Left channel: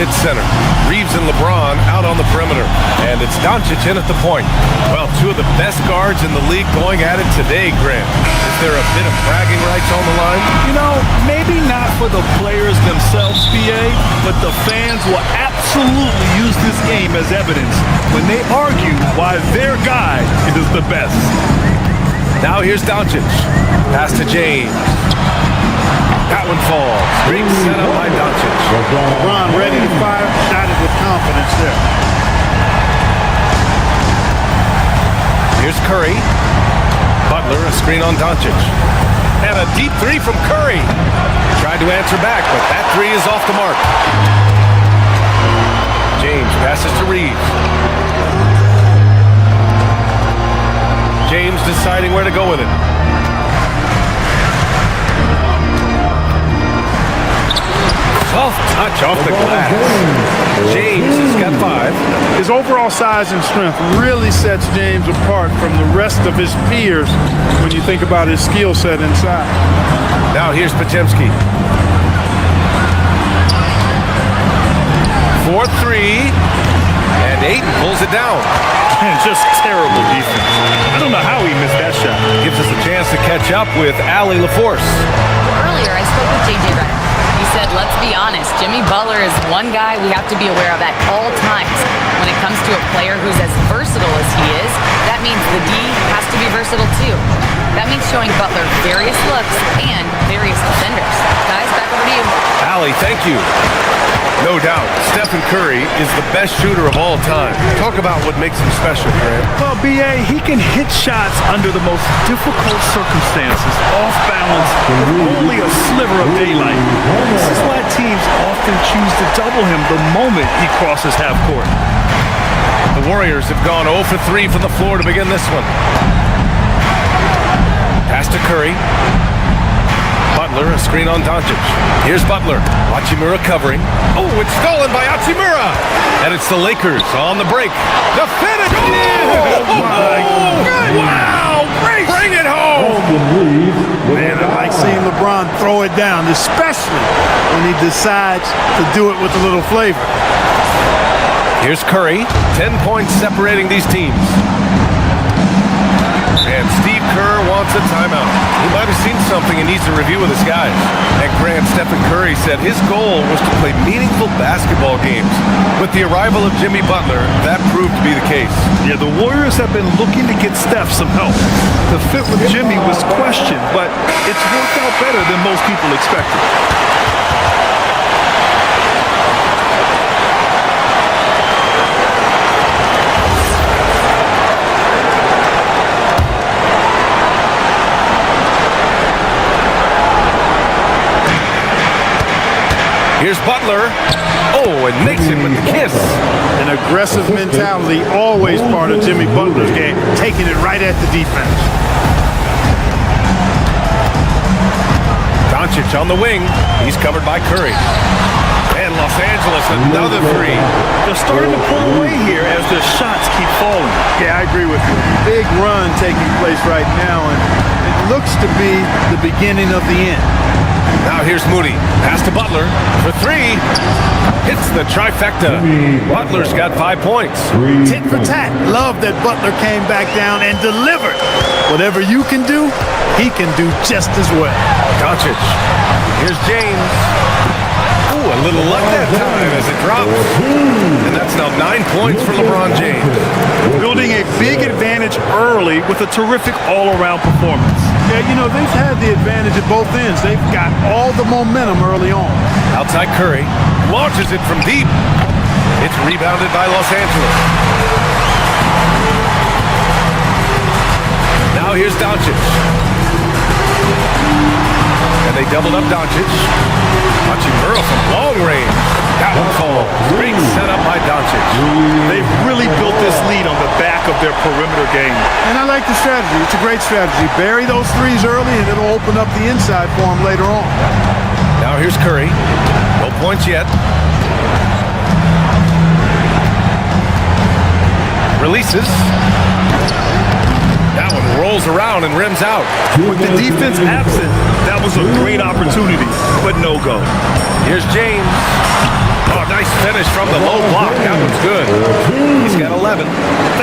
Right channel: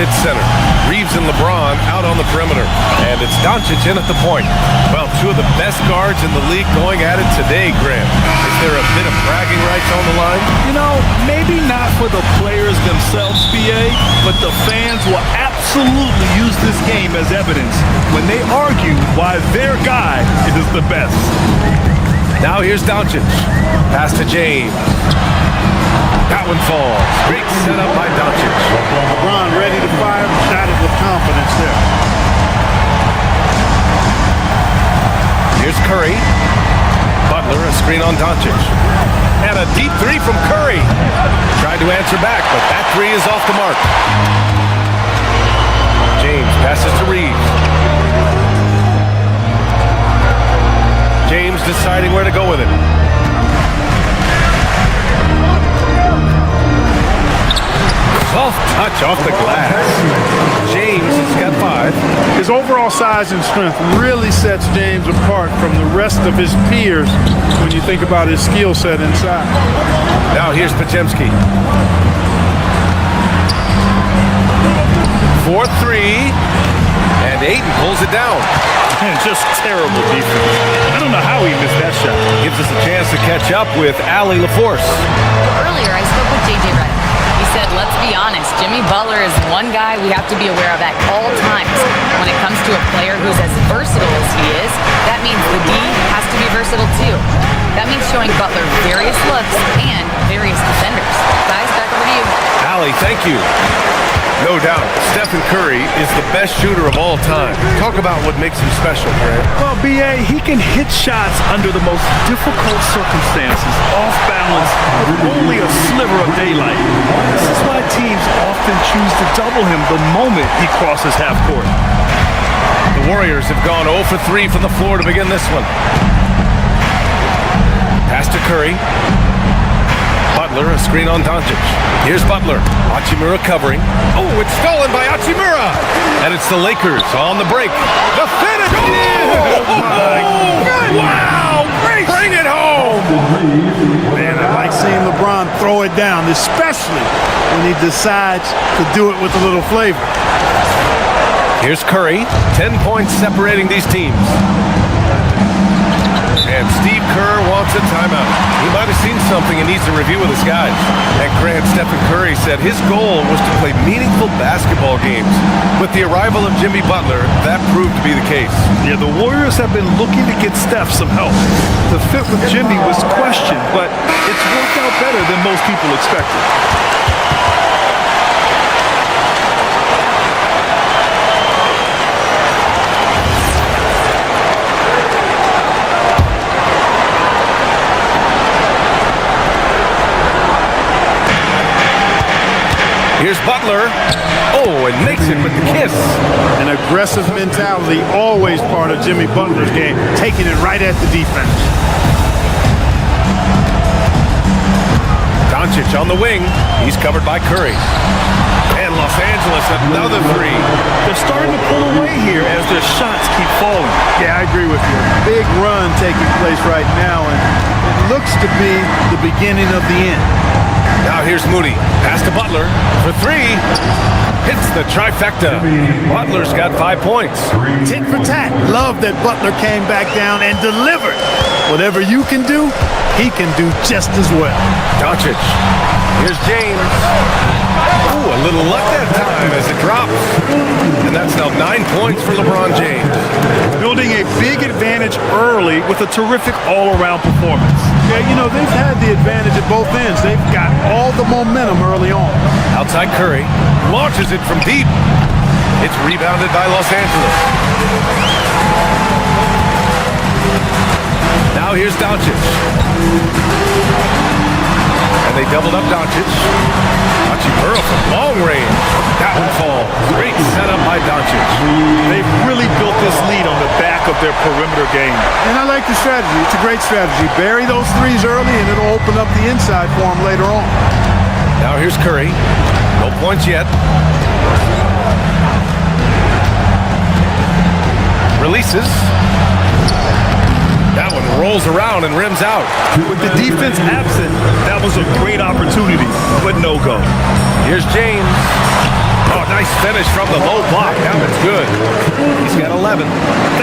at center. Reeves and LeBron out on the perimeter. And it's Doncic in at the point. Well, two of the best guards in the league going at it today, Grant. Is there a bit of bragging rights on the line? You know, maybe not for the players themselves, PA, but the fans will absolutely use this game as evidence when they argue why their guy is the best. Now here's Doncic. Pass to James. That one falls. Great setup by Doncic. LeBron ready to fire. Shot it with confidence there. Here's Curry. Butler, a screen on Doncic. And a deep three from Curry. Tried to answer back, but that three is off the mark. James passes to Reeves. James deciding where to go with it. Soft touch off the glass. James has got 5. His overall size and strength really sets James apart from the rest of his peers when you think about his skill set inside. Now here's Podziemski. 4-3. And Ayton pulls it down. Man, just terrible defense. I don't know how he missed that shot. Gives us a chance to catch up with Allie LaForce. Well, earlier I spoke with J.J. Redick. He said, let's be honest, Jimmy Butler is one guy we have to be aware of at all times. When it comes to a player who's as versatile as he is, that means the D has to be versatile too. That means showing Butler various looks and various defenders. Guys, back over to you. Allie, thank you. No doubt, Stephen Curry is the best shooter of all time. Talk about what makes him special, Grant. Well, B.A., he can hit shots under the most difficult circumstances, off balance, with only a sliver of daylight. This is why teams often choose to double him the moment he crosses half court. The Warriors have gone 0 for 3 from the floor to begin this one. Pass to Curry. Butler, a screen on Doncic. Here's Butler. Hachimura covering. Oh, it's stolen by Hachimura. And it's the Lakers on the break. The finish! Oh, my God. Wow! Bring it home! Man, I like seeing LeBron throw it down, especially when he decides to do it with a little flavor. Here's Curry. 10 points separating these teams. And Steve Kerr wants a timeout. He might have seen something and needs to review with his guys. And Grant, Stephen Curry said his goal was to play meaningful basketball games. With the arrival of Jimmy Butler, that proved to be the case. Yeah, the Warriors have been looking to get Steph some help. The fit with Jimmy was questioned, but it's worked out better than most people expected. Here's Butler. Oh, and makes it with the kiss. An aggressive mentality, always part of Jimmy Butler's game, taking it right at the defense. Doncic on the wing. He's covered by Curry. And Los Angeles, another three. They're starting to pull away here as their shots keep falling. Yeah, I agree with you. Big run taking place right now, and it looks to be the beginning of the end. Now here's Moody. Pass to Butler for 3. Hits the trifecta. Butler's got 5 points. Tit for tat. Love that Butler came back down and delivered. Whatever you can do, he can do just as well. Doncic. Here's James. Ooh, a little luck that time as it drops. And that's now 9 points for LeBron James. Building a big advantage early with a terrific all-around performance. Yeah, you know, they've had the advantage at both ends. They've got all the momentum early on. Outside Curry. Launches it from deep. It's rebounded by Los Angeles. Now here's Doncic. And they doubled up Doncic. Hachimura from long range. That one falls. Great setup by Doncic. They've really built this lead on the back of their perimeter game. And I like the strategy. It's a great strategy. Bury those threes early, and it'll open up the inside for them later on. Now here's Curry. No points yet. Releases. That one rolls around and rims out. With the defense absent, that was a great opportunity, but no go. Here's James. Oh, nice finish from the low block. That one's good. He's got 11.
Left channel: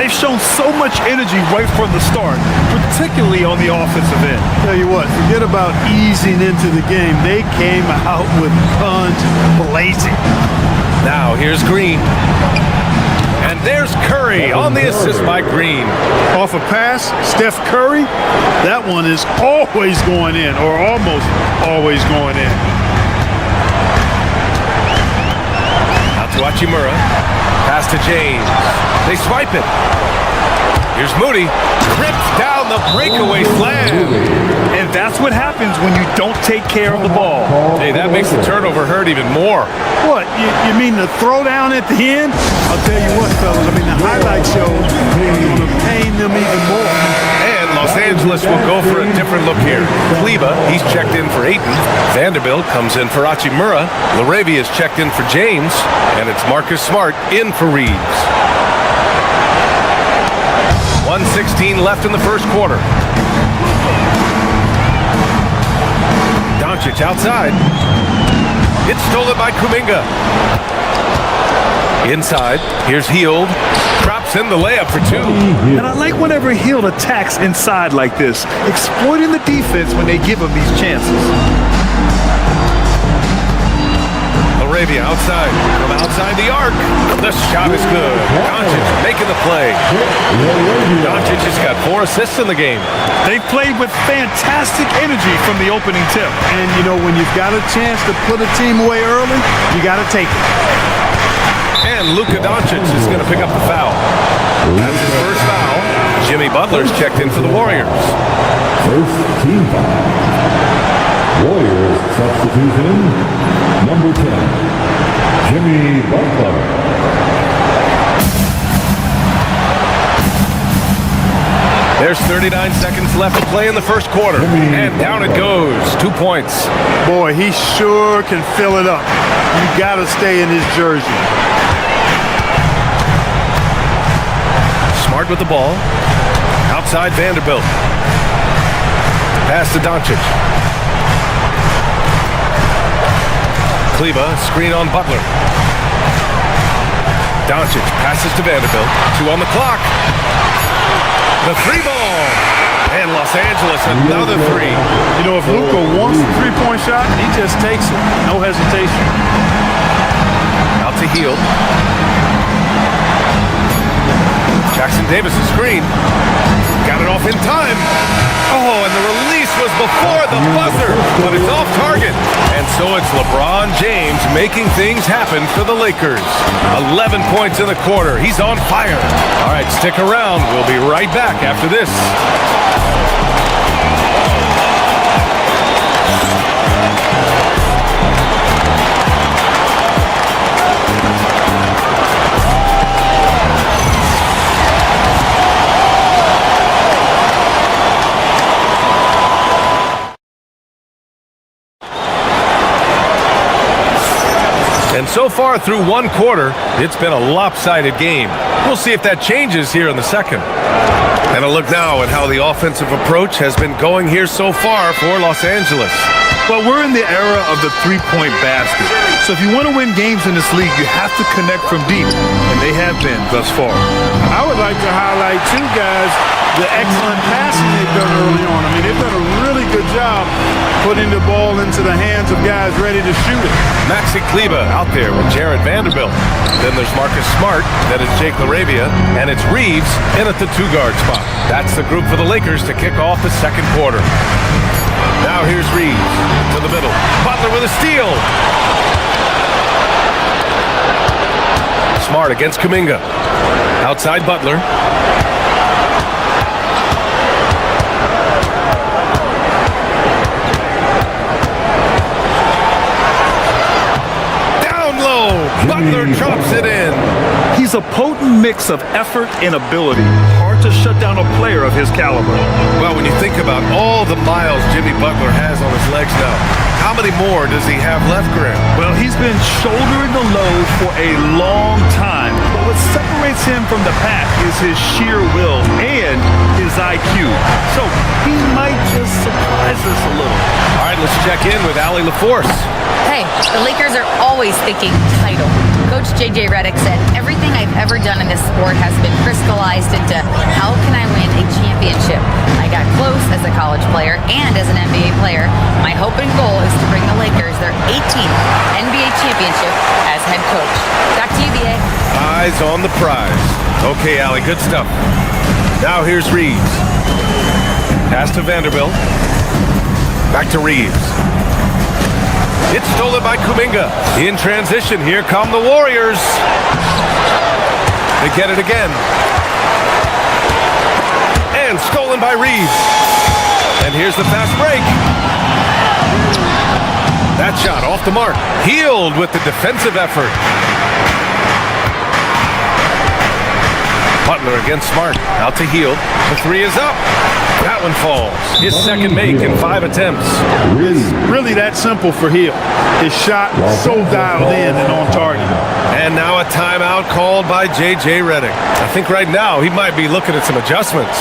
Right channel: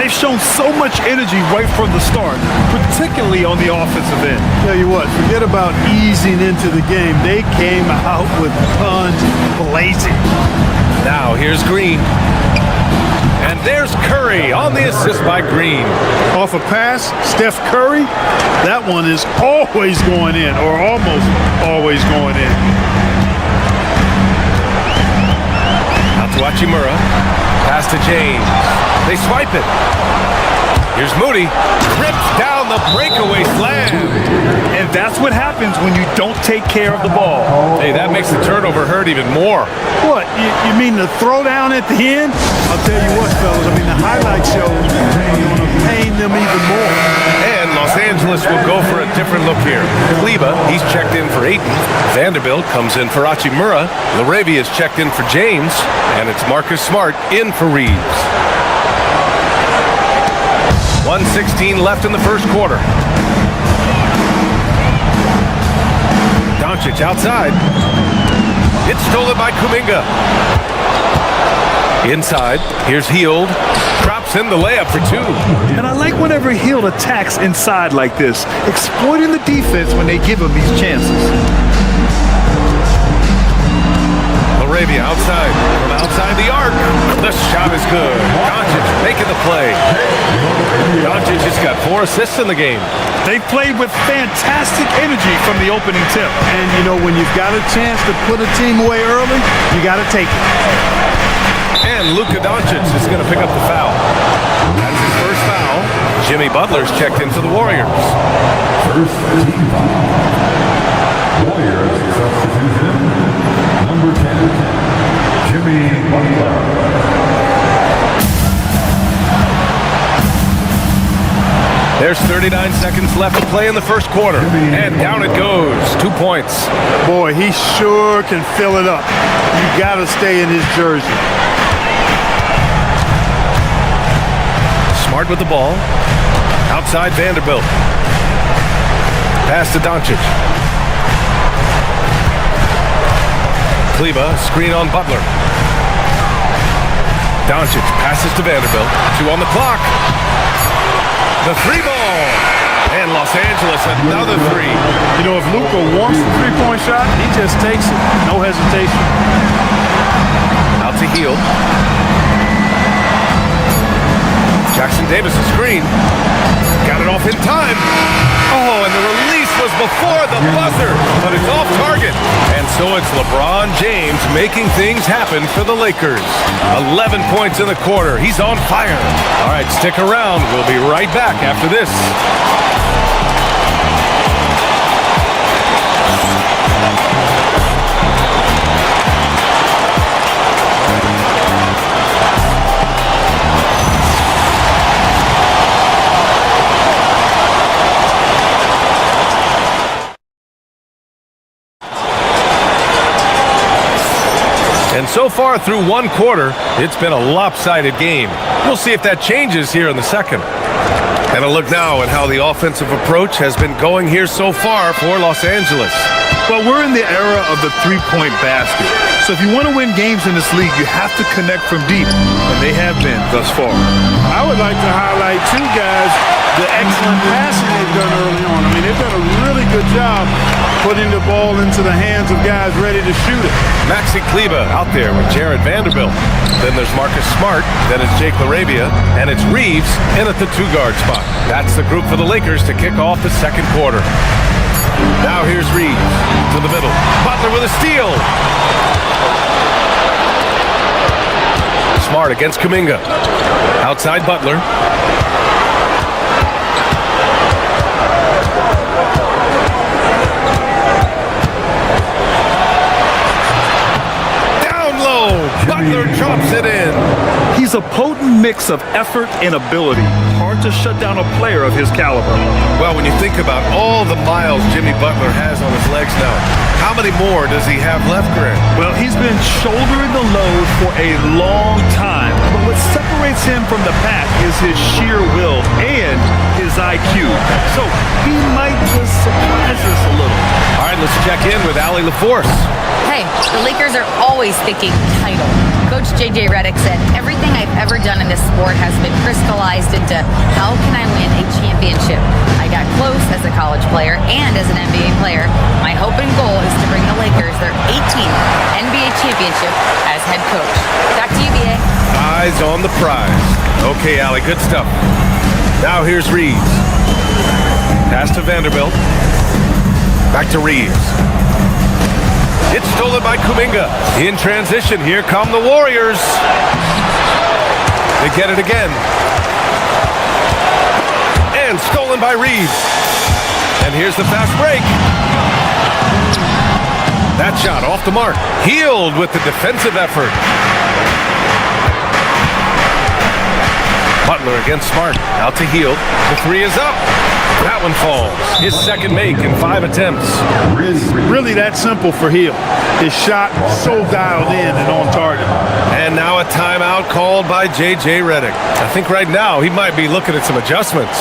They've shown so much energy right from the start, particularly on the offensive end. Tell you what, forget about easing into the game. They came out with guns blazing. Now here's Green. And there's Curry on the assist by Green. Off a pass, Steph Curry, that one is always going in, or almost always going in. Out to Hachimura. Pass to James. They swipe it. Here's Moody. Rips down the breakaway slam. And that's what happens when you don't take care of the ball. Hey, that makes the turnover hurt even more. What, you mean the throwdown at the end? I'll tell you what, fellas, I mean the highlight shows are going to pain them even more. And Los Angeles will go for a different look here. Kleba, he's checked in for Ayton. Vanderbilt comes in for Hachimura. Laravia is checked in for James. And it's Marcus Smart in for Reeves. 1:16 left in the first quarter. Doncic outside. It's stolen by Kuminga. Inside, here's Hield. Drops in the layup for two. And I like whenever Hield attacks inside like this, exploiting the defense when they give him these chances. Laravia outside, from outside the arc. The shot is good. Doncic making the play. Doncic has got 4 assists in the game. They've played with fantastic energy from the opening tip. And, you know, when you've got a chance to put a team away early, you got to take it. And Luka Doncic is going to pick up the foul. That's his first foul. Jimmy Butler's checked in for the Warriors. First team foul. Warriors substitution, number 10, Jimmy Butler. There's 39 seconds left to play in the first quarter. And down it goes. 2 points. Boy, he sure can fill it up. You got to stay in his jersey. Smart with the ball. Outside Vanderbilt. Pass to Doncic. Kleba, screen on Butler. Doncic passes to Vanderbilt. 2 on the clock. The 3 ball. And Los Angeles, another 3. You know, if Luka wants the three-point shot, he just takes it. No hesitation. Out to Hield. Jackson Davis' screen. Got it off in time. Oh, and the release was before the buzzer, but it's off target. And so it's LeBron James making things happen for the Lakers. 11 points in the quarter. He's on fire. All right, stick around. We'll be right back after this. And so far through one quarter, it's been a lopsided game. We'll see if that changes here in the second. And a look now at how the offensive approach has been going here so far for Los Angeles. Well, we're in the era of the three-point basket. So if you want to win games in this league, you have to connect from deep. And they have been thus far. I would like to highlight, too, guys, the excellent passing they've done early on. I mean, they've done a really good job putting the ball into the hands of guys ready to shoot it. Maxi Kleba out there with Jared Vanderbilt. Then there's Marcus Smart. Then it's Jake Laravia. And it's Reeves in at the 2-guard spot. That's the group for the Lakers to kick off the second quarter. Now here's Reeves to the middle. Butler with a steal. Smart against Kuminga. Outside Butler. Butler drops it in. He's a potent mix of effort and ability. Hard hard to shut down a player of his caliber. Well, when you think about all the miles Jimmy Butler has on his legs now, how many more does he have left, Grant? Well, he's been shouldering the load for a long time, but what separates him from the pack is his sheer will and his IQ. So he might just surprise us a little. All right, let's check in with Allie LaForce. Hey, the Lakers are always thinking title. Coach J.J. Redick said, everything I've ever done in this sport has been crystallized into how can I win a championship? I got close as a college player and as an NBA player. My hope and goal is to bring the Lakers their 18th NBA championship as head coach. Back to you, B.A. Eyes on the prize. Okay, Allie, good stuff. Now here's Reeves. Pass to Vanderbilt. Back to Reeves. It's stolen by Kuminga. In transition, here come the Warriors. They get it again. And stolen by Reeves. And here's the fast break. That shot off the mark. Healed with the defensive effort. Butler against Smart. Out to Hield. The three is up. That one falls. His second make in 5 attempts. It's really that simple for Hill. His shot so dialed in and on target. And now a timeout called by J.J. Redick. I think right now he might be looking at some adjustments.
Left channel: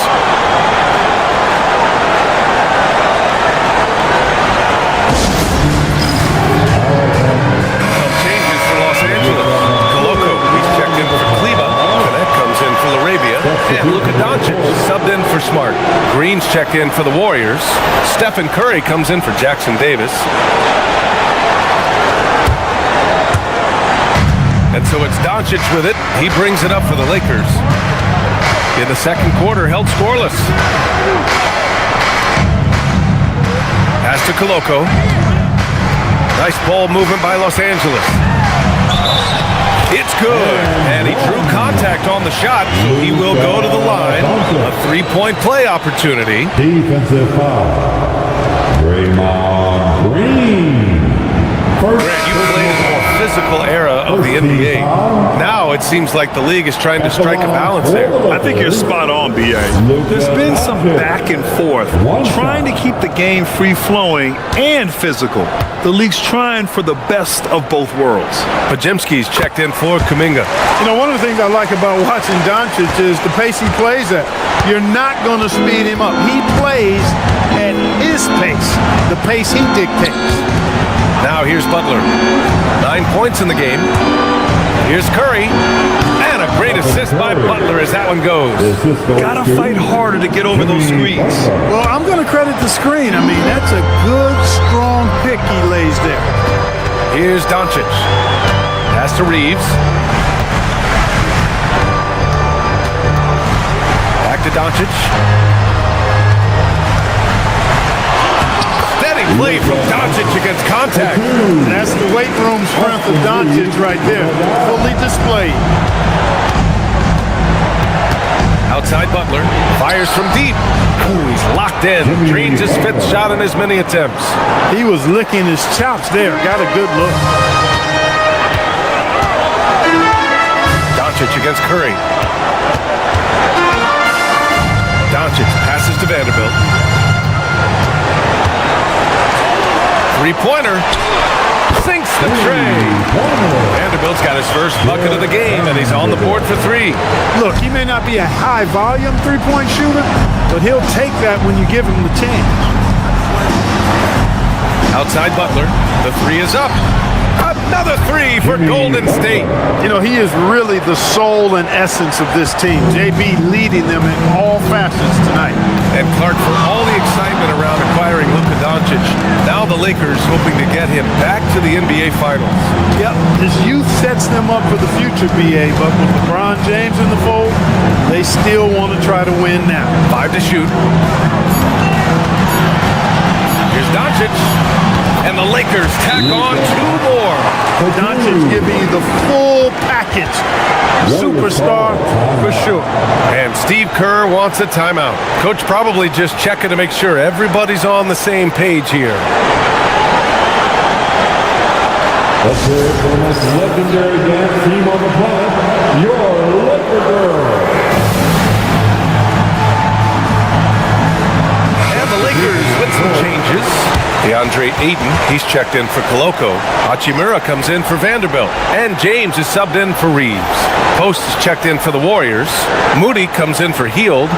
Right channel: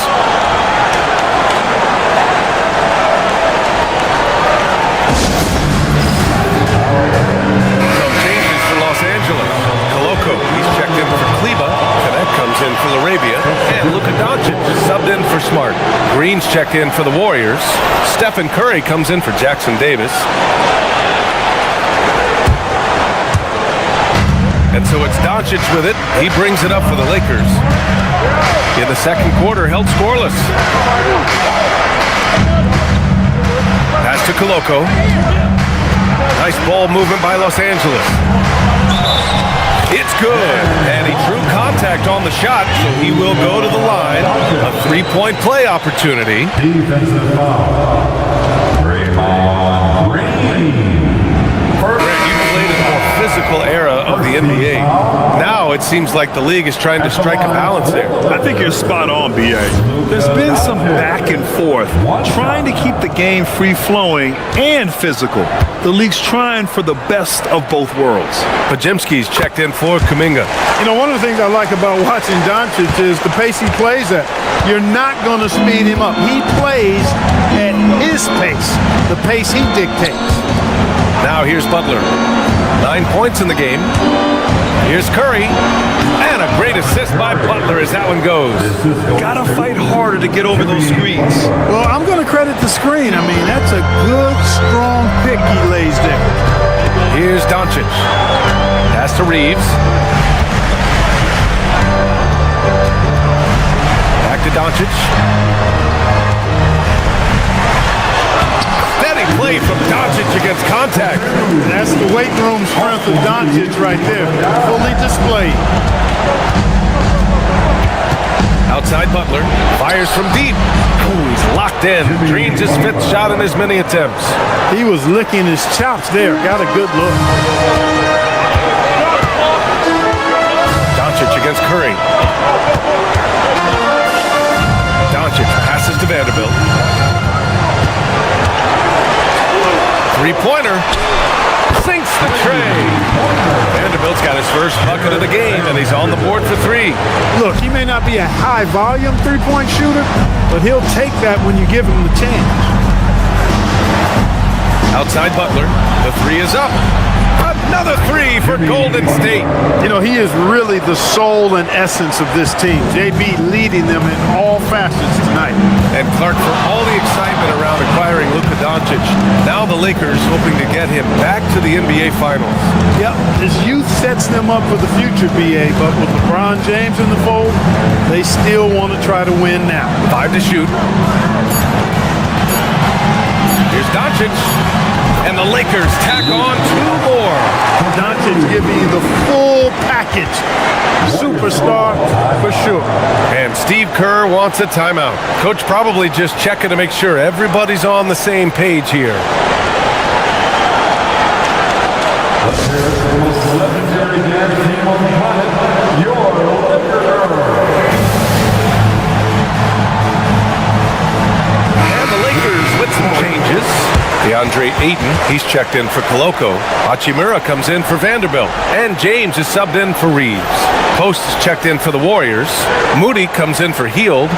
Some changes for Los Angeles. Koloko, he's checked in for Kleba. Connect comes in for Laravia. And Luka Doncic subbed in for Smart. Green's checked in for the Warriors. Stephen Curry comes in for Jackson Davis. And so it's Doncic with it. He brings it up for the Lakers. In the second quarter, held scoreless. Pass to Koloko. Nice ball movement by Los Angeles. It's good. And he drew contact on the shot, so he will go to the line. A three-point play opportunity. Defensive foul. Draymond Green. Grant, you played in the more physical era of the NBA. Now it seems like the league is trying to strike a balance there. I think you're spot on, B.A. There's been some back and forth, trying to keep the game free-flowing and physical. The league's trying for the best of both worlds. Podziemski's checked in for Kuminga. You know, one of the things I like about watching Doncic is the pace he plays at. You're not going to speed him up. He plays at his pace, the pace he dictates. Now here's Butler. 9 points in the game. Here's Curry. And a great assist by Butler as that one goes. Gotta fight harder to get over those screens. Well, I'm going to credit the screen. I mean, that's a good, strong pick he lays there. Here's Doncic. Pass to Reeves. Back to Doncic. Steady play from Doncic against contact. That's the weight room strength of Doncic right there. Fully displayed. Outside Butler. Fires from deep. Ooh, he's locked in. Drains his fifth shot in as many attempts. He was licking his chops there. Got a good look. Doncic against Curry. Doncic passes to Vanderbilt. Three-pointer. Sinks the tray. Vanderbilt's got his first bucket of the game, and he's on the board for three. Look, he may not be a high-volume three-point shooter, but he'll take that when you give him the chance. Outside Butler. The three is up. Another three for Golden State. You know, he is really the soul and essence of this team. JB leading them in all facets tonight. And Clark, for all the excitement around acquiring Luka Doncic, now the Lakers hoping to get him back to the NBA Finals. Yep, his youth sets them up for the future, BA, but with LeBron James in the fold, they still want to try to win now. 5 to shoot. Here's Doncic. And the Lakers tack on 2 more. Doncic giving you the full package. Superstar for sure. And Steve Kerr wants a timeout. Coach probably just checking to make sure everybody's on the same page here. Let's hear it for the most legendary dance team on the planet, your Laker Girls. DeAndre Ayton, he's checked in for Koloko. Hachimura comes in for Vanderbilt. And James is subbed in for Reeves. Post is checked in for the Warriors. Moody comes in for Heald.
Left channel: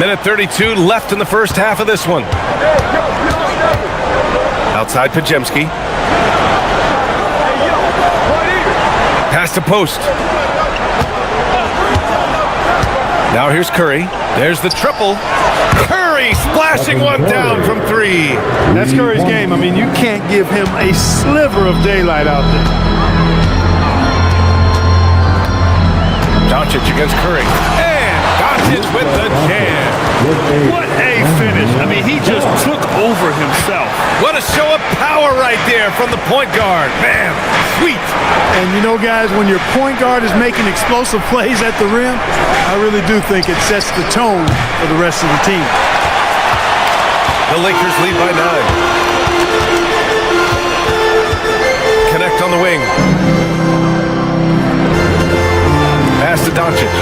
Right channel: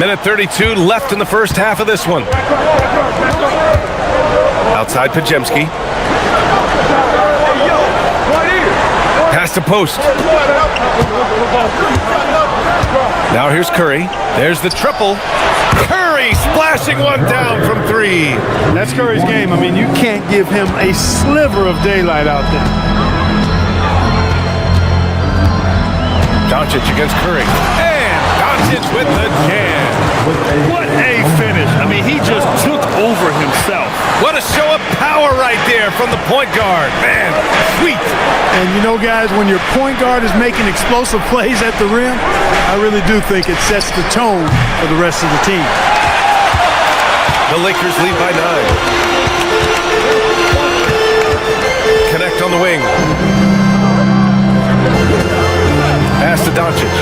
Minute 32 left in the first half of this one. Outside Pajemski. Pass to Post. Now here's Curry. There's the triple. Curry splashing one down from three. That's Curry's game. I mean, you can't give him a sliver of daylight out there. Doncic against Curry. And Doncic with the jam. What a finish. I mean, he just took over himself. What a show of power right there from the point guard. Man, sweet. And you know, guys, when your point guard is making explosive plays at the rim, I really do think it sets the tone for the rest of the team. The Lakers lead by 9. Connect on the wing. Pass to Doncic.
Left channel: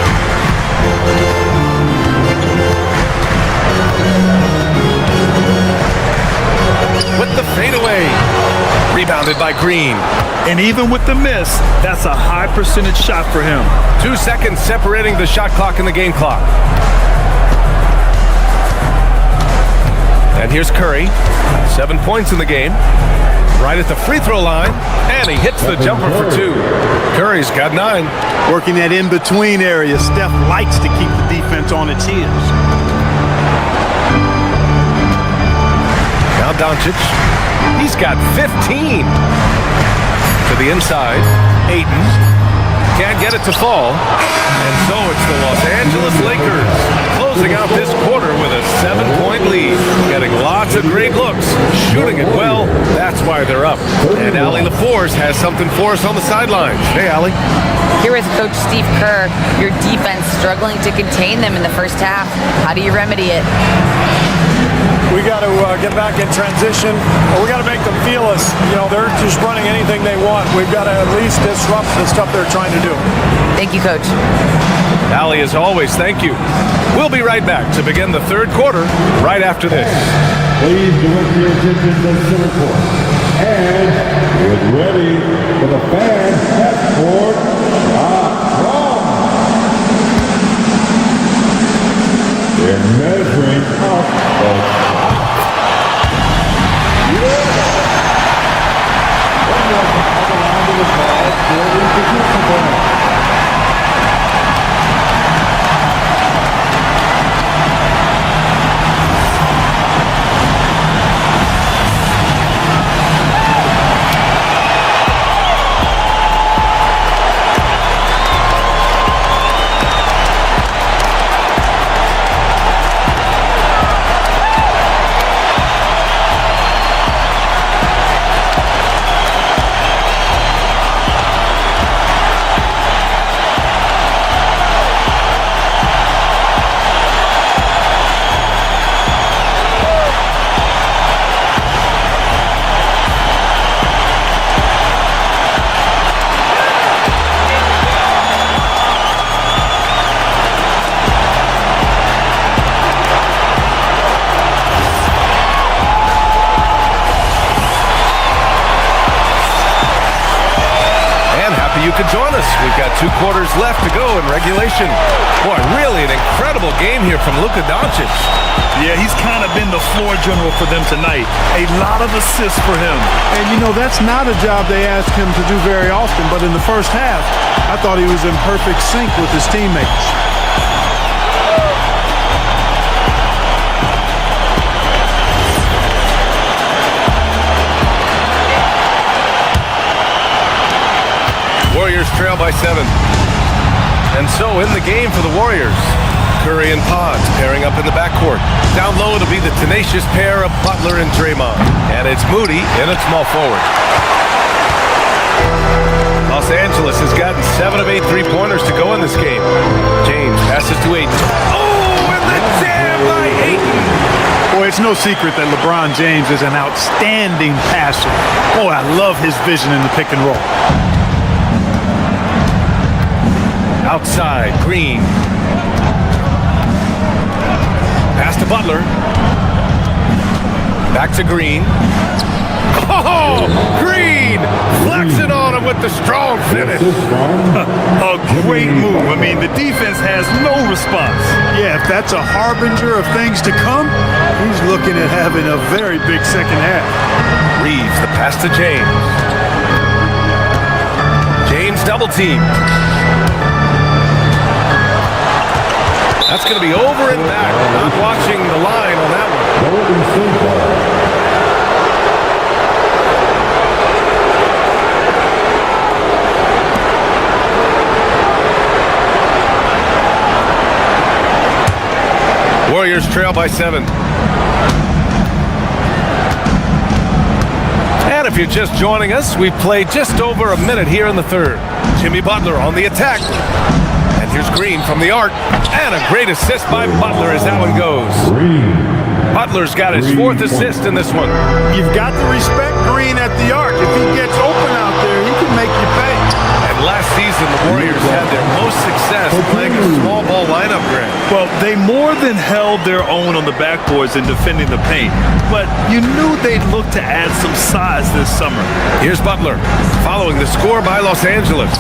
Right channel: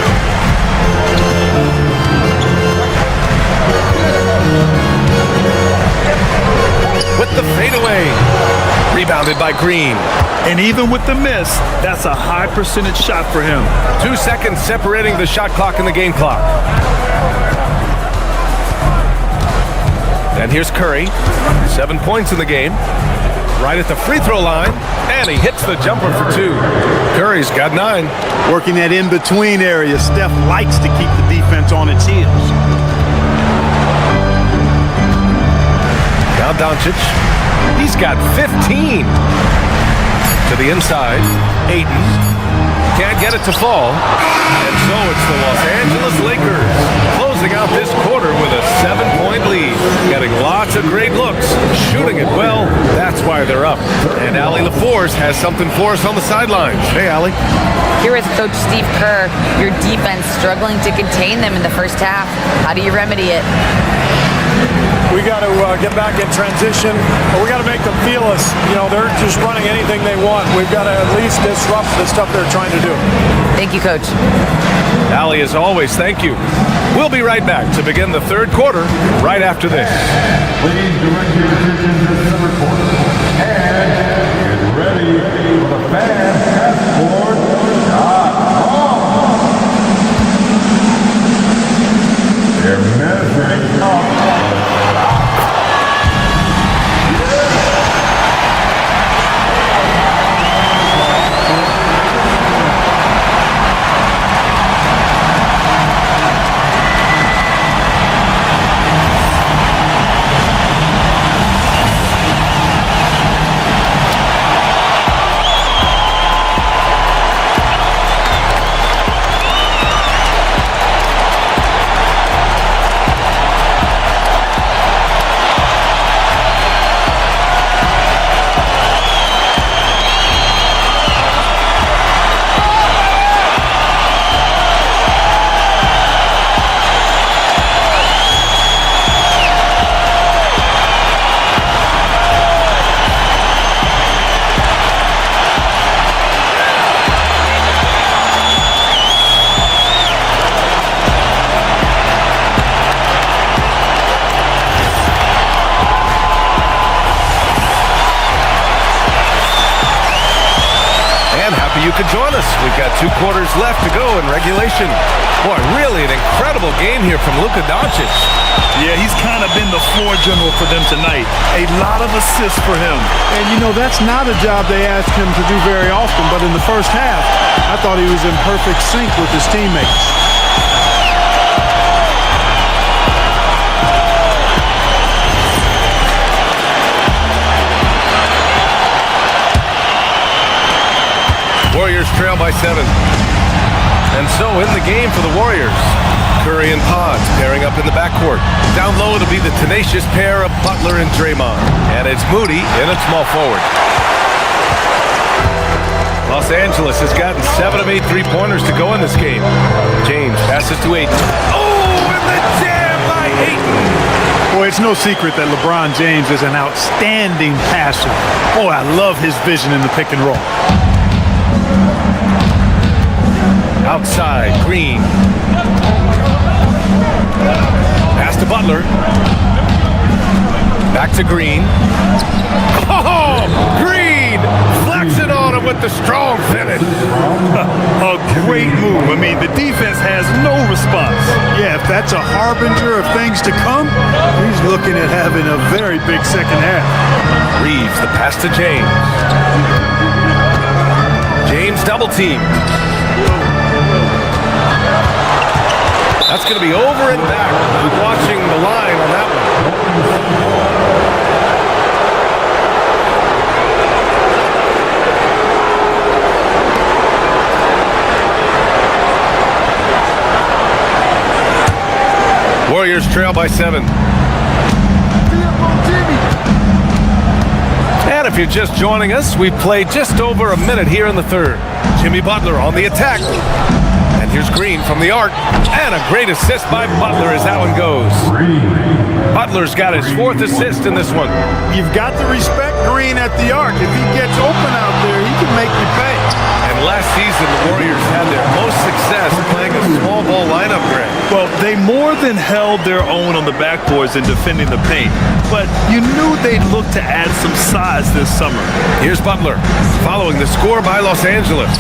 With the fadeaway. Rebounded by Green. And even with the miss, that's a high percentage shot for him. 2 seconds separating the shot clock and the game clock. And here's Curry. 7 points in the game. Right at the free throw line. And he hits the jumper for 2. Curry's got 9. Working that in-between area. Steph likes to keep the defense on its heels. Now Doncic. He's got 15. To the inside. Ayton. Can't get it to fall. And so it's the Los Angeles Lakers closing out this quarter with a 7-point lead. Getting lots of great looks. Shooting it well. That's why they're up. And Allie LaForce has something for us on the sidelines. Hey, Allie. Here with Coach Steve Kerr, your defense struggling to contain them in the first half. How do you remedy it? We got to get back in transition, or we got to make them feel us. You know, they're just running anything they want. We've got to at least disrupt the stuff they're trying to do. Thank you, Coach. Allie, as always, thank you. We'll be right back to begin the third quarter right after this. Please direct your attention to the center court. And get ready for the fan half-court shot from. They're measuring up the shot. You could join us. We've got 2 quarters left to go in regulation. Boy, really an incredible game here from Luka Doncic. Yeah, he's kind of been the floor general for them tonight. A lot of assists for him. And, you know, that's not a job they ask him to do very often. But in the first half, I thought he was in perfect sync with his teammates. Warriors trail by 7. And so in the game for the Warriors, Curry and Pods pairing up in the backcourt. Down low, it'll be the tenacious pair of Butler and Draymond. And it's Moody in at small forward. Los Angeles has gotten 7 of 8 three-pointers to go in this game. James passes to Ayton. Oh, and the jam by Ayton! Boy, it's no secret that LeBron James is an outstanding passer. Boy, I love his vision in the pick and roll. Outside, Green. Pass to Butler. Back to Green. Oh, Green flexing on him with the strong finish. A great move. I mean, the defense has no response. Yeah, if that's a harbinger of things to come, he's looking at having a very big second half. Reeves, the pass to James. James double team. That's going to be over and back. Not watching the line on that one. Warriors trail by 7. And if you're just joining us, we've played just over a minute here in the third. Jimmy Butler on the attack. And here's Green from the arc. And a great assist by Butler as that one goes. Butler's got his 4th assist in this one. You've got to respect Green at the arc. If he gets open out there, he can make you pay. And last season, the Warriors had their most success playing a small ball lineup, Grant. Well, they more than held their own on the backboards in defending the paint. But you knew they'd look to add some size this summer. Here's Butler, following the score by Los Angeles.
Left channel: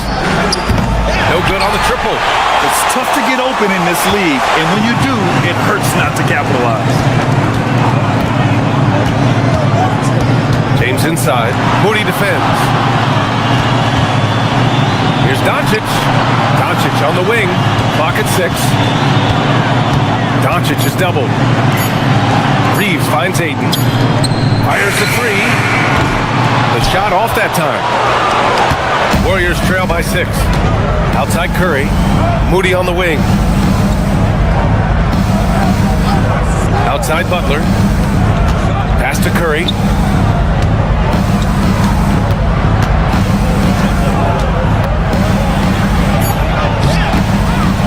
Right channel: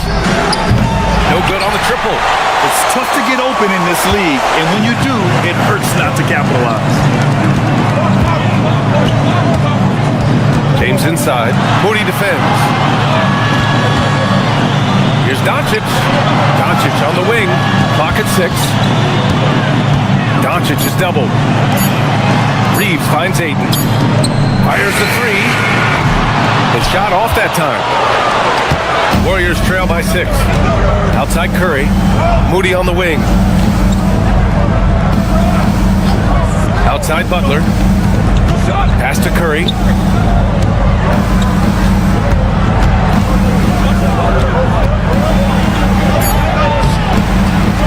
No good on the triple. It's tough to get open in this league, and when you do, it hurts not to capitalize. James inside. Moody defends. Here's Doncic. Doncic on the wing. Clock at 6. Doncic is doubled. Reeves finds Ayton. Fires the 3. The shot off that time. Warriors trail by 6. Outside Curry. Moody on the wing. Outside Butler. Pass to Curry.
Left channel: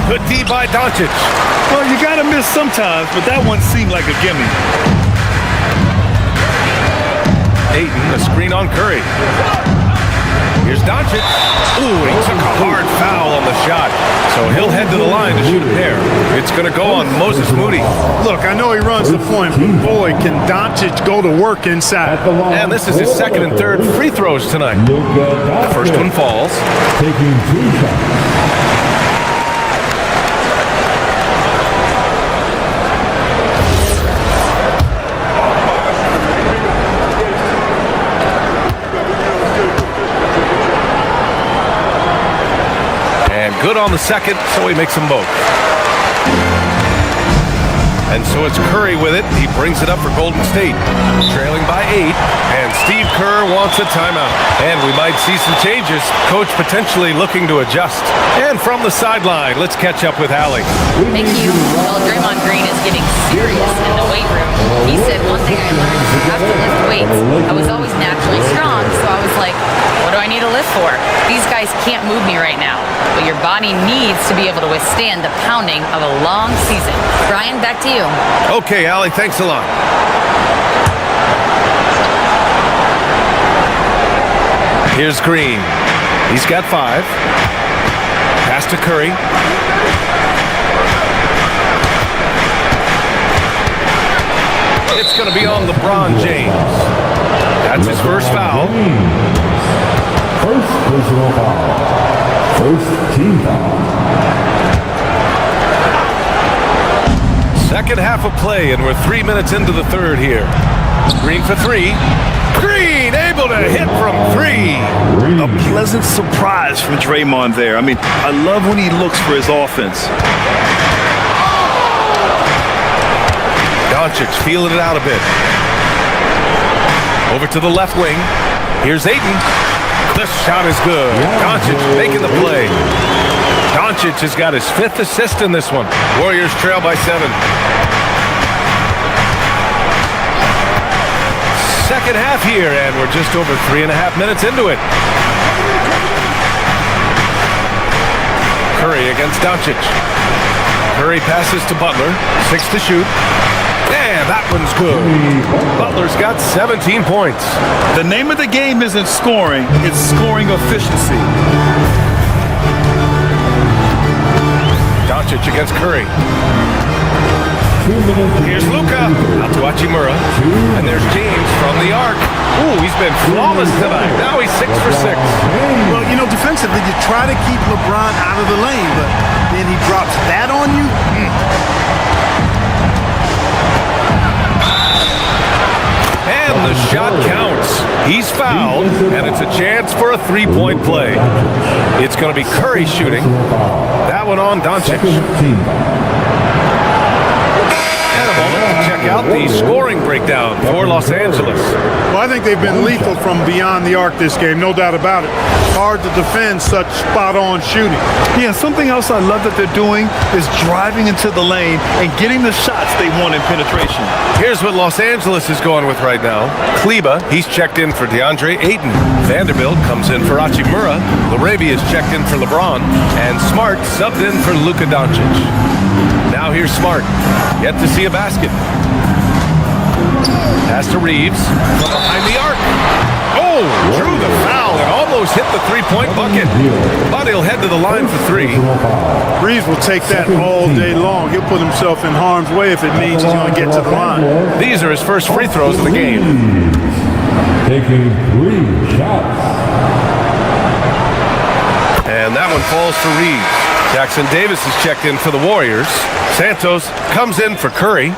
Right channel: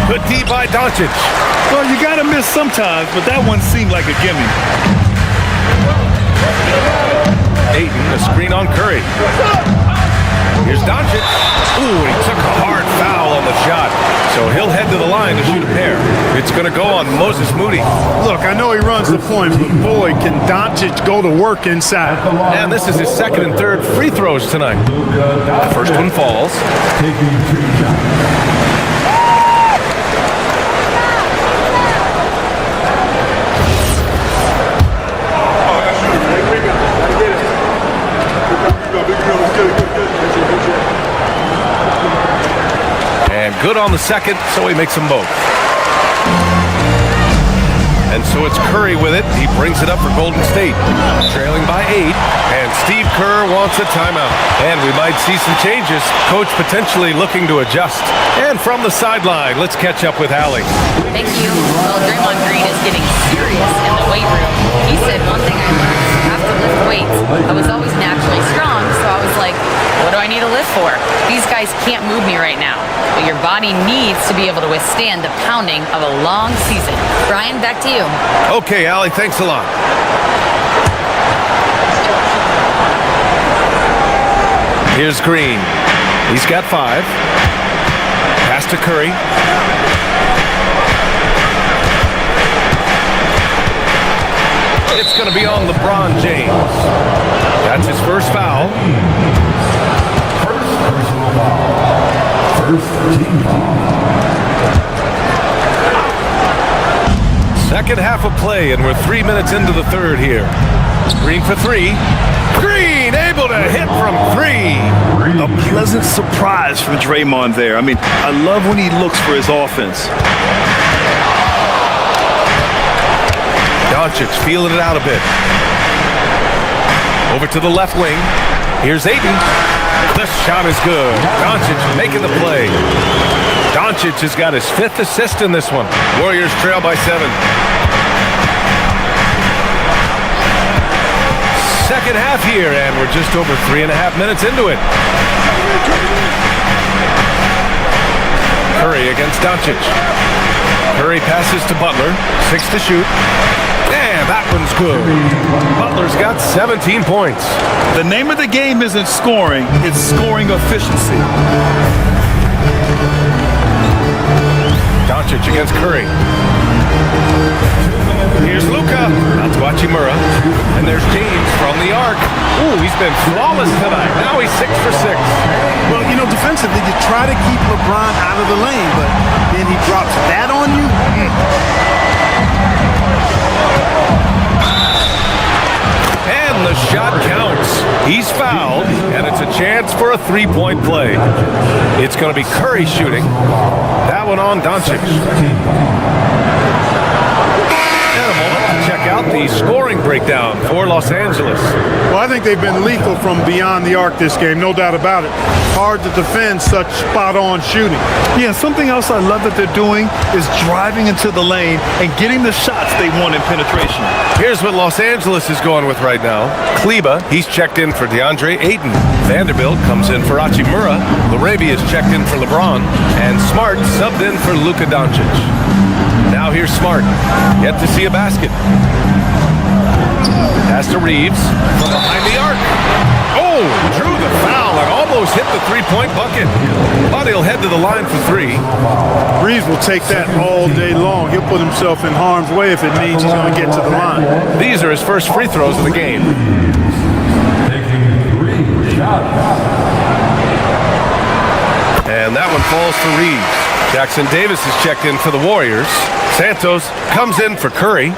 Good D by Doncic. Well, you got to miss sometimes, but that one seemed like a gimme. Ayton, a screen on Curry. Here's Doncic. Ooh, and he took a hard foul on the shot. So he'll head to the line to shoot a pair. It's going to go on Moses Moody. Look, I know he runs the point, but boy, can Doncic go to work inside. And this is his 2nd and 3rd free throws tonight. The first one falls. Taking 2 shots. And good on the second, so he makes them both. And so it's Curry with it. He brings it up for Golden State. Trailing by 8. And Steve Kerr wants a timeout. And we might see some changes. Coach potentially looking to adjust. And from the sideline, let's catch up with Allie. Thank you. Well, Draymond Green is getting serious in the weight room. He said one thing I learned is you have to lift weights. I was always naturally strong, so I was like, what do I need to lift for? These guys can't move me right now. But your body needs to be able to withstand the pounding of a long season. Brian, back to you. Okay, Allie, thanks a lot. Here's Green. He's got 5. Pass to Curry. It's going to be on LeBron James. That's his first foul. First personal foul. First team foul. Second half of play, and we're 3 minutes into the third here. Green for 3. Green able to hit from 3. A pleasant surprise from Draymond there. I mean, I love when he looks for his offense. Doncic feeling it out a bit. Over to the left wing. Here's Ayton. This shot is good. Doncic making the play. Doncic has got his 5th assist in this one. Warriors trail by 7. Second half here, and we're just over 3.5 minutes into it. Curry against Doncic. Curry passes to Butler. 6 to shoot. And that one's good. Butler's got 17 points. The name of the game isn't scoring, it's scoring efficiency. Doncic against Curry. 2 minutes Here's Luka. Out to Hachimura. And there's James from the arc. Ooh, he's been flawless tonight. Now he's 6 for 6. Well, you know, defensively, you try to keep LeBron out of the lane, but then he drops that on you. And the shot counts. He's fouled, and it's a chance for a three-point play. It's going to be Curry shooting. That one on Doncic. And a moment to check out the scoring breakdown for Los Angeles. Well, I think they've been lethal from beyond the arc this game, no doubt about it. Hard to defend such spot-on shooting. Yeah, something else I love that they're doing is driving into the lane and getting the shots they want in penetration. Here's what Los Angeles is going with right now. Kleba, he's checked in for DeAndre Ayton. Vanderbilt comes in for Hachimura. Laravia is checked in for LeBron. And Smart subbed in for Luka Doncic. Now here's Smart. Yet to see a basket. Pass to Reeves from behind the arc. Oh, drew the foul and almost hit the three-point bucket. But he'll head to the line for three. Reeves will take that all day long. He'll put himself in harm's way if it means he's going to get to the line. These are his first free throws of the game. Taking 3 shots. And that one falls for Reeves. Jackson Davis is checked in for the Warriors. Santos comes in for Curry.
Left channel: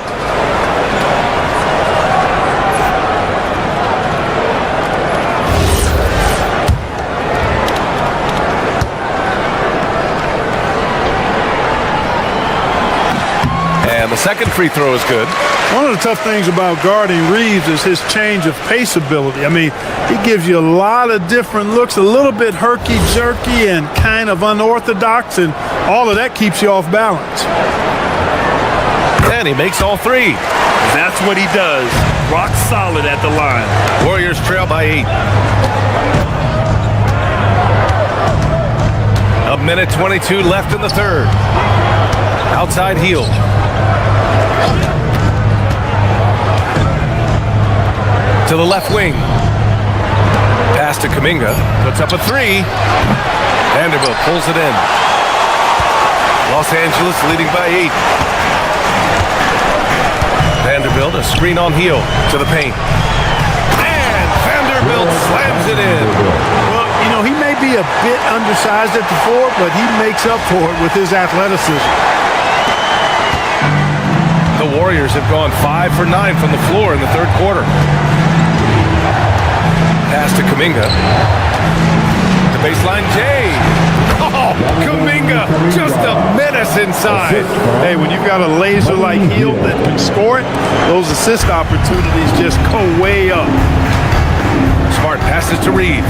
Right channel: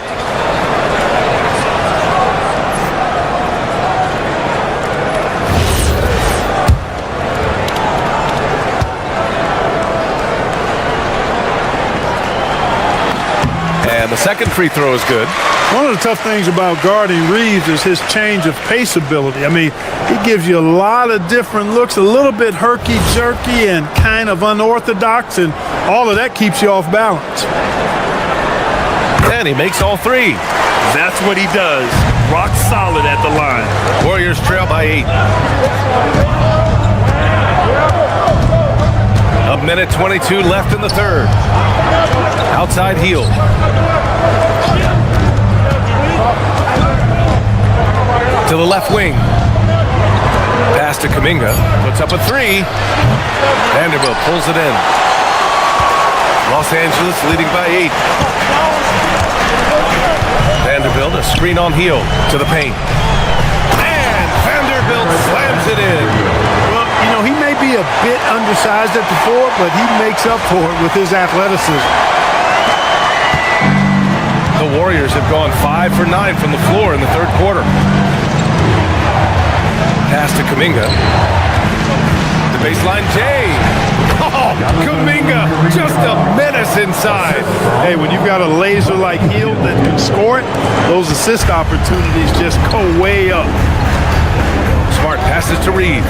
And the second free throw is good. One of the tough things about guarding Reeves is his change of pace ability. I mean, he gives you a lot of different looks, a little bit herky-jerky and kind of unorthodox, and all of that keeps you off balance. And he makes all three. That's what he does. Rock solid at the line. Warriors trail by 8. A minute 22 left in the third. Outside heel. To the left wing. Pass to Kuminga. Puts up a three. Vanderbilt pulls it in. Los Angeles leading by 8. Vanderbilt, a screen on heel to the paint. And Vanderbilt slams it in. Well, you know, he may be a bit undersized at the 4, but he makes up for it with his athleticism. The Warriors have gone 5 for 9 from the floor in the third quarter. Pass to Kuminga. The baseline, Jay. Oh, Kuminga, just a menace inside. Hey, when you've got a laser-like heel that can score it, those assist opportunities just go way up. Smart passes to Reeves.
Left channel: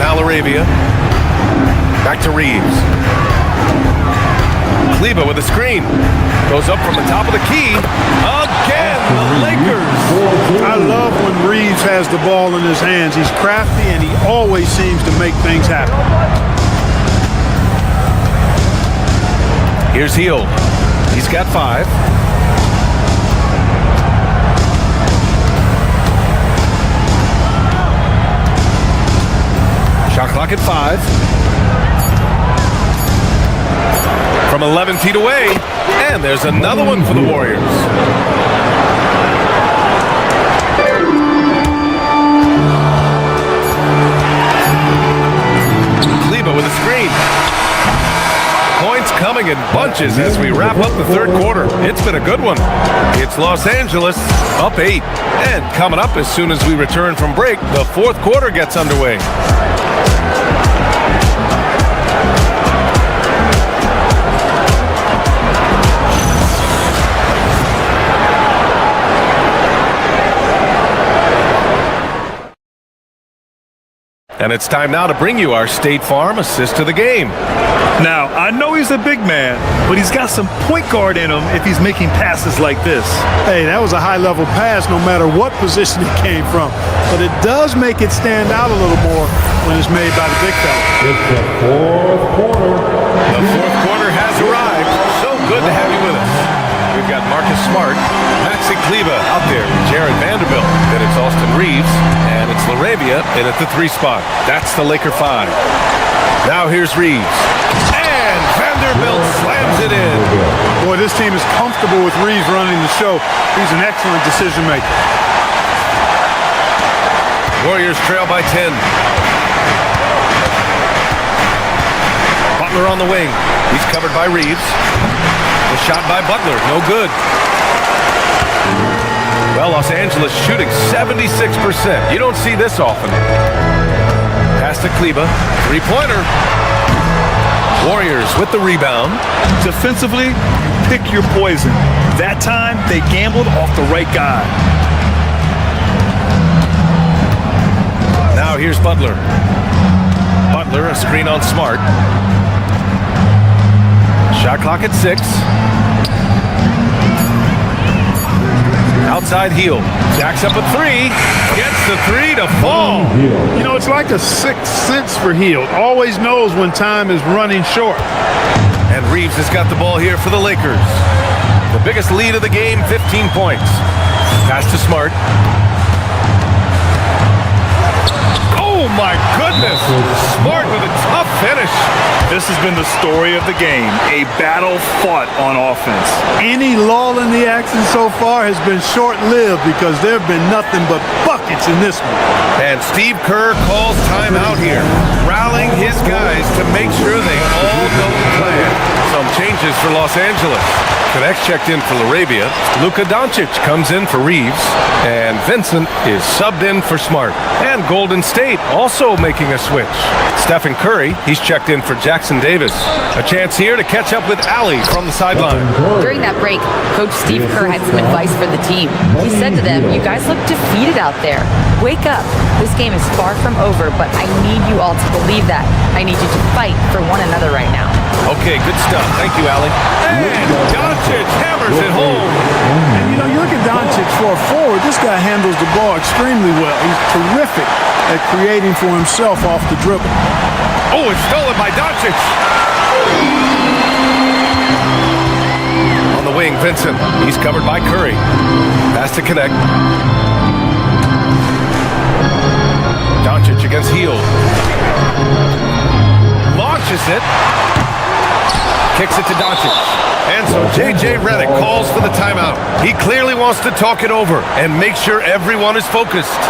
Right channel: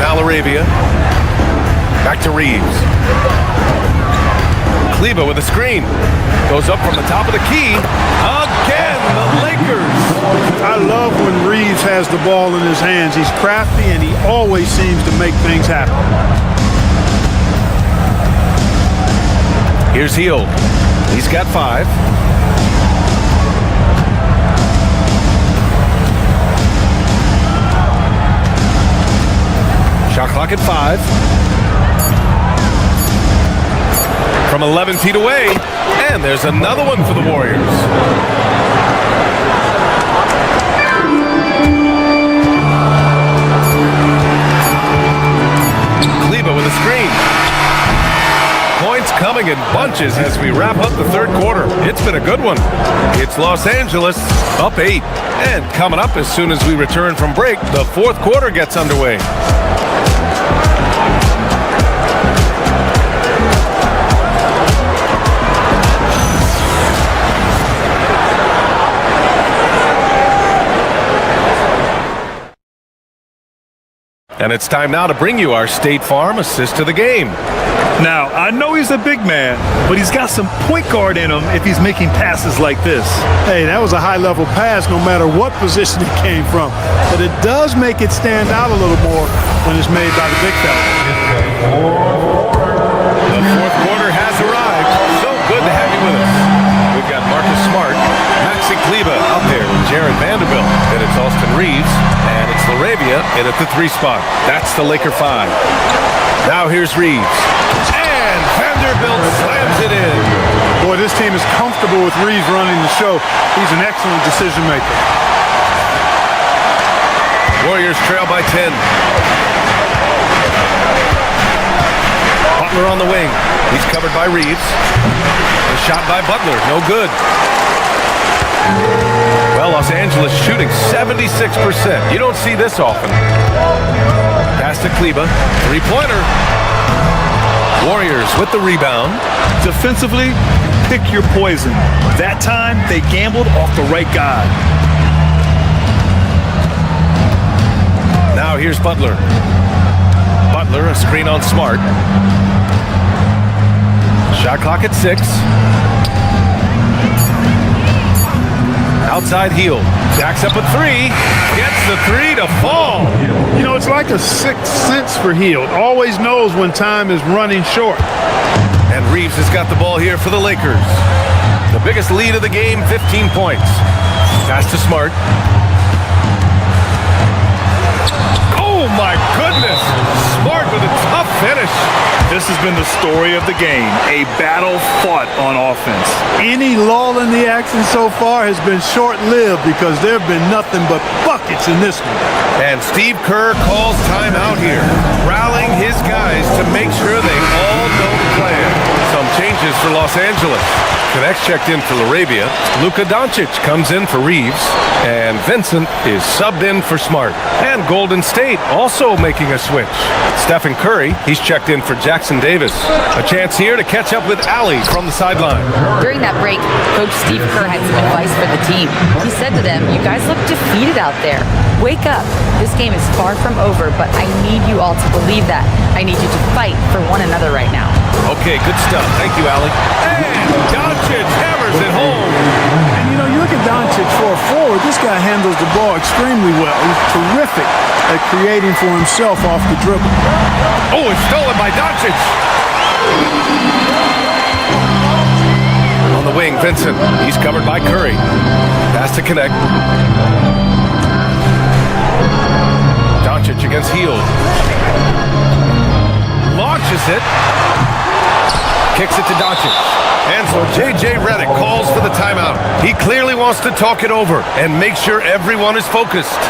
Now Laravia. Back to Reeves. Kleba with a screen. Goes up from the top of the key. Again, the Lakers. I love when Reeves has the ball in his hands. He's crafty, and he always seems to make things happen. Here's Hield. He's got 5. Shot clock at 5. From 11 feet away. And there's another one for the Warriors. Kleba with a screen. Points coming in bunches as we wrap up the third quarter. It's been a good one. It's Los Angeles up 8. And coming up as soon as we return from break, the fourth quarter gets underway. And it's time now to bring you our State Farm assist to the game. Now, I know he's a big man, but he's got some point guard in him if he's making passes like this. Hey, that was a high-level pass no matter what position it came from. But it does make it stand out a little more when it's made by the big fella. It's the fourth quarter. The fourth quarter has arrived. So good to have you with us. We've got Marcus Smart, Maxi Kleba out there with Jared Vanderbilt. Then it's Austin Reeves, and it's Laravia in at the 3 spot. That's the Laker 5. Now here's Reeves. And And Vanderbilt slams it in. Boy, this team is comfortable with Reeves running the show. He's an excellent decision maker. Warriors trail by 10. Butler on the wing. He's covered by Reeves. The shot by Butler, no good. Well, Los Angeles shooting 76%. You don't see this often. Pass to Kleba. Three-pointer. Warriors with the rebound. Defensively, you pick your poison. That time, they gambled off the right guy. Now here's Butler. Butler, a screen on Smart. Shot clock at 6. Outside heel. Jacks up a 3. Gets the 3 to fall. You know, it's like a sixth sense for Hield. Always knows when time is running short. And Reeves has got the ball here for the Lakers. The biggest lead of the game, 15 points. Pass to Smart. Oh my goodness! Smart with a tough finish. This has been the story of the game, a battle fought on offense. Any lull in the action so far has been short-lived because there have been nothing but buckets in this one. And Steve Kerr calls timeout here, rallying his guys to make sure they all know the plan. Some changes for Los Angeles. Connects checked in for Laravia. Luka Doncic comes in for Reeves. And Vincent is subbed in for Smart. And Golden State also making a switch. Stephen Curry, he's checked in for Jackson Davis. A chance here to catch up with Allie from the sideline. During that break, Coach Steve Kerr had some advice for the team. He said to them, "You guys look defeated out there. Wake up. This game is far from over, but I need you all to believe that. I need you to fight for one another right now." Okay, good stuff. Thank you, Allie. And Doncic hammers it home. And, you know, you look at Doncic for a forward, this guy handles the ball extremely well. He's terrific at creating for himself off the dribble. Oh, it's stolen by Doncic. On the wing, Vincent. He's covered by Curry. Pass to connect. Doncic against Hield. Launches it. Kicks it to Doncic. And so J.J. Redick calls for the timeout. He clearly wants to talk it over and make sure everyone is focused.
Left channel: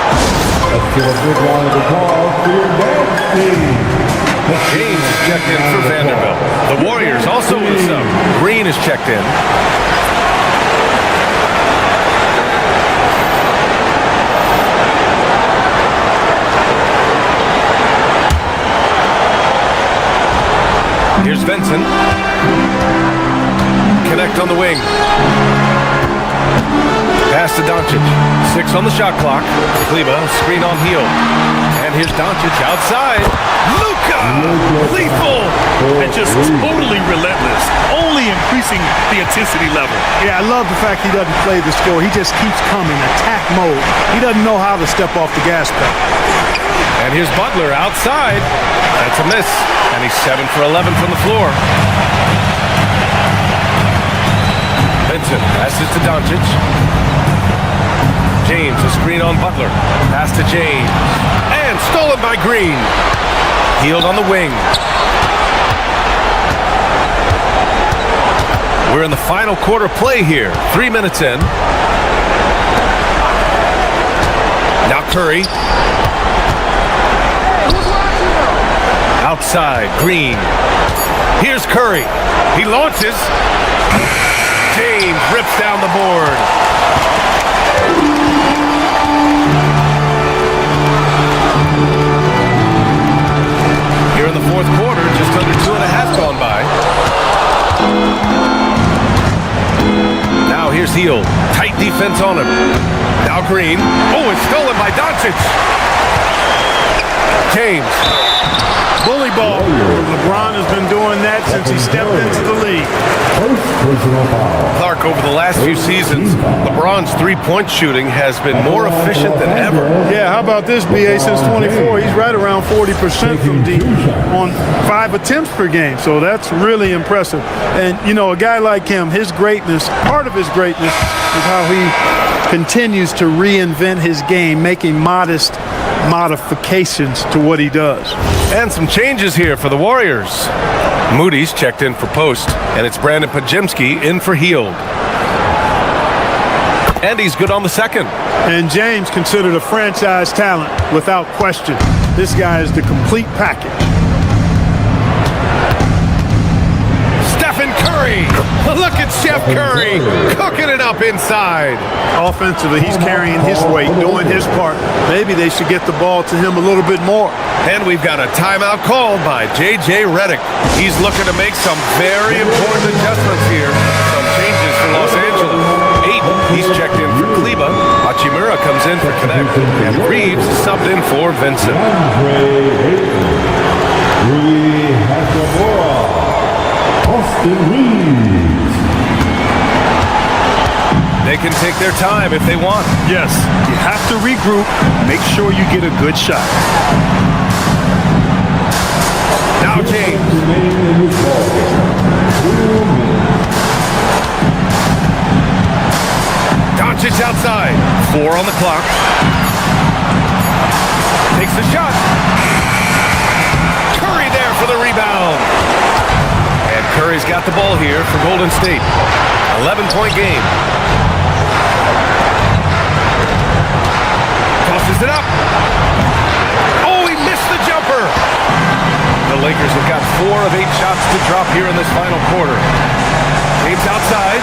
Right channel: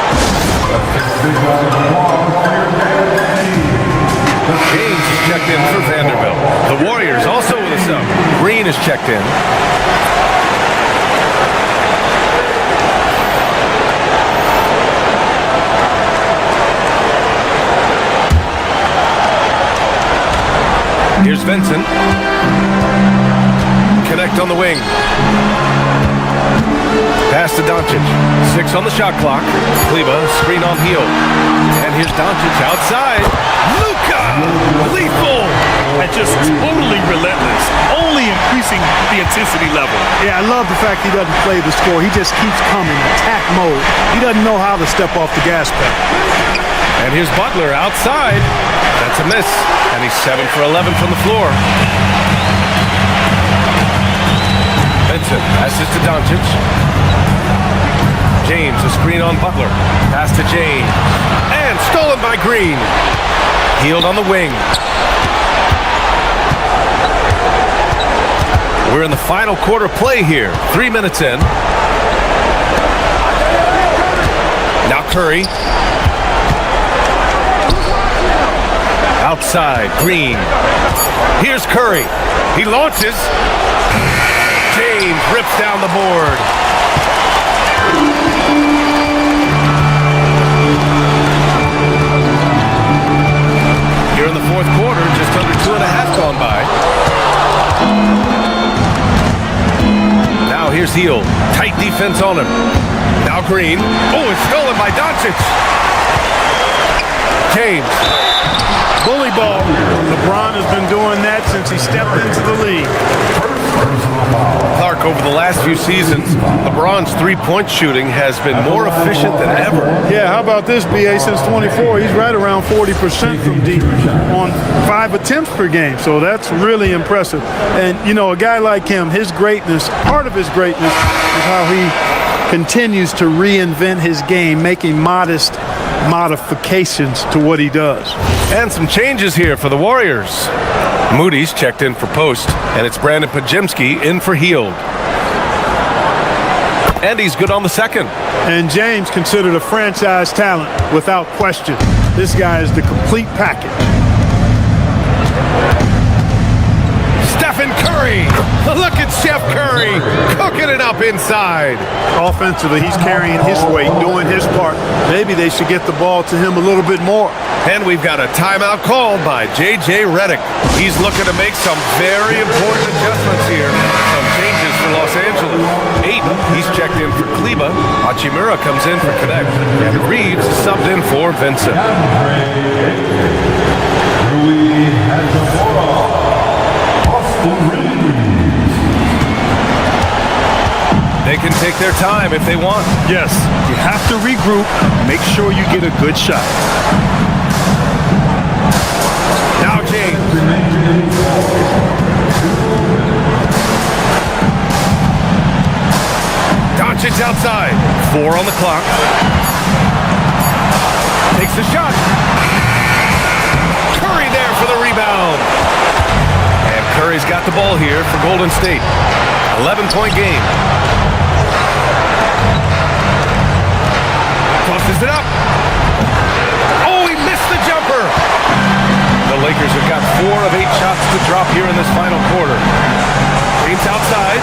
James is checked in for Vanderbilt. The Warriors also with a sub. Green is checked in. Here's Vincent. Connect on the wing. Pass to Doncic. 6 on the shot clock. Kleba, screen on heel. And here's Doncic outside. Luka! Lethal! And just totally relentless, only increasing the intensity level. Yeah, I love the fact he doesn't play the score. He just keeps coming, attack mode. He doesn't know how to step off the gas pedal. And here's Butler outside. That's a miss. And he's 7 for 11 from the floor. Vincent passes to Doncic. James, a screen on Butler. Pass to James. And stolen by Green. Hield on the wing. We're in the final quarter play here. 3 minutes in. Now Curry. Outside, Green. Here's Curry. He launches. James rips down the board. Here in the fourth quarter, just under 2.5 gone by. Now here's Hield. Tight defense on him. Now Green. Oh, it's stolen by Doncic. James. Bully ball. LeBron has been doing that since he stepped into the league. Clark, over the last few seasons, LeBron's three-point shooting has been more efficient than ever. Yeah, how about this, BA? Since 24, he's right around 40% from deep on 5 attempts per game. So that's really impressive. And, you know, a guy like him, his greatness, part of his greatness is how he continues to reinvent his game, making modest modifications to what he does. And some changes here for the Warriors. Moody's checked in for post, and it's Brandon Pajemski in for Heald. And he's good on the second. And James considered a franchise talent without question. This guy is the complete package. Stephen Curry! Look at Chef Curry cooking it up inside. Offensively, he's carrying his weight, doing his part. Maybe they should get the ball to him a little bit more. And we've got a timeout called by J.J. Redick. He's looking to make some very important adjustments here. Some changes for Los Angeles. Aiden, he's checked in for Kleba. Hachimura comes in for Connect. And Reeves is subbed in for Vincent. Rui Hachimura, Austin Reeves. They can take their time if they want. Yes, you have to regroup. Make sure you get a good shot. Now James. Doncic outside. 4 on the clock. Takes the shot. Curry there for the rebound. And Curry's got the ball here for Golden State. 11-point game. Tosses it up. Oh, he missed the jumper. The Lakers have got 4 of 8 shots to drop here in this final quarter. James outside.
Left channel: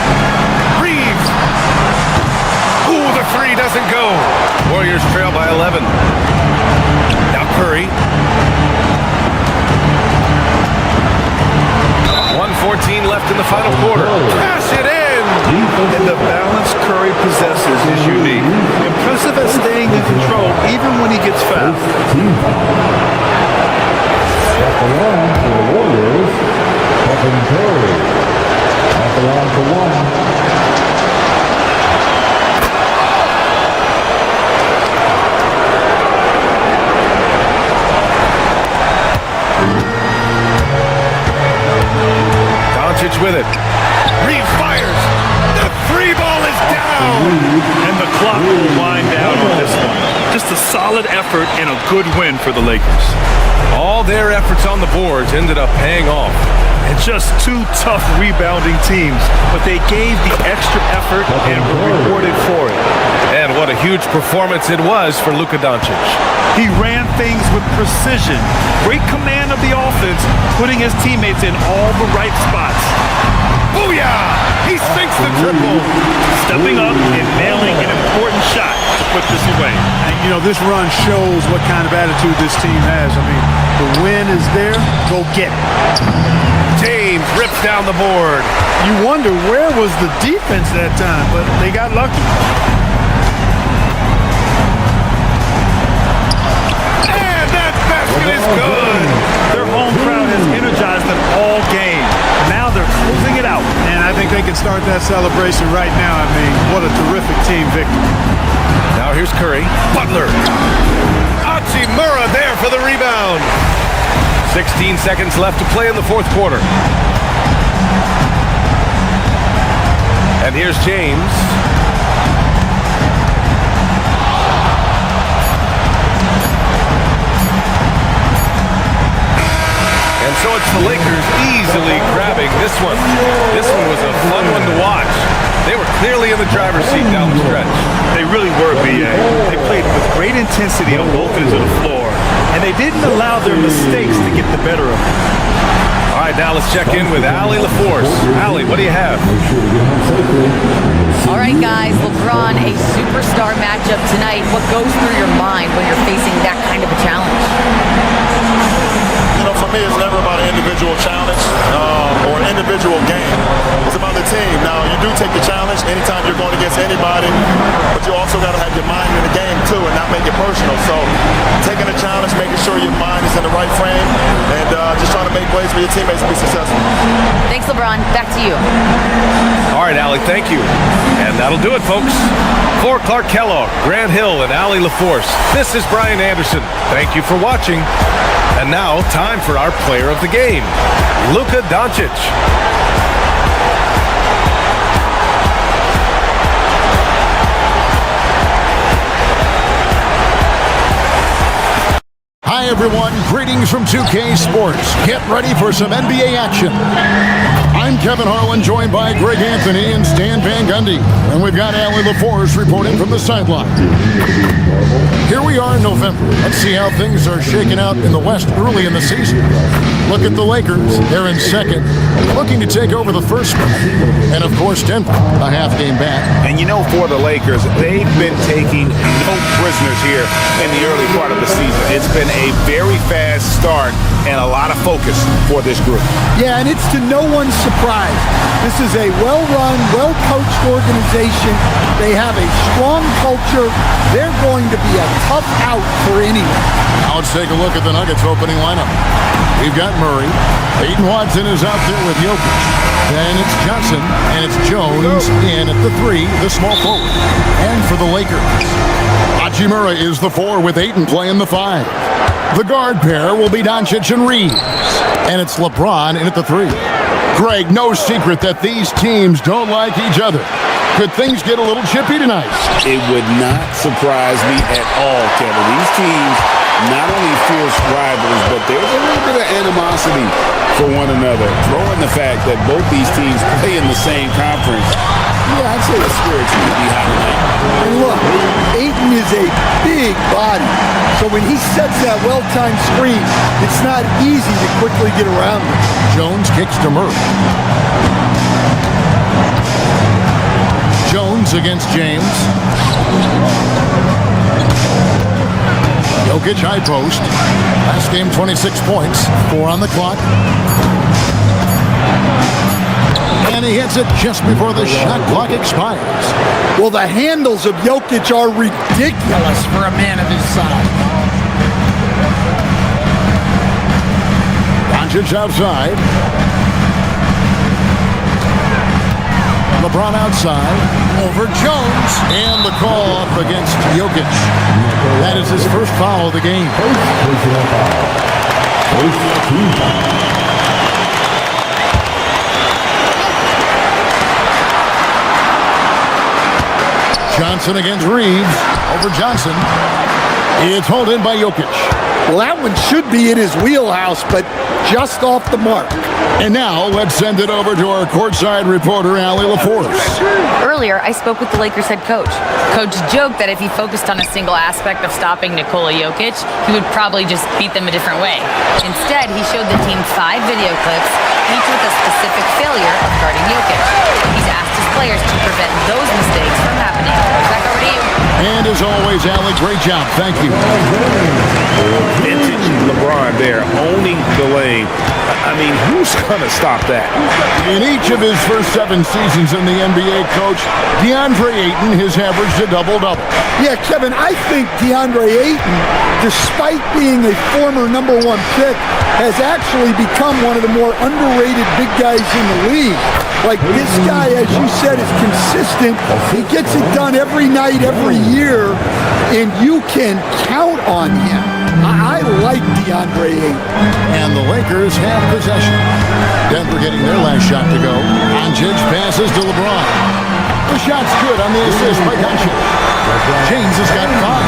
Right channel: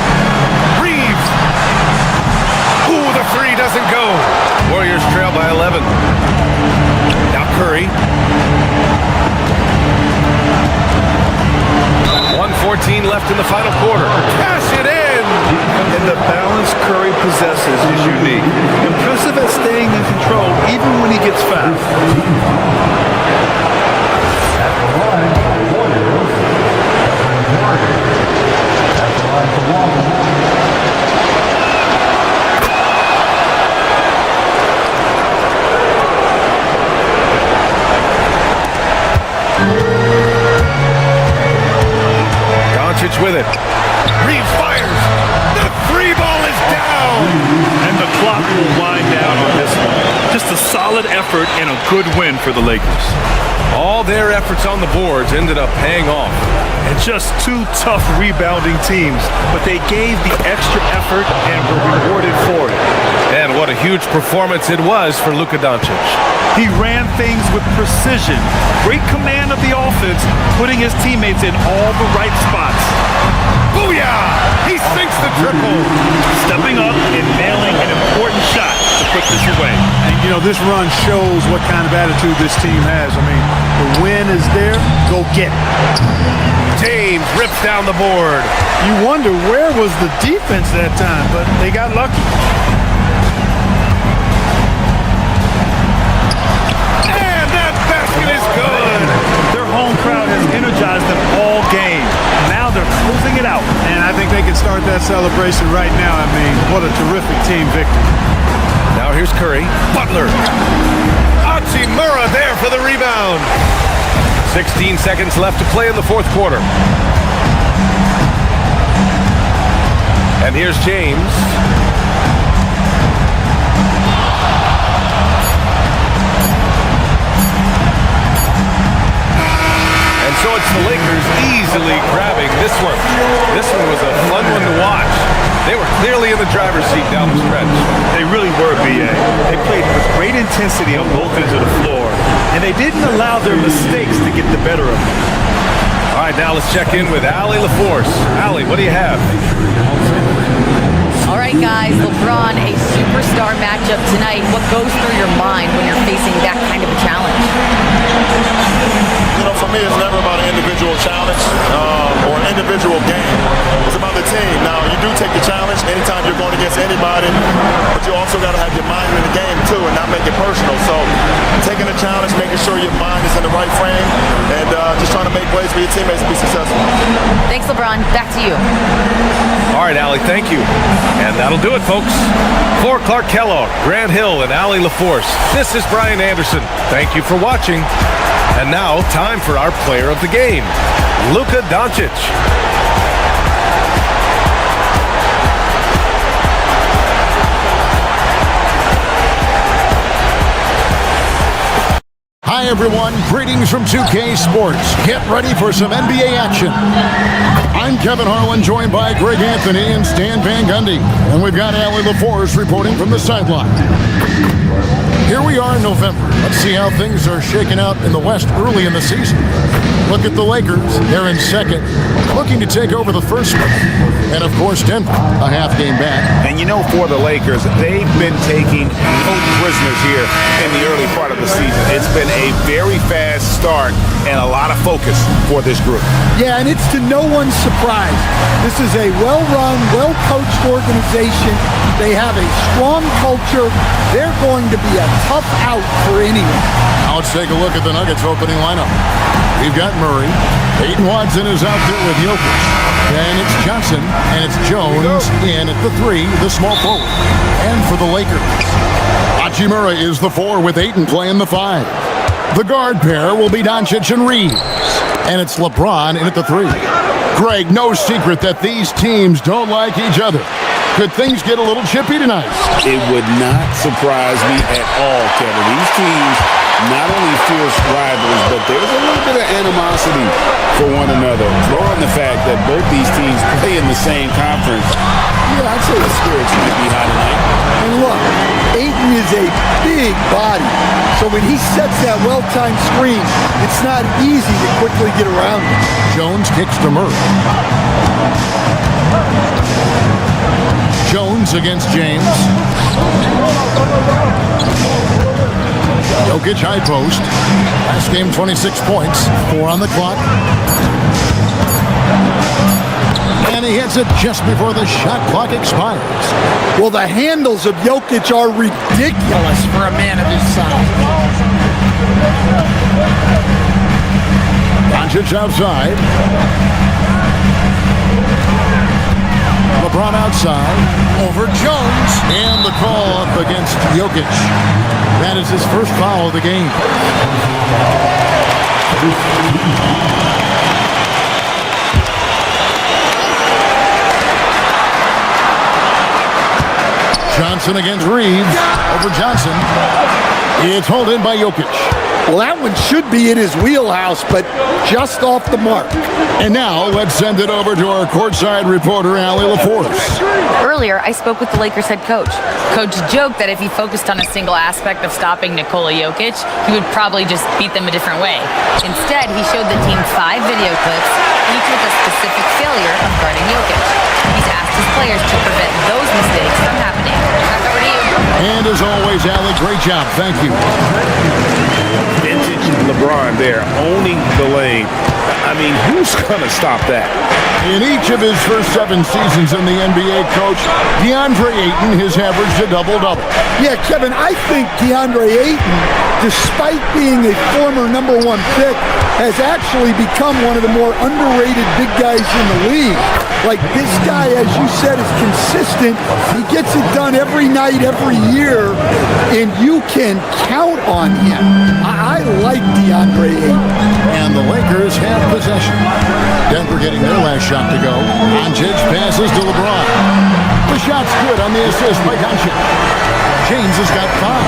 Reeves. Ooh, the 3 doesn't go. Warriors trail by 11. Now Curry. 1:14 left in the final quarter. Cash it in. And the balance Curry possesses is unique. Impressive at staying in control even when he gets fouled. At the line for the Warriors, Stephen Curry. At the line for 1. Doncic with it. Reeves fires. The 3 ball is down. And the clock will wind down on this one. Just a solid effort and a good win for the Lakers. All their efforts on the boards ended up paying off. And just 2 tough rebounding teams, but they gave the extra effort and were rewarded for it. And what a huge performance it was for Luka Doncic. He ran things with precision, great command of the offense, putting his teammates in all the right spots. Booyah! He sinks the triple. Stepping up and nailing an important shot to put this away. And, you know, this run shows what kind of attitude this team has. I mean, the win is there. Go get it. James rips down the board. You wonder where was the defense that time, but they got lucky. And that basket is good. Their home crowd has energized them all game. Now they're closing it out. And I think they can start that celebration right now. I mean, what a terrific team victory. Now here's Curry. Butler. Hachimura there for the rebound. 16 seconds left to play in the fourth quarter. And here's James. And so it's the Lakers easily grabbing this one. This one was a fun one to watch. They were clearly in the driver's seat down the stretch. They really were, B.A. They played with great intensity on both ends of the floor, and they didn't allow their mistakes to get the better of them. All right, now let's check in with Allie LaForce. Allie, what do you have? All right, guys, LeBron, a superstar matchup tonight. What goes through your mind when you're facing that kind of a challenge? You know, for me, it's never about an individual challenge or an individual game. It's about the team. Now, you do take the challenge anytime you're going against anybody, but you also got to have your mind in the game, too, and not make it personal. So, taking a challenge, making sure your mind is in the right frame, and just trying to make ways for your teammates to be successful. Thanks, LeBron. Back to you. All right, Allie, thank you. And that'll do it, folks. For Clark Kellogg, Grant Hill, and Allie LaForce, this is Brian Anderson. Thank you for watching. And now, time for our player of the game, Luka Doncic. Hi, everyone. Greetings from 2K Sports. Get ready for some NBA action. I'm Kevin Harlan, joined by Greg Anthony and Stan Van Gundy. And we've got Allie LaForce reporting from the sideline. Here we are in November. Let's see how things are shaking out in the West early in the season. Look at the Lakers. They're in second, looking to take over the first spot. And, of course, Denver, a half game back. And, you know, for the Lakers, they've been taking no prisoners here in the early part of the season. It's been a very fast start and a lot of focus for this group. Yeah, and it's to no one's surprise. This is a well-run, well-coached organization. They have a strong culture. They're going to be a tough out for anyone. Now let's take a look at the Nuggets opening lineup. We've got Murray. Peyton Watson is out there with Jokic. Then it's Johnson, and it's Jones in at the 3, the small forward. And for the Lakers, Hachimura is the 4 with Ayton playing the 5. The guard pair will be Doncic and Reeves. And it's LeBron in at the 3. Greg, no secret that these teams don't like each other. Could things get a little chippy tonight? It would not surprise me at all, Kevin. These teams not only fierce rivals, but there's a little bit of animosity for one another. Throw in the fact that both these teams play in the same conference. Yeah, I'd say the spirits might be high tonight. And look, Ayton is a big body. So when he sets that well-timed screen, it's not easy to quickly get around him. Jones kicks to Murray. Jones against James. Jokic high post. Last game 26 points, 4 on the clock. And he hits it just before the shot clock expires. Well, the handles of Jokic are ridiculous for a man of his size. Doncic outside. LeBron outside. Over Jones. And the call up against Jokic. That is his first foul of the game. Johnson against Reeves. Over Johnson. It's hauled in by Jokic. Well, that one should be in his wheelhouse, but just off the mark. And now let's send it over to our courtside reporter, Allie LaForce. Earlier, I spoke with the Lakers head coach. Coach joked that if he focused on a single aspect of stopping Nikola Jokic, he would probably just beat them a different way. Instead, he showed the team 5 video clips, each with a specific failure of guarding Jokic. He's asked his players to prevent those mistakes from happening. Back over to you. And as always, Allie, great job. Thank you. Vintage LeBron there, owning the lane. I mean, who's going to stop that? In each of his first 7 seasons in the NBA, Coach, DeAndre Ayton has averaged a double-double. Yeah, Kevin, I think DeAndre Ayton, despite being a former #1 pick, has actually become one of the more underrated big guys in the league. Like, this guy, as you said, is consistent. He gets it done every night, every year, and you can count on him. I like DeAndre Ayton. And the Lakers have possession. Denver getting their last shot to go. Doncic passes to LeBron. The shot's good on the assist by Doncic. James has got 5.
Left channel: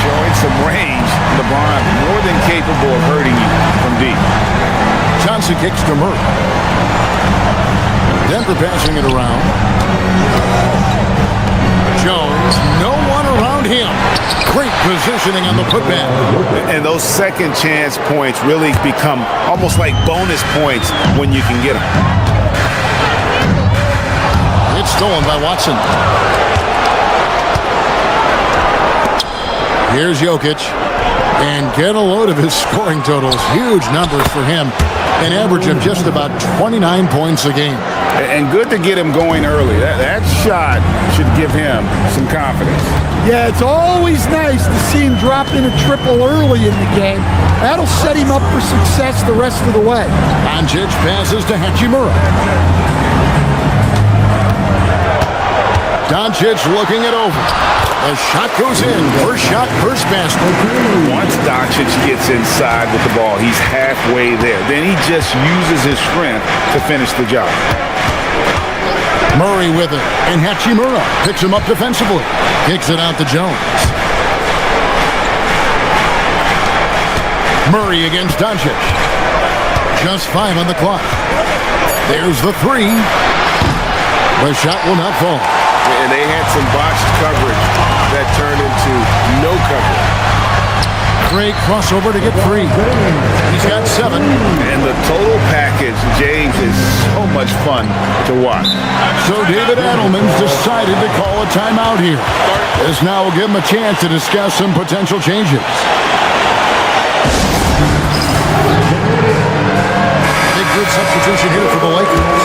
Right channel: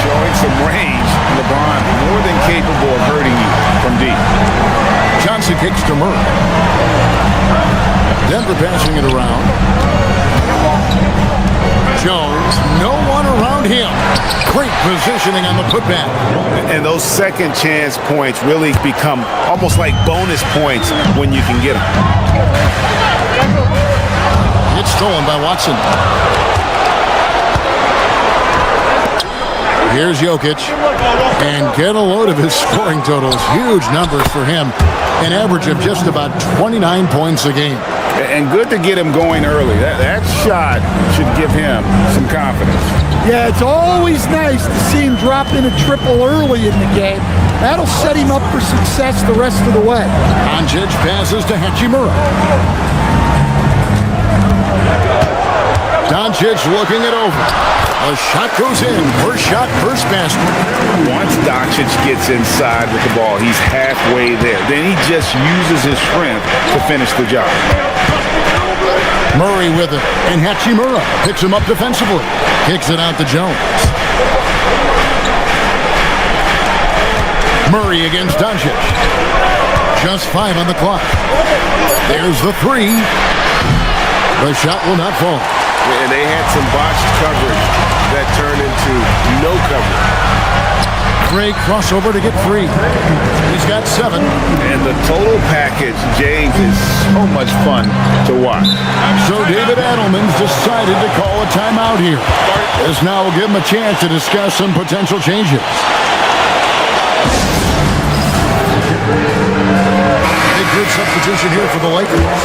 Showing some range. LeBron more than capable of hurting you from deep. Johnson kicks to Murray. Denver passing it around. Jones, no one around him. Great positioning on the putback. And those second chance points really become almost like bonus points when you can get them. It's stolen by Watson. Here's Jokic. And get a load of his scoring totals. Huge numbers for him. An average of just about 29 points a game. And good to get him going early. That shot should give him some confidence. Yeah, it's always nice to see him drop in a triple early in the game. That'll set him up for success the rest of the way. Doncic passes to Hachimura. Doncic looking it over. The shot goes in. First shot, first basket. Once Doncic gets inside with the ball, he's halfway there. Then he just uses his strength to finish the job. Murray with it, and Hachimura picks him up defensively. Kicks it out to Jones. Murray against Doncic. Just 5 on the clock. There's the 3. The shot will not fall. And they had some botched coverage that turned into no coverage. Great crossover to get free. He's got 7. And the total package, James, is so much fun to watch. So David Adelman's decided to call a timeout here. This now will give him a chance to discuss some potential changes. Big group substitution here for the Lakers.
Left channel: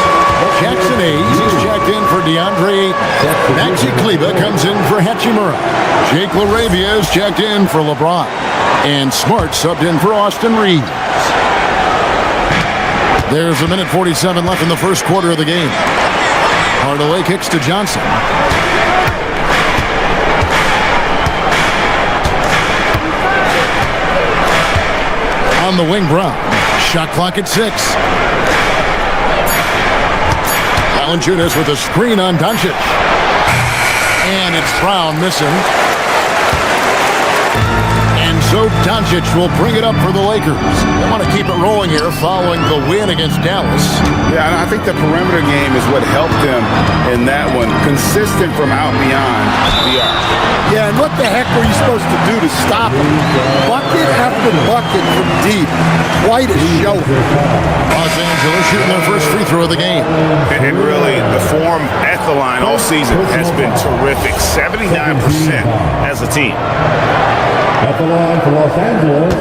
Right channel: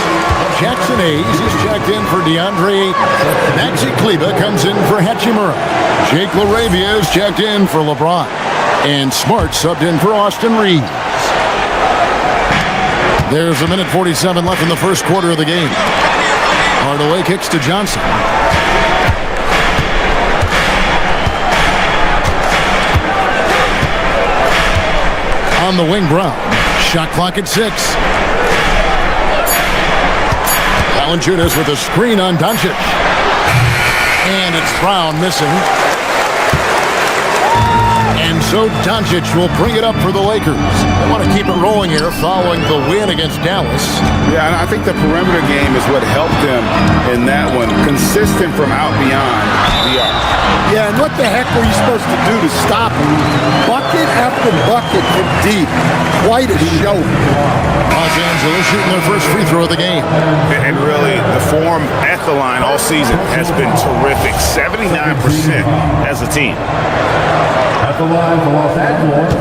Jackson Hayes is checked in for DeAndre Ayton. Maxi Kleber comes in for Hachimura. Jake LaRavia is checked in for LeBron. And Smart subbed in for Austin Reeves. There's a minute 47 left in the first quarter of the game. Hardaway kicks to Johnson. On the wing, Brown. Shot clock at 6. Valanciunas with a screen on Doncic. And it's Brown missing. And so Doncic will bring it up for the Lakers. They want to keep it rolling here following the win against Dallas. Yeah, and I think the perimeter game is what helped them in that one. Consistent from out beyond the arc. Yeah, and what the heck were you supposed to do to stop him? Bucket after bucket from deep. Quite a show. Los Angeles shooting their first free throw of the game. And really, the form at the line all season has been terrific. 79% as a team. At the line for Los Angeles,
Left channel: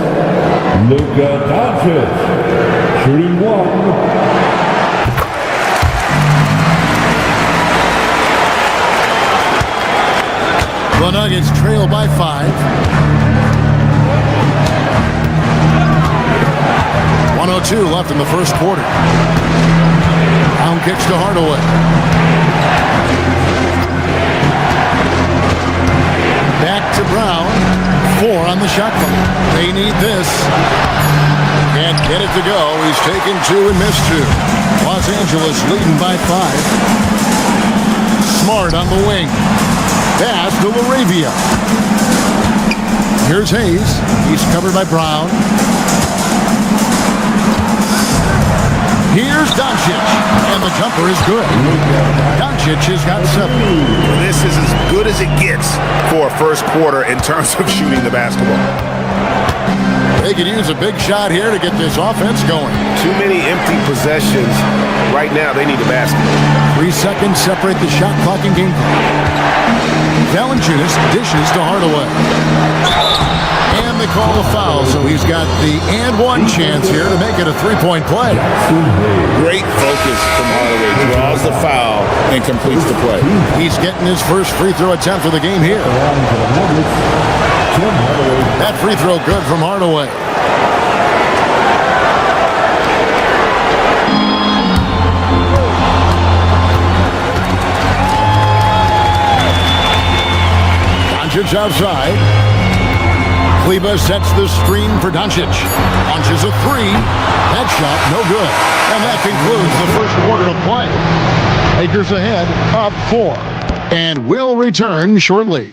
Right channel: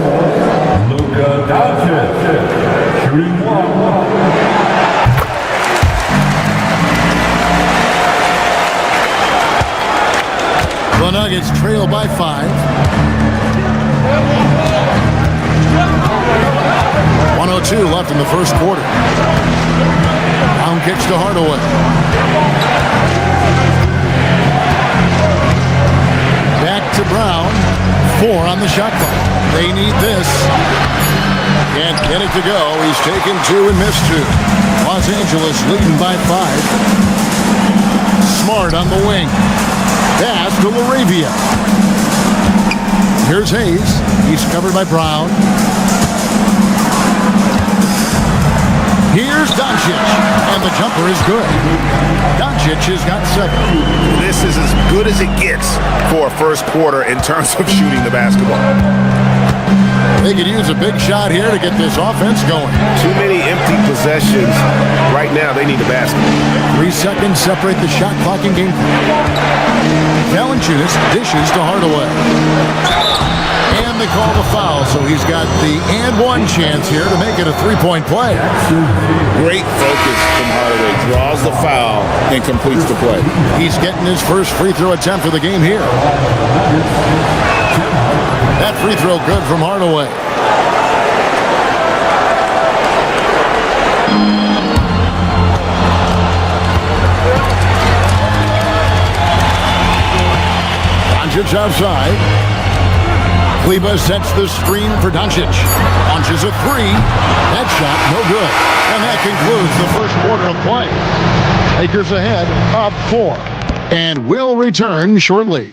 Luka Doncic, shooting 1. The Nuggets trail by 5. 1:02 left in the first quarter. Brown kicks to Hardaway. Back to Brown. 4 on the shot clock. They need this. Can't get it to go. He's taken 2 and missed 2. Los Angeles leading by 5. Smart on the wing. Pass to LaRavia. Here's Hayes. He's covered by Brown. Here's Doncic, and the jumper is good. Doncic has got 7. This is as good as it gets for a first quarter in terms of shooting the basketball. They could use a big shot here to get this offense going. Too many empty possessions. Right now, they need a basket. 3 seconds separate the shot clock and game clock. Valanciunas dishes to Hardaway. And they call the foul, so he's got the and 1 chance here to make it a 3-point play. Great focus from Hardaway. Draws the foul and completes the play. He's getting his first free throw attempt of the game here. That free throw good from Hardaway. Doncic outside. Kleber sets the screen for Doncic. Launches a 3. That shot, no good. And that concludes the first quarter of play. Lakers ahead, up 4. And will return shortly.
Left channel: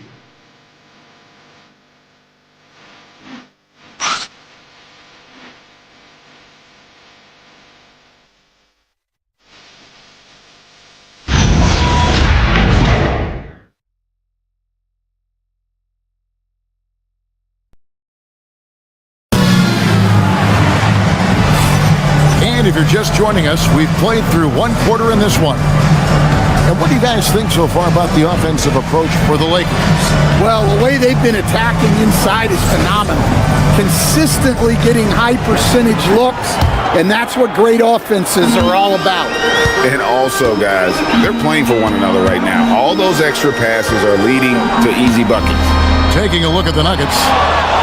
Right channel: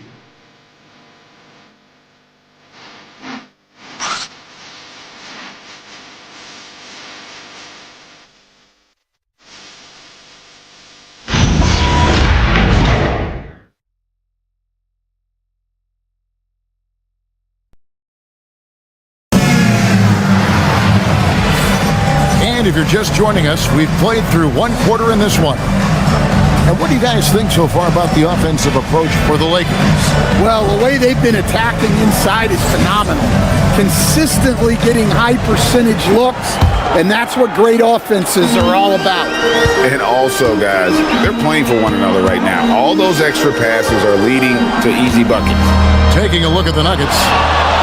And if you're just joining us, we've played through 1 quarter in this one. And what do you guys think so far about the offensive approach for the Lakers? Well, the way they've been attacking inside is phenomenal. Consistently getting high percentage looks, and that's what great offenses are all about. And also, guys, they're playing for one another right now. All those extra passes are leading to easy buckets. Taking a look at the Nuggets,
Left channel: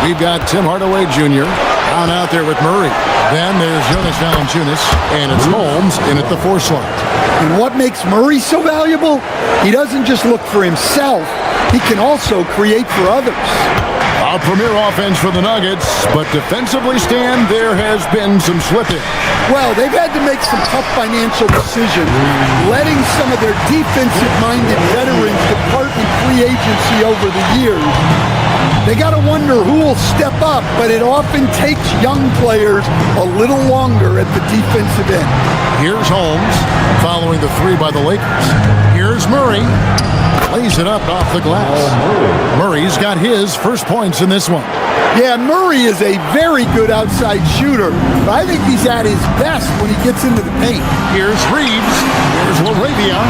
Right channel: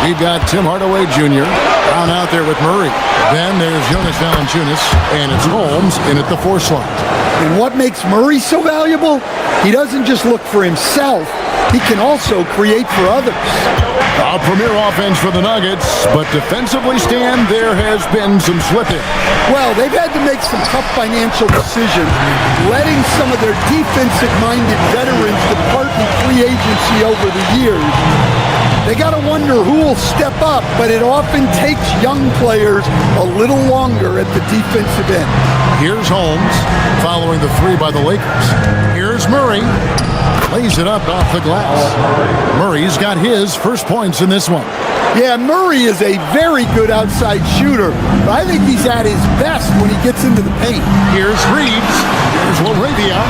we've got Tim Hardaway Jr. Brown out there with Murray. Then there's Jonas Valanciunas, and it's Holmes in at the 4 slot. And what makes Murray so valuable? He doesn't just look for himself, he can also create for others. A premier offense for the Nuggets, but defensively, Stan, there has been some slippage. Well, they've had to make some tough financial decisions, letting some of their defensive-minded veterans depart in free agency over the years. They got to wonder who will step up, but it often takes young players a little longer at the defensive end. Here's Holmes following the three by the Lakers. Here's Murray. Lays it up off the glass. Murray's got his first points in this one. Yeah, Murray is a very good outside shooter, but I think he's at his best when he gets into the paint. Here's Reeves. Here's LaRavia.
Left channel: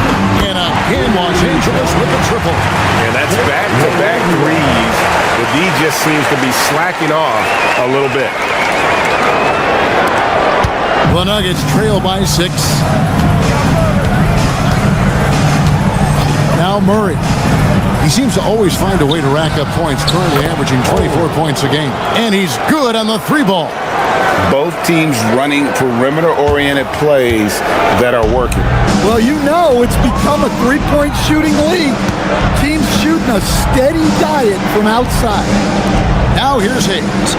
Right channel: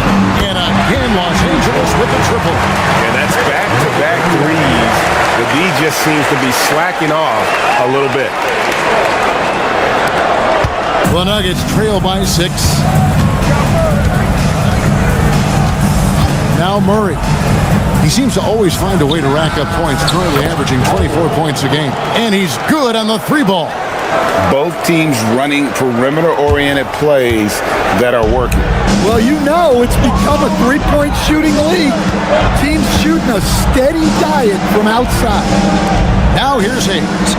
And again, Los Angeles with a triple. And that's back-to-back threes. The D just seems to be slacking off a little bit. The Nuggets trail by 6. Now Murray. He seems to always find a way to rack up points, currently averaging 24 points a game. And he's good on the 3-ball. Both teams running perimeter-oriented plays that are working. Well, you know it's become a three-point shooting league. Teams shooting a steady diet from outside. Now here's Hayes.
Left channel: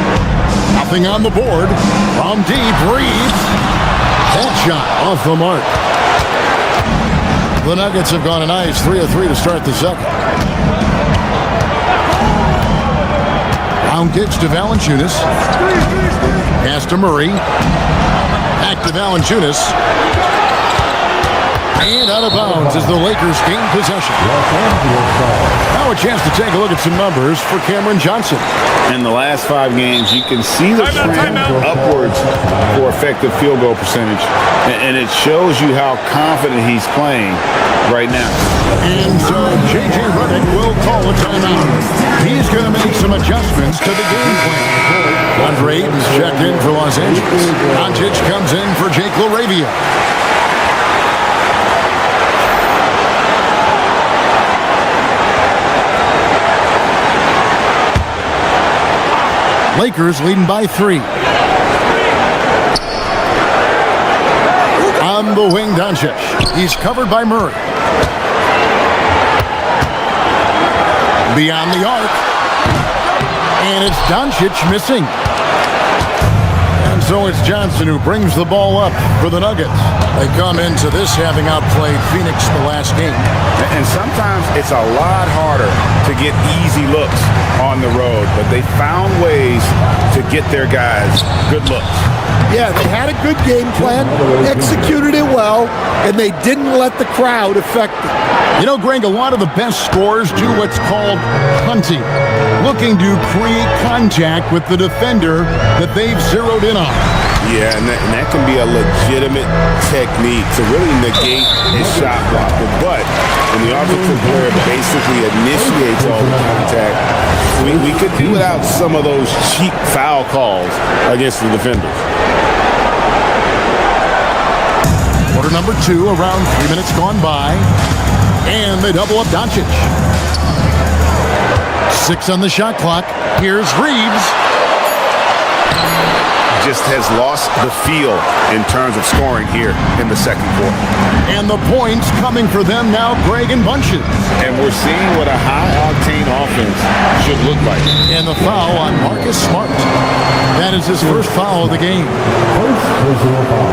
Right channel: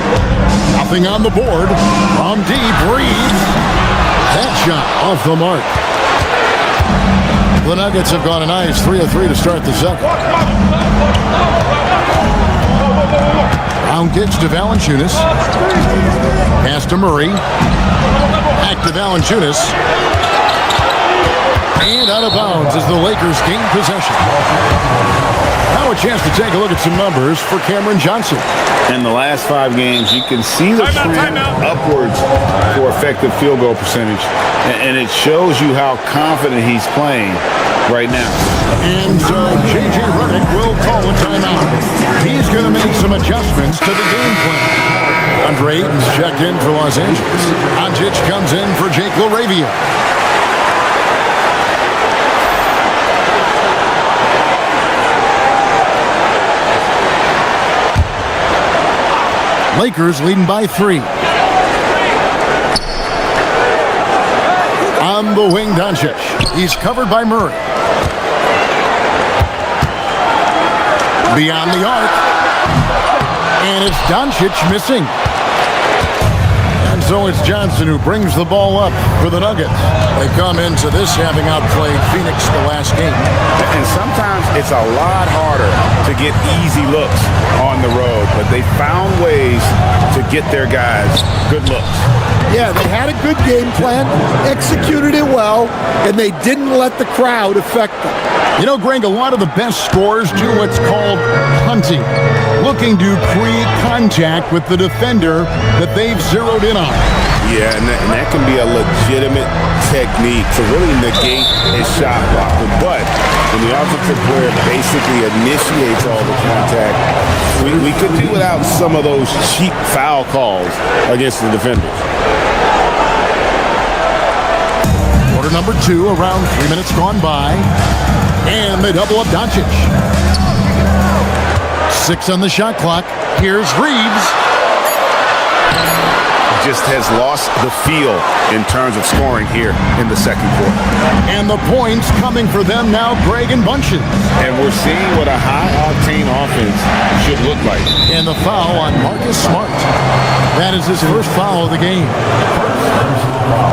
Nothing on the board. From deep, Reeves. That shot off the mark. The Nuggets have gone a nice 3 of 3 to start the second. Round kicks to Valanciunas. Pass to Murray. Back to Valanciunas. And out of bounds as the Lakers gain possession. Now a chance to take a look at some numbers for Cameron Johnson. In the last 5 games, you can see the trend upwards for effective field goal percentage. And it shows you how confident he's playing right now. And so J.J. Redick will call a timeout. He's going to make some adjustments to the game plan. Andre Ayton's checked in for Los Angeles. Doncic comes in for Jake LaRavia. Lakers leading by 3. On the wing, Doncic. He's covered by Murray. Beyond the arc. And it's Doncic missing. And so it's Johnson who brings the ball up for the Nuggets. They come into this having outplayed Phoenix the last game. And sometimes it's a lot harder to get easy looks on the road, but they found ways to get their guys good looks. Yeah, they had a good game plan, executed it well, and they didn't let the crowd affect them. You know, Greg, a lot of the best scorers do what's called hunting, looking to create contact with the defender that they've zeroed in on. Yeah, and that can be a legitimate technique to really negate his shot blocker. But when the offensive player basically initiates all the contact, we could do without some of those cheap foul calls against the defenders. Quarter number 2, around 3 minutes gone by. And they double up Doncic. 6 on the shot clock. Here's Reeves. Just has lost the feel in terms of scoring here in the second quarter. And the points coming for them now, Greg, in bunches. And we're seeing what a high-octane offense should look like. And the foul on Marcus Smart. That is his first foul of the game. First personal foul.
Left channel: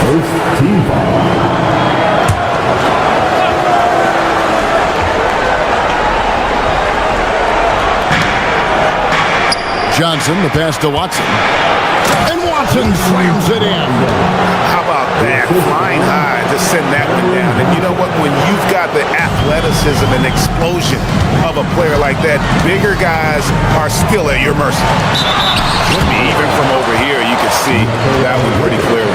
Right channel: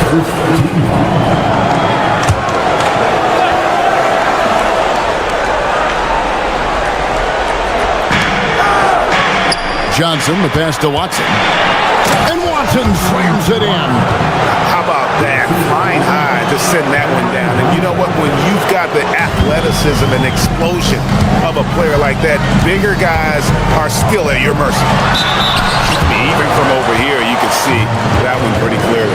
First team foul. Johnson, the pass to Watson. And Watson slams it in. How about that? Flying high to send that one down. And you know what? When you've got the athleticism and explosion of a player like that, bigger guys are still at your mercy. I mean, even from over here, you can see that one pretty clearly.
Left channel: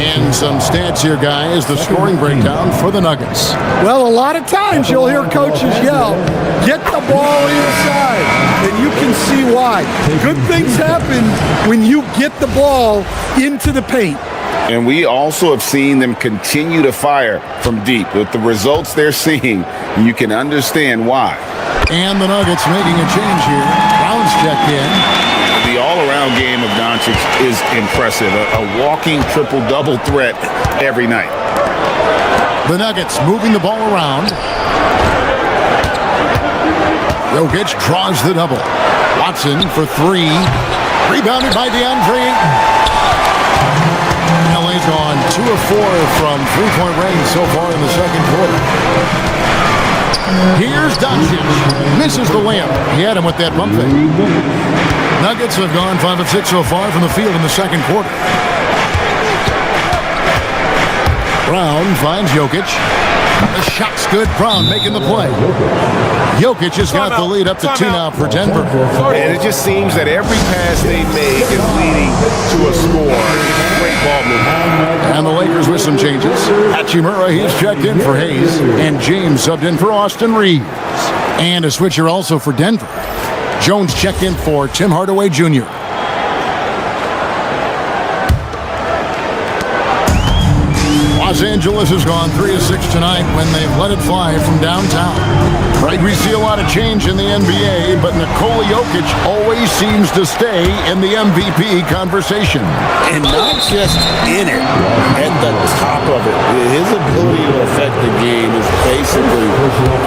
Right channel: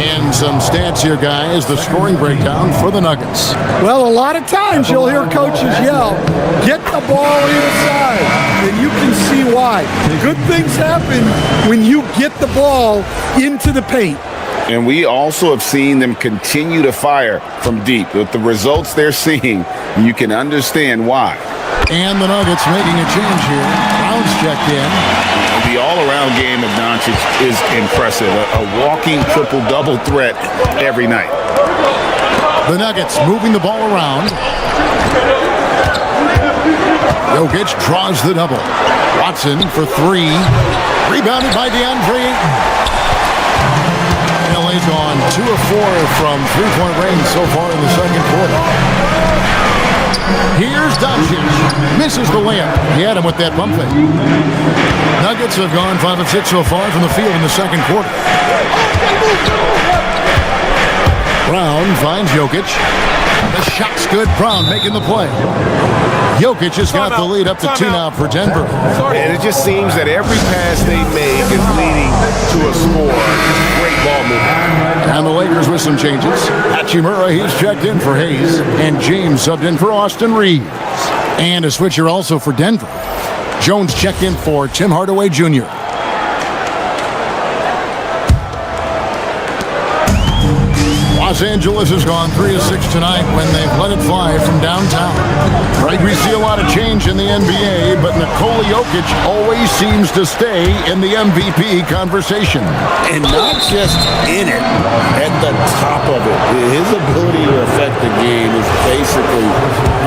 And some stats here, guys. The scoring breakdown for the Nuggets. Well, a lot of times you'll hear coaches yell, get the ball inside, and you can see why. Good things happen when you get the ball into the paint. And we also have seen them continue to fire from deep. With the results they're seeing, you can understand why. And the Nuggets making a change here. Brown's checked in. The all-around game of Doncic is impressive. A walking triple-double threat every night. The Nuggets moving the ball around. Jokic draws the double. Watson for 3. Rebounded by DeAndre Ayton. LA's gone 2 of 4 from three-point range so far in the second quarter. Here's Doncic. Misses the layup. He had him with that bump fake. Nuggets have gone 5 of 6 so far from the field in the second quarter. Brown finds Jokic. The shot's good. Brown making the play. Jokic has got the lead up to 2 now for Denver. And it just seems that every pass they make is leading to a score. Just great ball movement. And the Lakers with some changes. Hachimura, he's checked in for Hayes. And James subbed in for Austin Reeves. And a switcher also for Denver. Jones checked in for Tim Hardaway Jr. Los Angeles has gone 3 of 6 tonight when they've let it fly from downtown. Right, we see a lot of change in the NBA, but Nikola Jokic always seems to stay in the MVP conversation. And not just in it, at the top of it. His ability to affect the game is basically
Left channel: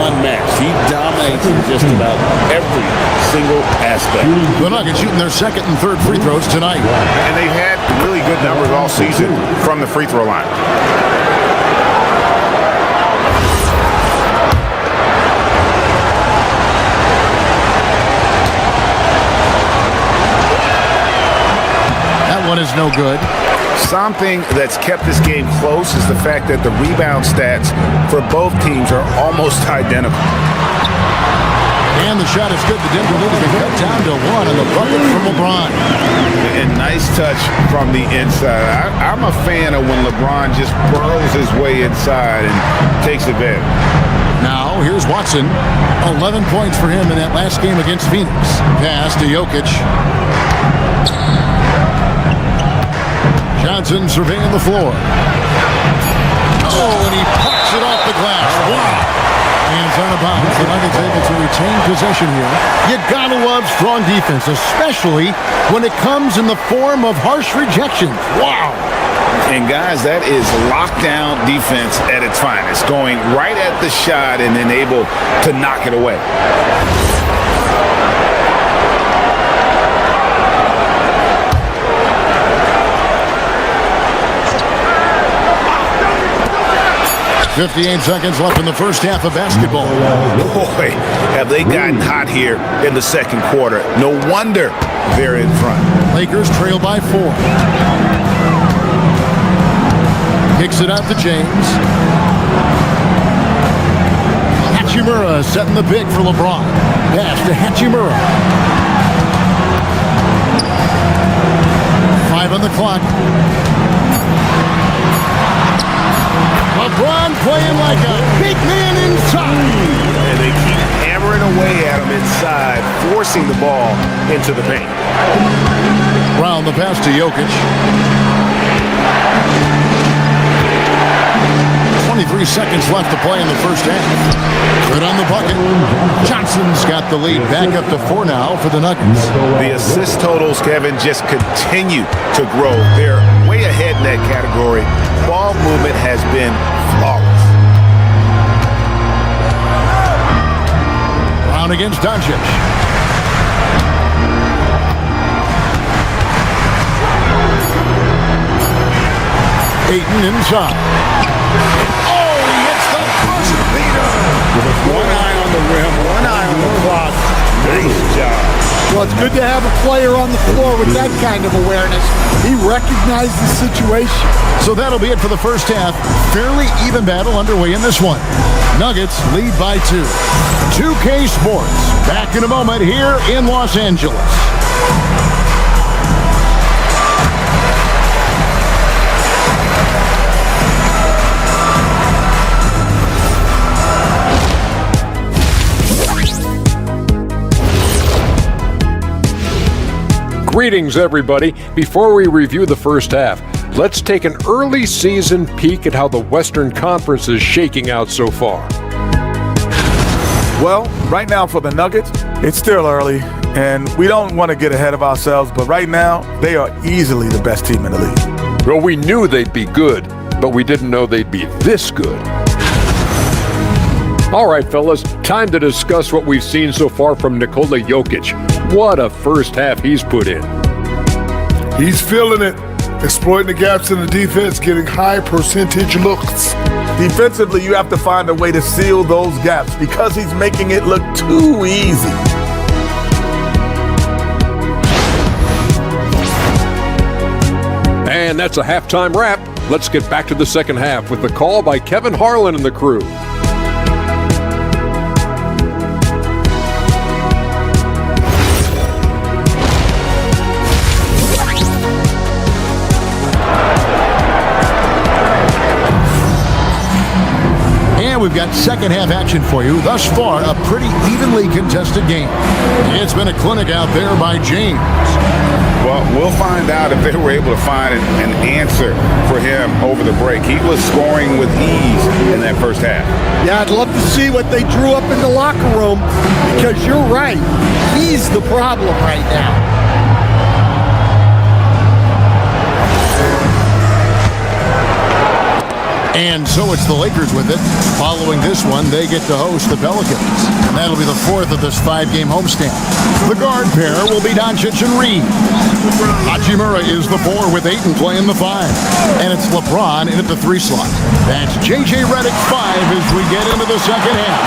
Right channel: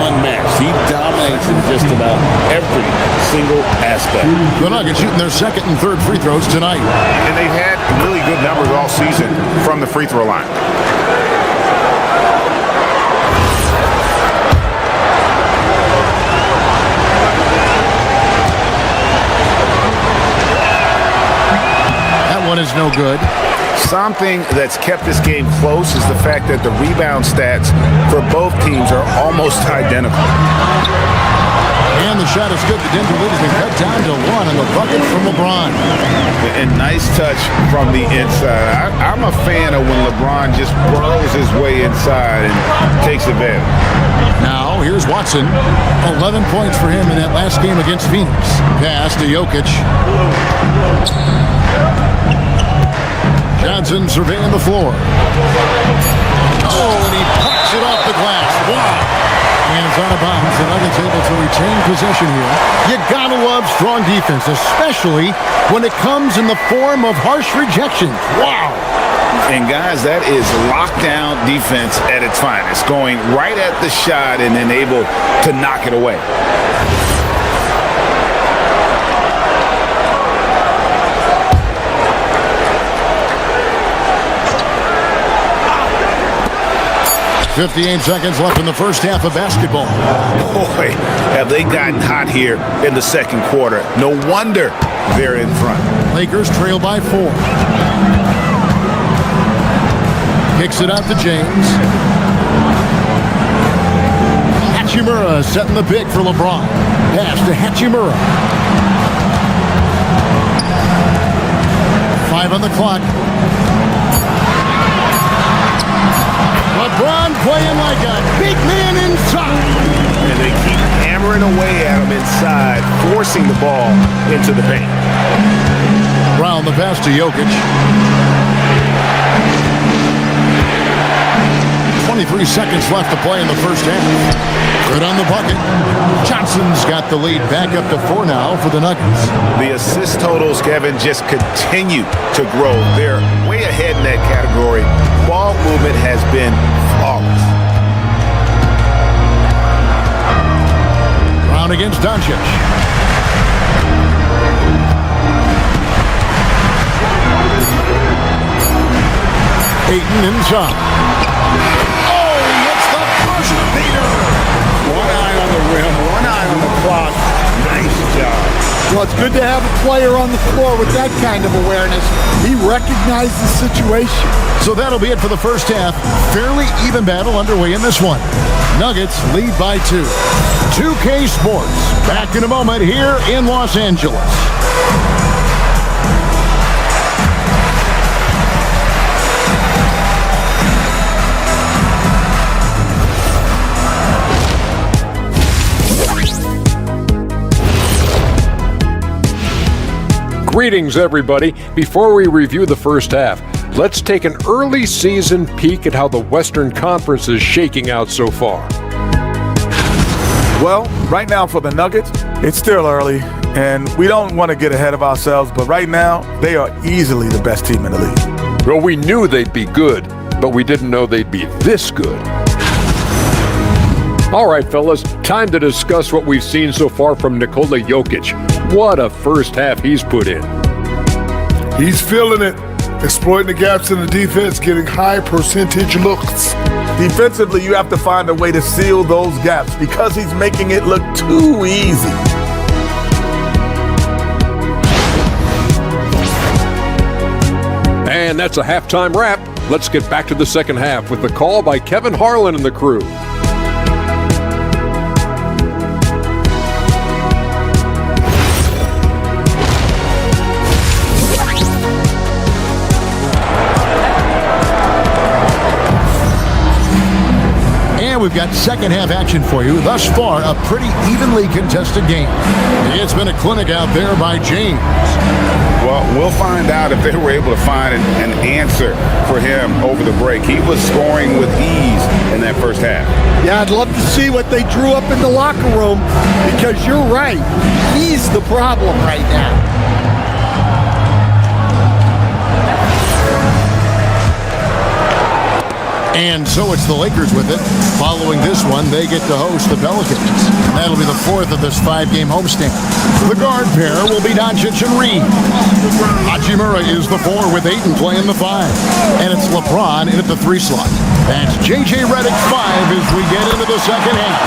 unmatched. He dominates in just about every single aspect. The Nuggets shooting their second and third free throws tonight. And they've had really good numbers all season from the free throw line. One is no good. Something that's kept this game close is the fact that the rebound stats for both teams are almost identical. And the shot is good. The Denver lead has been cut down to 1 on the bucket from LeBron. And nice touch from the inside. I'm a fan of when LeBron just burrows his way inside and takes advantage. Now, here's Watson. 11 points for him in that last game against Phoenix. Pass to Jokic. Johnson surveying the floor. Oh, and he pucks it off the glass. Wow. And it's out of bounds. The Nuggets able to retain possession here. You gotta love strong defense, especially when it comes in the form of harsh rejections. Wow. And guys, that is lockdown defense at its finest. Going right at the shot and then able to knock it away. .58 seconds left in the first half of basketball. Boy, have they gotten hot here in the second quarter. No wonder they're in front. Lakers trail by 4. Kicks it out to James. Hachimura setting the pick for LeBron. Pass to Hachimura. 5 on the clock. LeBron playing like a big man inside. And they keep hammering away at him inside, forcing the ball into the paint. Round the pass to Jokic. 23 seconds left to play in the first half. Good on the bucket. Johnson's got the lead back up to 4 now for the Nuggets. The assist totals, Kevin, just continue to grow. They're way ahead in that category. Ball movement has been flawless. Brown against Doncic. Ayton inside. Oh, he hits the buzzer beater. One eye on the rim, one eye on the clock. Nice job. Well, it's good to have a player on the floor with that kind of awareness. He recognized the situation. So that'll be it for the first half. Fairly even battle underway in this one. Nuggets lead by 2. 2K Sports back in a moment here in Los Angeles. Greetings, everybody. Before we review the first half, let's take an early season peek at how the Western Conference is shaking out so far. Well, right now for the Nuggets, it's still early, and we don't want to get ahead of ourselves, but right now, they are easily the best team in the league. Well, we knew they'd be good, but we didn't know they'd be this good. All right, fellas, time to discuss what we've seen so far from Nikola Jokic. What a first half he's put in. He's feeling it. exploiting the gaps in the defense, getting high percentage looks. Defensively, you have to find a way to seal those gaps because he's making it look too easy. And that's a halftime wrap. Let's get back to the second half with the call by Kevin Harlan and the crew. And we've got second half action for you. Thus far, a pretty evenly contested game. It's been a clinic out there by James. Well, we'll find out if they were able to find an answer for him over the break. He was scoring with ease in that first half. Yeah, I'd love to see what they drew up in the locker room because you're right. He's the problem right now. And so it's the Lakers with it. Following this one, they get to host the Pelicans. And that'll be the fourth of this 5-game homestand. The guard pair will be Doncic and Reeves. Hachimura is the 4 with Ayton playing the 5. And it's LeBron in at the 3 slot. That's J.J. Redick 5 as we get into the second half.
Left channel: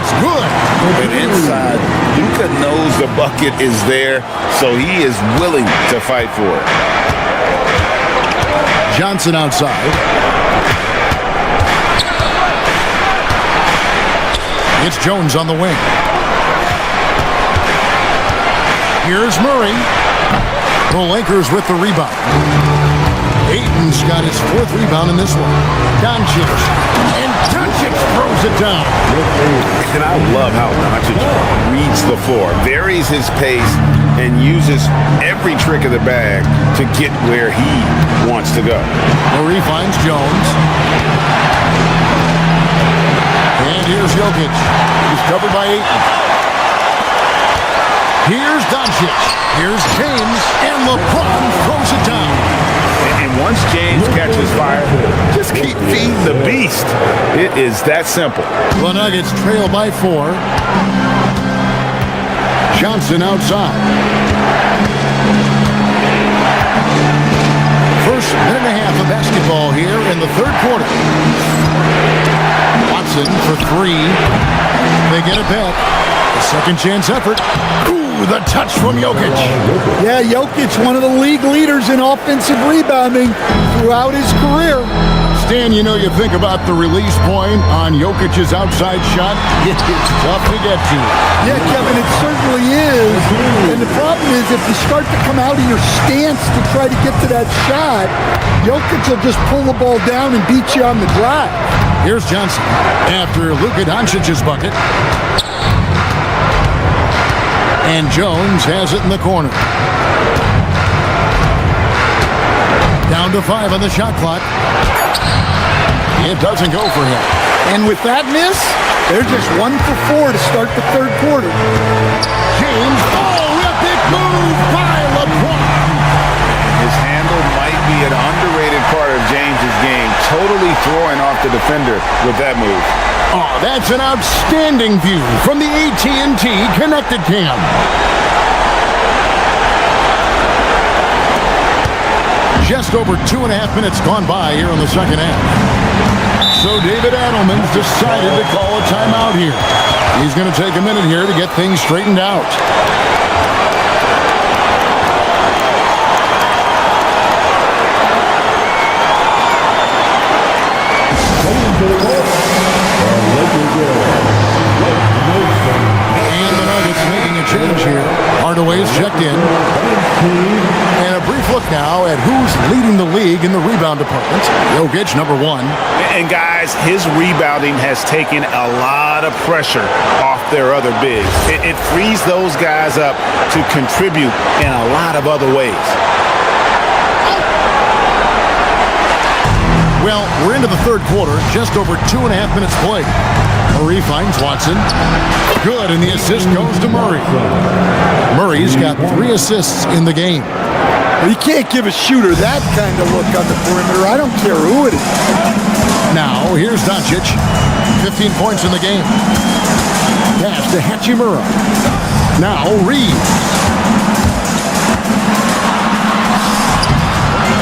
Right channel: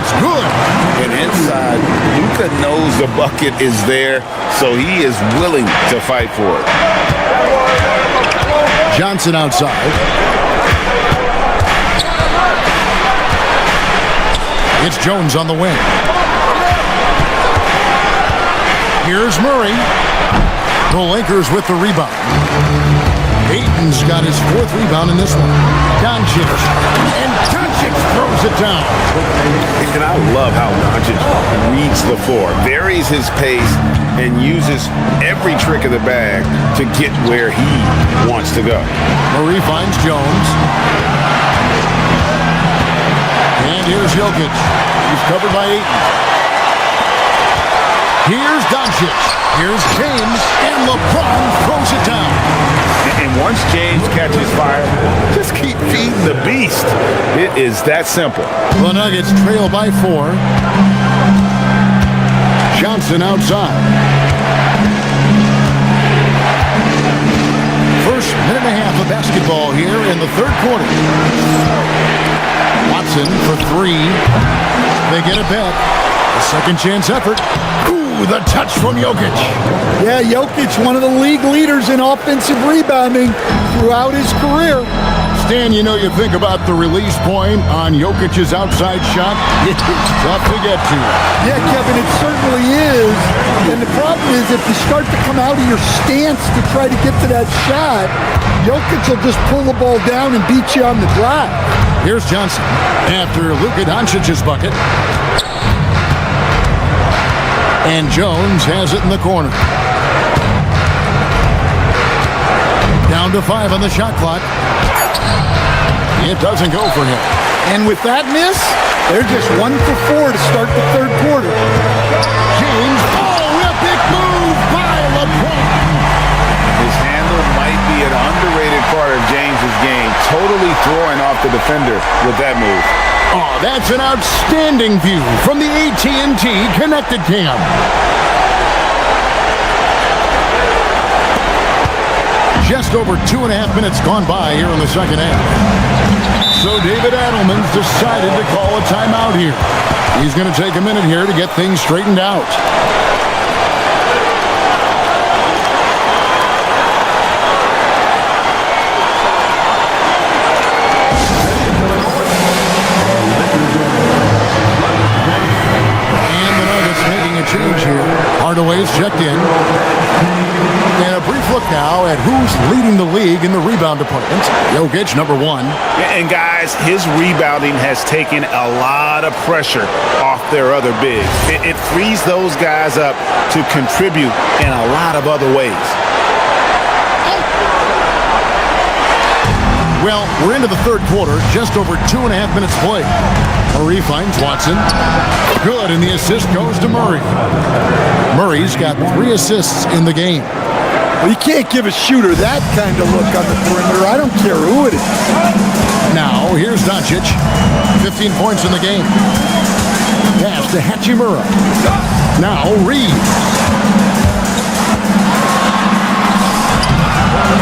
It's good. And inside, Luka knows the bucket is there, so he is willing to fight for it. Johnson outside. It's Jones on the wing. Here's Murray. The Lakers with the rebound. Ayton's got his 4th rebound in this one. Doncic. And Doncic throws it down. And I love how Doncic reads the floor, varies his pace, and uses every trick of the bag to get where he wants to go. Murray finds Jones. And here's Jokic. He's covered by Ayton. Here's Doncic. Here's James. And LeBron throws it down. And once James catches fire, just keep feeding the beast. It is that simple. The Nuggets trail by 4. Johnson outside. First minute and a half of basketball here in the third quarter. Watson for 3. They get it back. The second chance effort. Ooh, the touch from Jokic. Yeah, Jokic, one of the league leaders in offensive rebounding throughout his career. Stan, you know, you think about the release point on Jokic's outside shot. It's tough to get to. Yeah, Kevin, it certainly is. And the problem is if you start to come out of your stance to try to get to that shot, Jokic will just pull the ball down and beat you on the drive. Here's Johnson after Luka Doncic's bucket. And Jones has it in the corner. Down to 5 on the shot clock. It doesn't go for him. And with that miss, they're just 1 for 4 to start the third quarter. James, a big move by LeBron. His handle might be an underrated part of James's game, totally throwing off the defender with that move. Oh, that's an outstanding view from the AT&T Connected Cam. Just over 2.5 minutes gone by here in the second half. So David Adelman's decided to call a timeout here. He's going to take a minute here to get things straightened out. And the Nuggets making a change here. Hardaway's checked in. And a brief look now at who's leading the league in the rebound department. Jokic, number 1. And guys, his rebounding has taken a lot of pressure off their other bigs. It frees those guys up to contribute in a lot of other ways. Well, we're into the third quarter, just over 2.5 minutes played. Murray finds Watson. Good, and the assist goes to Murray. Murray's got 3 assists in the game. Well, you can't give a shooter that kind of look on the perimeter. I don't care who it is. Now, here's Doncic. 15 points in the game. Pass to Hachimura. Now, Reeves.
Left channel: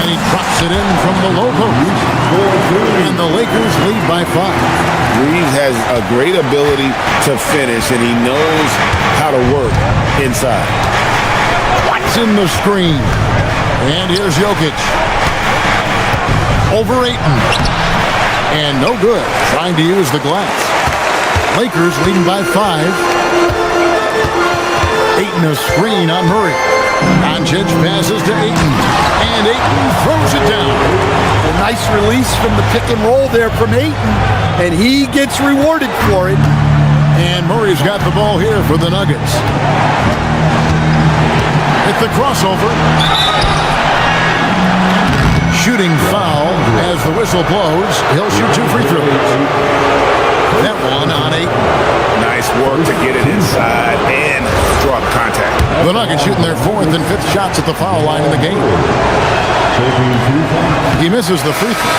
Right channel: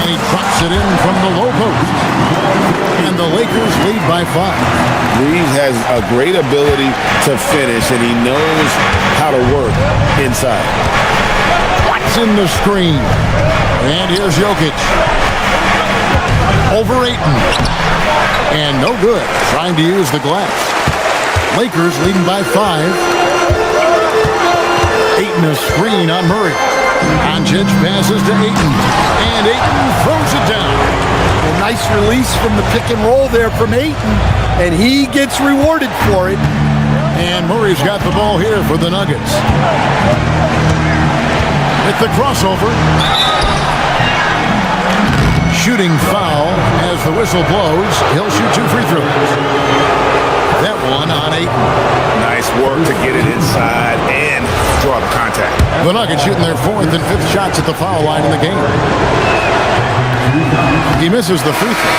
And he drops it in from the low post. And the Lakers lead by 5. Reeves has a great ability to finish, and he knows how to work inside. Watson the screen. And here's Jokic. Over Ayton. And no good. Trying to use the glass. Lakers leading by 5. Ayton a screen on Murray. Doncic passes to Ayton. And Ayton throws it down. A nice release from the pick and roll there from Ayton. And he gets rewarded for it. And Murray's got the ball here for the Nuggets. At the crossover. Shooting foul as the whistle blows. He'll shoot 2 free throws. That one on Ayton. Nice work to get it inside and draw the contact. The Nuggets shooting their 4th and 5th shots at the foul line in the game. He misses the free throw.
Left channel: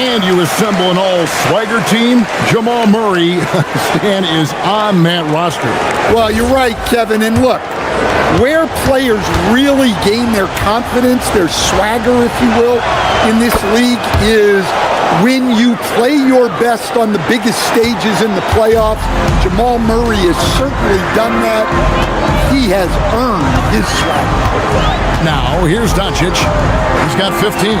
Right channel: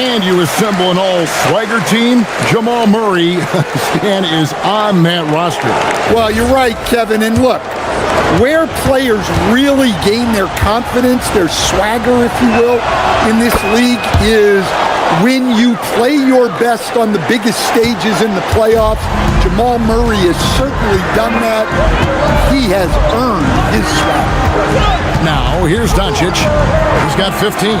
And you assemble an all-swagger team. Jamal Murray is on that roster. Well, you're right, Kevin. And look, where players really gain their confidence, their swagger, if you will, in this league is when you play your best on the biggest stages in the playoffs. Jamal Murray has certainly done that. He has earned his swagger. Now, here's Doncic. He's got 15.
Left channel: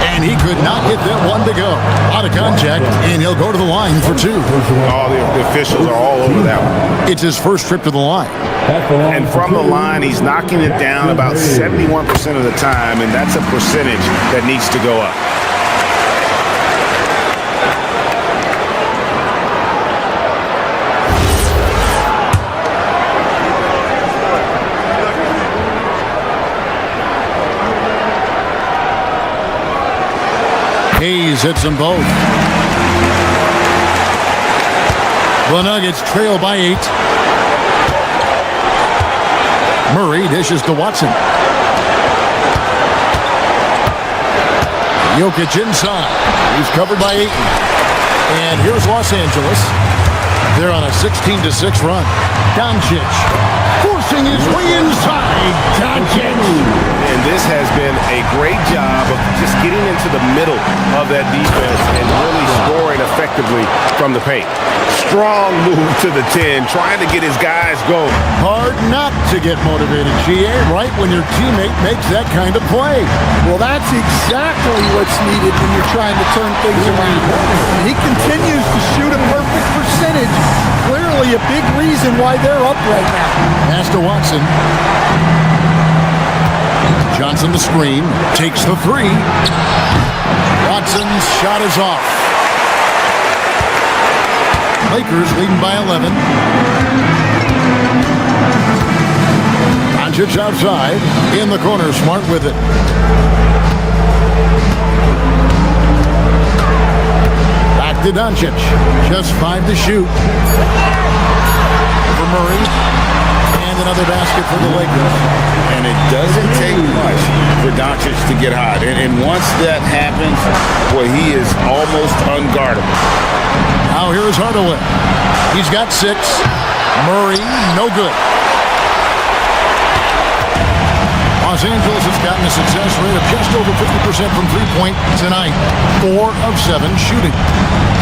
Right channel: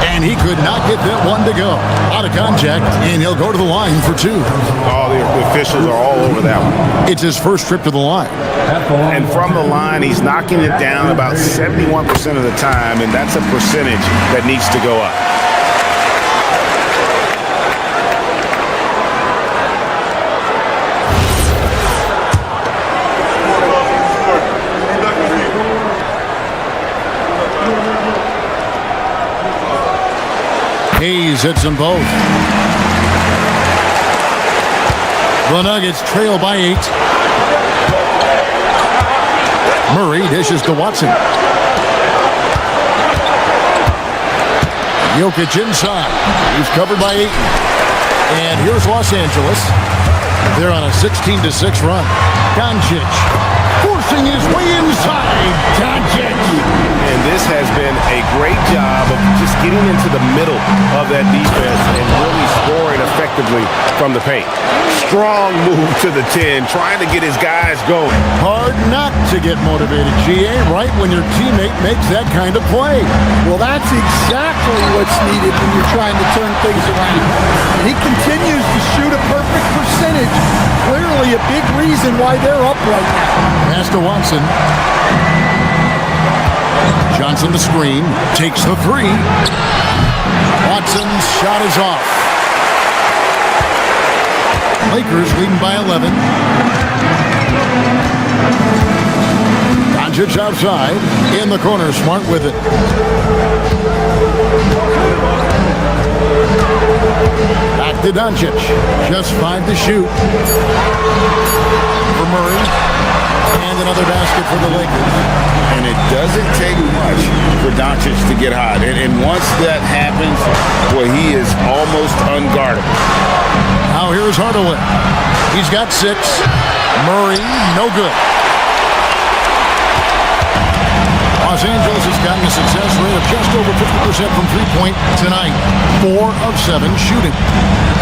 And he could not get that one to go. A lot of contact, and he'll go to the line for 2. All the officials are all over that one. It's his first trip to the line. And from the line, he's knocking it down about 71% of the time, and that's a percentage that needs to go up. Hayes hits them both. The Nuggets trail by 8. Murray dishes to Watson. Jokic inside. He's covered by Ayton. And here's Los Angeles. They're on a 16-6 run. Doncic forcing his way inside. Doncic. And this has been a great job of just getting into the middle of that defense and really scoring effectively from the paint. Strong move to the 10, trying to get his guys going. Hard not to get motivated, GA, right when your teammate makes that kind of play. Well, that's exactly what's needed when you're trying to turn things around. And he continues to shoot a perfect percentage. Clearly a big reason why they're up right now. Pass to Watson. Johnson the screen. Takes the 3. Watson's shot is off. Lakers leading by 11. Doncic outside. In the corner. Smart with it. Back to Doncic. Just 5 to shoot. For Murray. And another basket for the Lakers. And it doesn't take much for Doncic to get hot. And once that happens, boy, he is almost unguardable. Now here's Hardaway. He's got 6. Murray, no good. Los Angeles has gotten a success rate of just over 50% from three-point tonight. 4 of 7 shooting.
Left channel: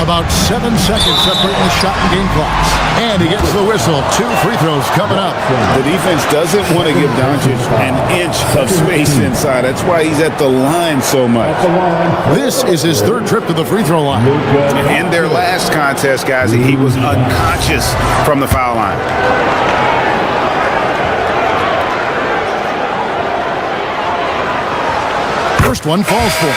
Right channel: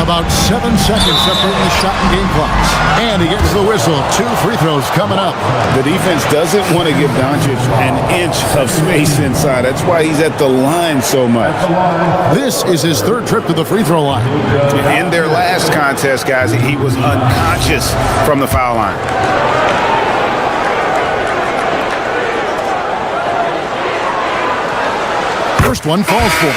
About 7 seconds separating the shot and game clocks. And he gets the whistle. 2 free throws coming up. The defense doesn't want to give Doncic an inch of space inside. That's why he's at the line so much. This is his 3rd trip to the free throw line. In their last contest, guys, he was unconscious from the foul line. First one falls for him.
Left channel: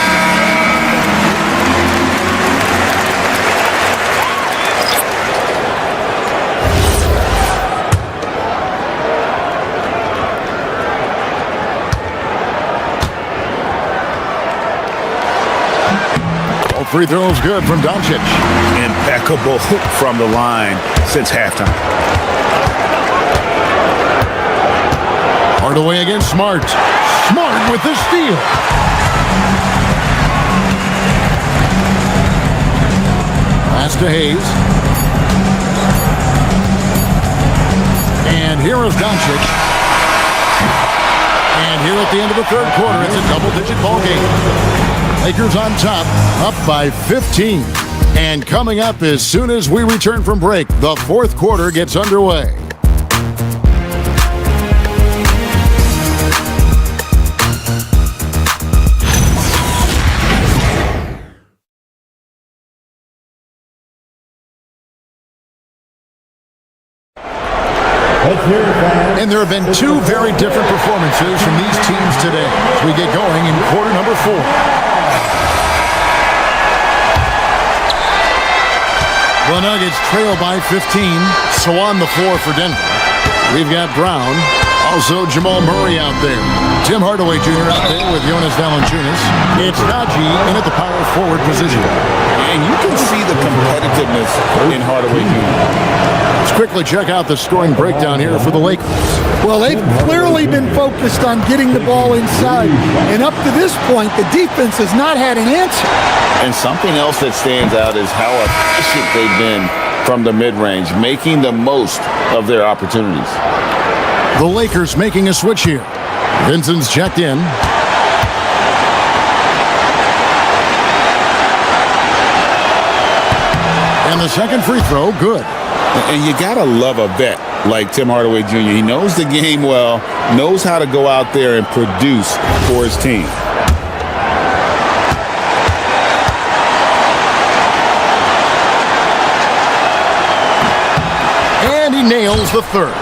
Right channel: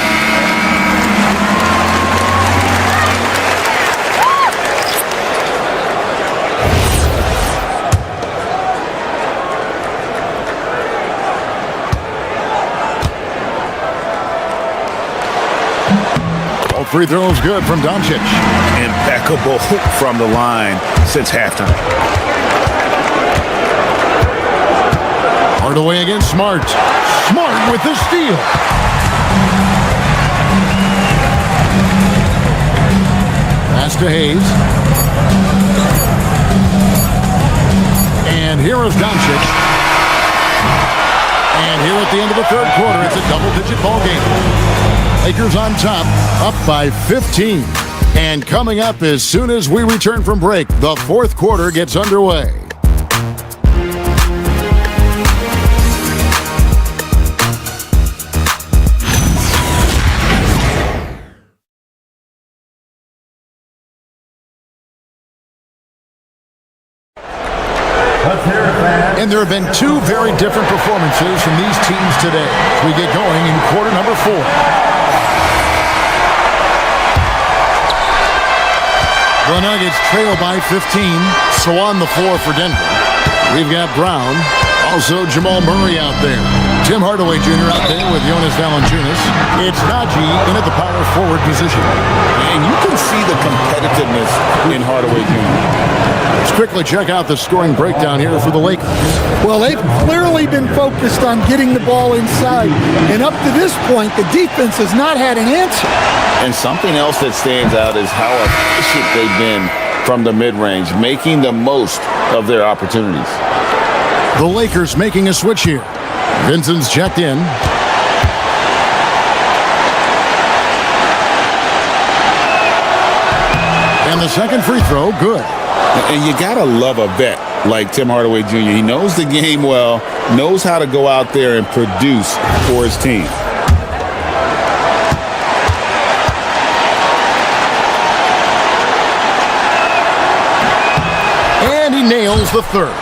All free throws good from Doncic. Impeccable from the line since halftime. Hardaway against Smart. Smart with the steal. Pass to Hayes. And here is Doncic. And here at the end of the third quarter, it's a double-digit ball game. Lakers on top, up by 15. And coming up as soon as we return from break, the fourth quarter gets underway. And there have been two very different performances from these teams today as we get going in quarter number 4. The Nuggets trail by 15, so on the floor for Denver. We've got Brown, also Jamal Murray out there. Tim Hardaway Jr. out there with Jonas Valanciunas. It's Najee in at the power forward position. And you can see the competitiveness in Hardaway Jr. Let's quickly check out the scoring breakdown here for the Lakers. Well, they've clearly been focused on getting the ball inside. And up to this point, the defense has not had an answer. And something else that stands out is how efficient they've been from the mid-range, making the most of their opportunities. The Lakers making a switch here. Vincent's checked in. And the second free throw, good. And you got to love a vet like Tim Hardaway Jr. He knows the game well, knows how to go out there and produce for his team. And he nails the third.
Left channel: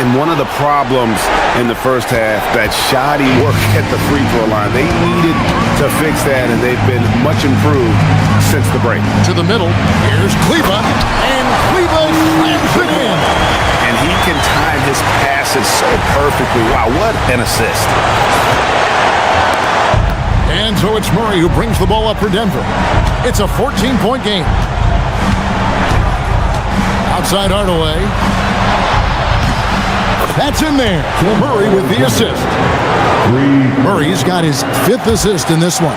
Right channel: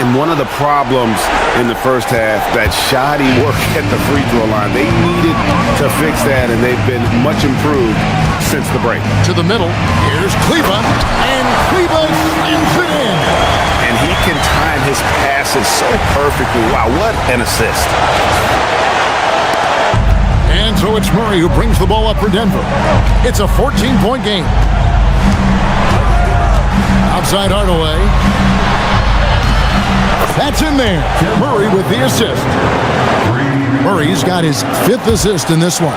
And one of the problems in the first half, that shoddy work at the free throw line. They needed to fix that, and they've been much improved since the break. To the middle, here's Kleba, and Kleba slams it in. And he can time his passes so perfectly. Wow, what an assist. And so it's Murray who brings the ball up for Denver. It's a 14-point game. Outside Hardaway. That's in there. Murray with the assist. Murray's got his 5th assist in this one.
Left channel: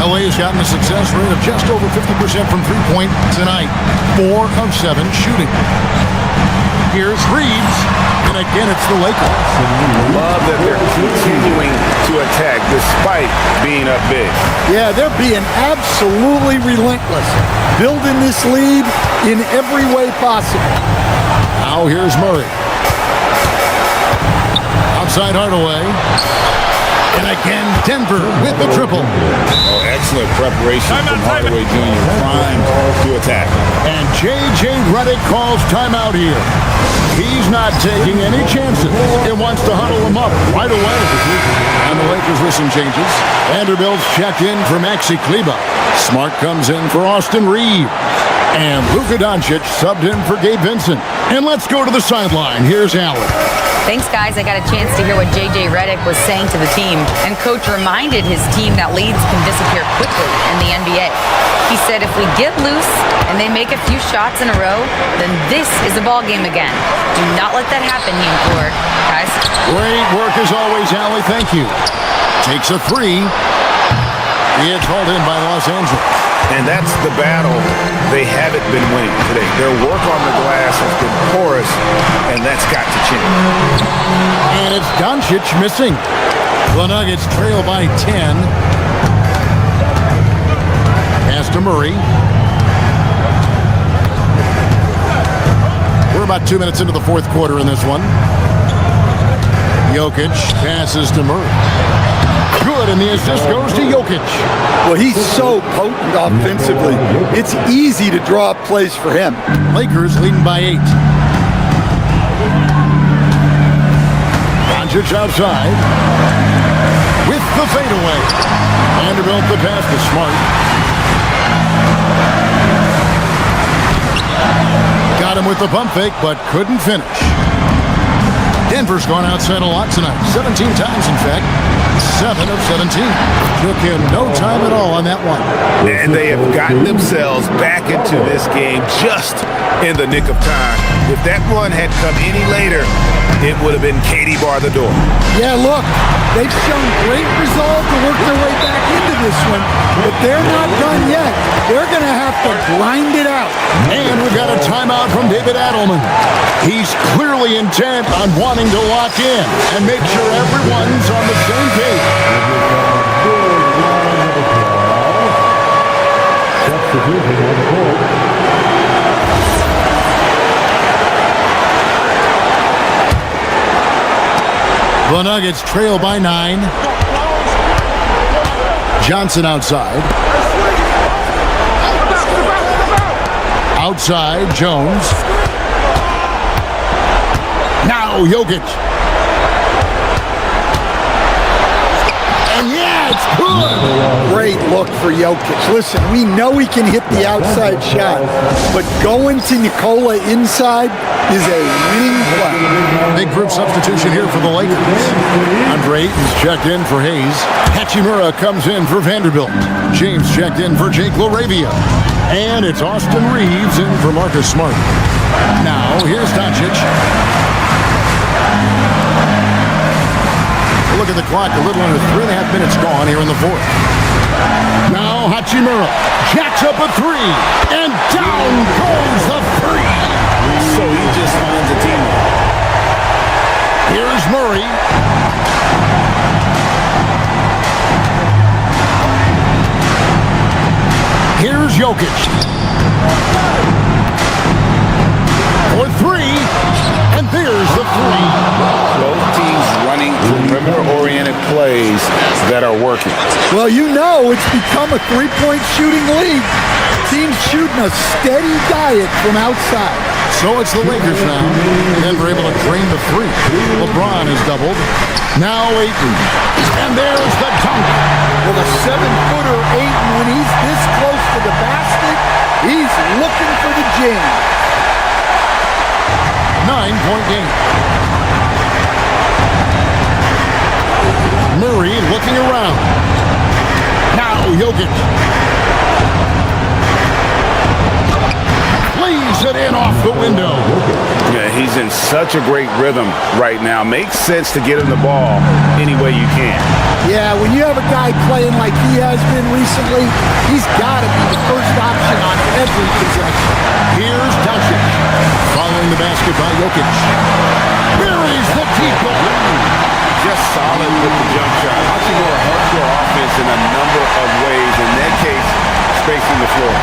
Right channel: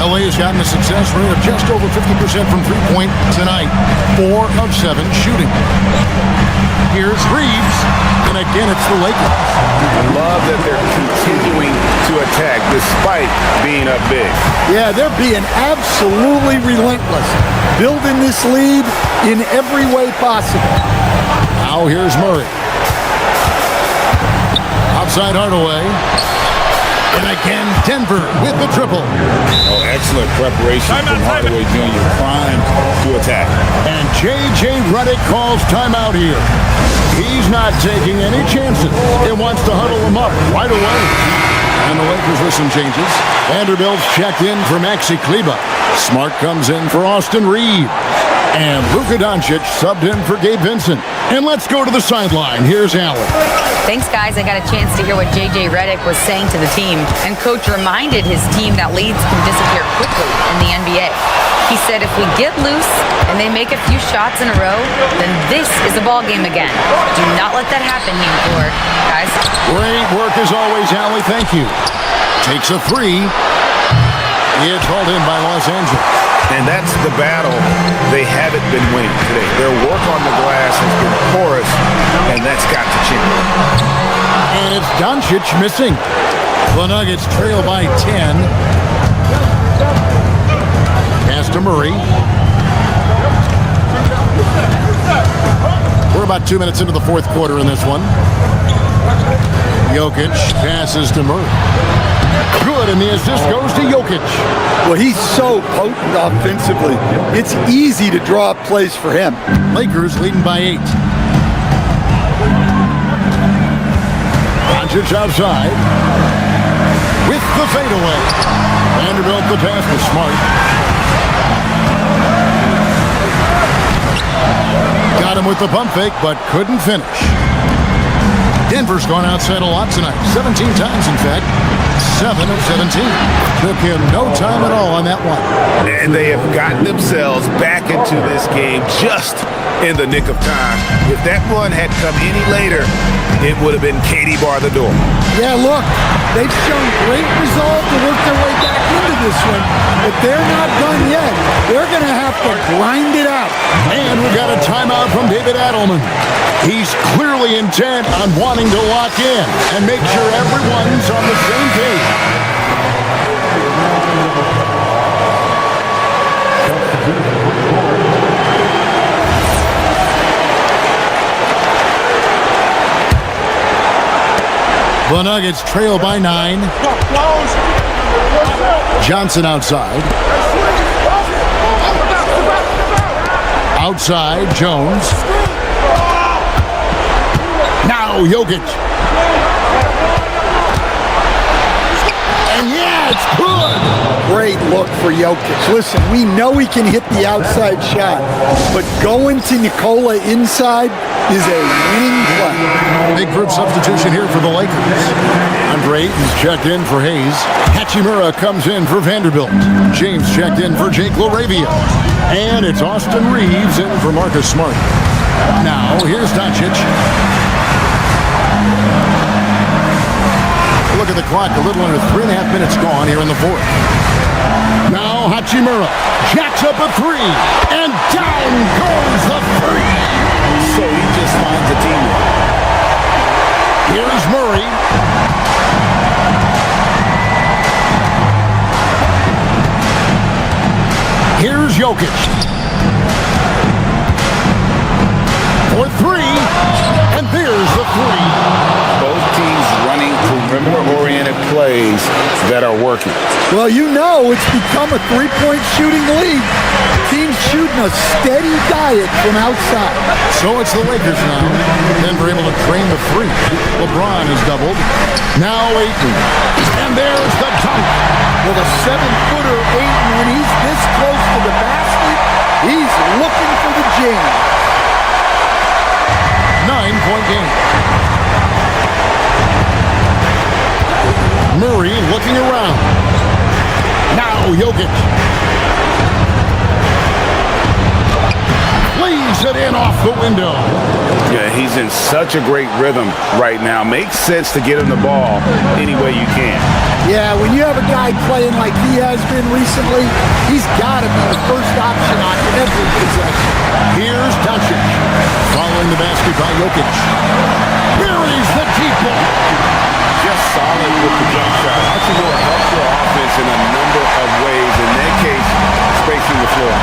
LA has gotten a success rate of just over 50% from three-point tonight. 4 of 7 shooting. Here's Reeves, and again it's the Lakers. Love that they're continuing to attack despite being up big. Yeah, they're being absolutely relentless, building this lead in every way possible. Now here's Murray. Outside Hardaway. And again, Denver with the triple. Oh, excellent preparation from Hardaway Jr. Primed to attack. And J.J. Redick calls timeout here. He's not taking any chances. He wants to huddle them up right away. And the Lakers with some changes. Vanderbilt's checked in for Maxi Kleba. Smart comes in for Austin Reeves. And Luka Doncic subbed in for Gabe Vincent. And let's go to the sideline. Here's Allen. Thanks, guys. I got a chance to hear what J.J. Redick was saying to the team. And Coach reminded his team that leads can disappear quickly in the NBA. He said if we get loose and they make a few shots in a row, then this is a ball game again. Do not let that happen, he implored. Guys. Great work as always, Allie. Thank you. Takes a 3. It's hauled in by Los Angeles. And that's the battle they haven't been winning today. Their work on the glass has been porous, and that's got to change. And it's Doncic missing. The Nuggets trail by 10. Pass to Murray. We're about 2 minutes into the fourth quarter in this one. Jokic passes to Murray. Good, and the assist goes to Jokic. Well, he's so potent offensively. It's easy to draw up plays for him. Lakers leading by 8. Doncic outside. With the fadeaway. Vanderbilt the pass to Smart. Got him with the pump fake, but couldn't finish. Denver's gone outside a lot tonight. 17 times, in fact. 7 of 17. Took him no time at all on that one. And they have gotten themselves back into this game just in the nick of time. If that run had come any later, it would have been Katie bar the door. Yeah, look, they've shown great resolve to work their way back into this one, but they're not done yet. They're going to have to grind it out. And we've got a timeout from David Adelman. He's clearly intent on wanting to lock in and make sure everyone's on the same page. Substitution on court. The Nuggets trail by 9. Johnson outside. Outside, Jones. Now Jokic. And yeah, it's good. Great look for Jokic. Listen, we know he can hit the outside shot, but going to Nikola inside is a winning play. Big group substitution here for the Lakers. Andre Ayton's checked in for Hayes. Hachimura comes in for Vanderbilt. James checked in for Jake LaRavia. And it's Austin Reeves in for Marcus Smart. Now, here's Doncic. Look at the clock, a little under 3.5 minutes gone here in the fourth. Now Hachimura jacks up a three, and down goes the three. So he just finds a teammate. Here's Murray. Here's Jokic. For three, and there's the three. Both teams running perimeter-oriented plays that are working. Well, you know it's become a three-point shooting league. Teams shooting a steady diet from outside. So it's the Lakers now. Denver able to drain the three. LeBron is doubled. Now Ayton. And there's the dunk. Well, the 7-footer Ayton, when he's this close to the basket, he's looking for the jam. 9-point game. Murray looking around. Now Jokic. Lays it in off the window. Yeah, he's in such a great rhythm right now. Makes sense to get him the ball any way you can. Yeah, when you have a guy playing like he has been recently, he's got to be the first option on every possession. Here's Doncic. Following the basket by Jokic. Buries the deep ball. Just solid with the jump shot. Hachimura helps your offense in a number of ways. In that case, spacing the floor.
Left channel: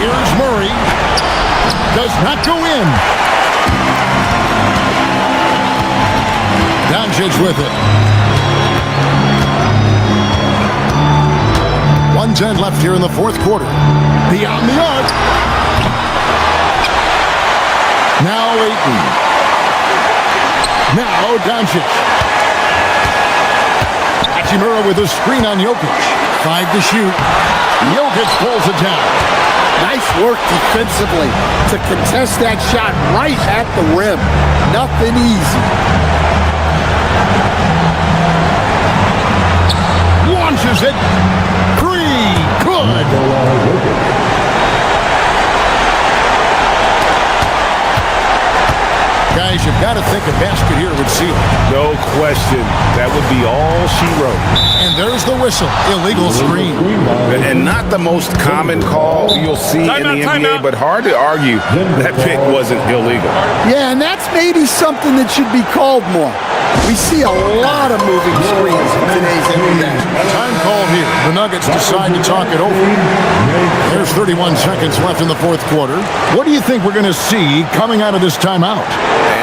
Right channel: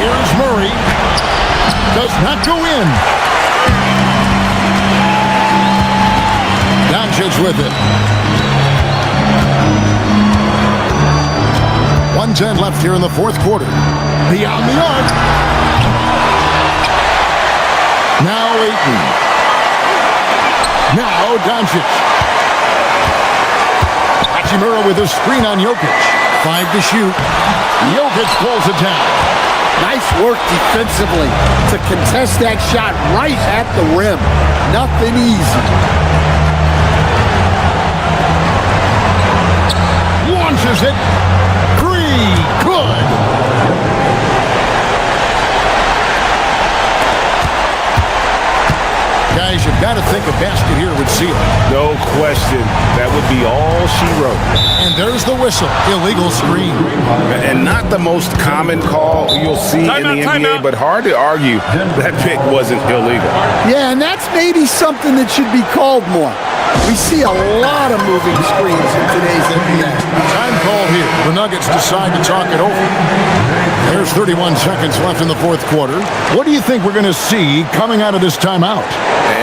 Here's Murray. Does not go in. Doncic with it. 1:10 left here in the fourth quarter. Beyond the arc. Now Ayton. Now Doncic. Hachimura with a screen on Jokic. 5 to shoot. Jokic pulls it down. Nice work defensively to contest that shot right at the rim. Nothing easy. Launches it. 3. Good. Guys, you've got to think a basket here would seal it. No question. That would be all she wrote. And there's the whistle. Illegal screen. And not the most common call you'll see in the NBA, but hard to argue that pick wasn't illegal. Yeah, and that's maybe something that should be called more. We see a lot of moving screens in today's NBA. Time called here. The Nuggets decide to talk it over. There's 31 seconds left in the fourth quarter. What do you think we're going to see coming out of this timeout?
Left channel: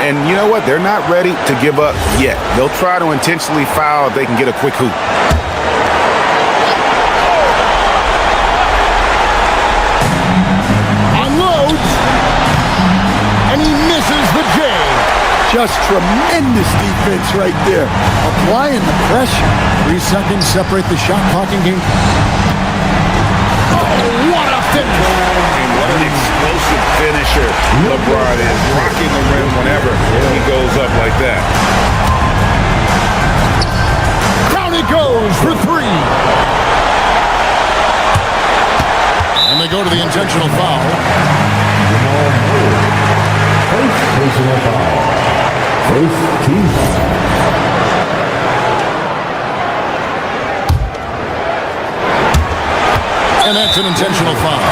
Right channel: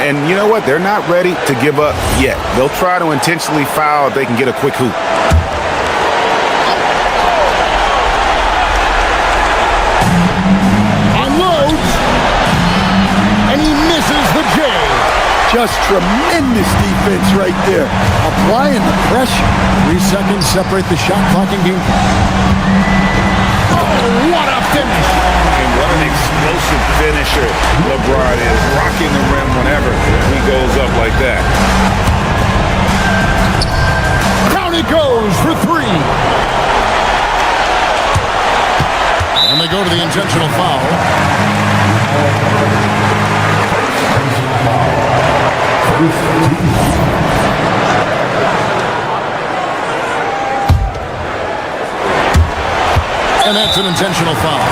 And you know what? They're not ready to give up yet. They'll try to intentionally foul if they can get a quick hoop. Unloads. And he misses the J. Just tremendous defense right there. Applying the pressure. 3 seconds separate the shot clock and game clock. Oh, what a finish. And what an explosive finisher LeBron is. Rocking the rim whenever he goes up like that. Down he goes for 3. And they go to the intentional foul. First personal foul. First team foul. And that's an intentional foul.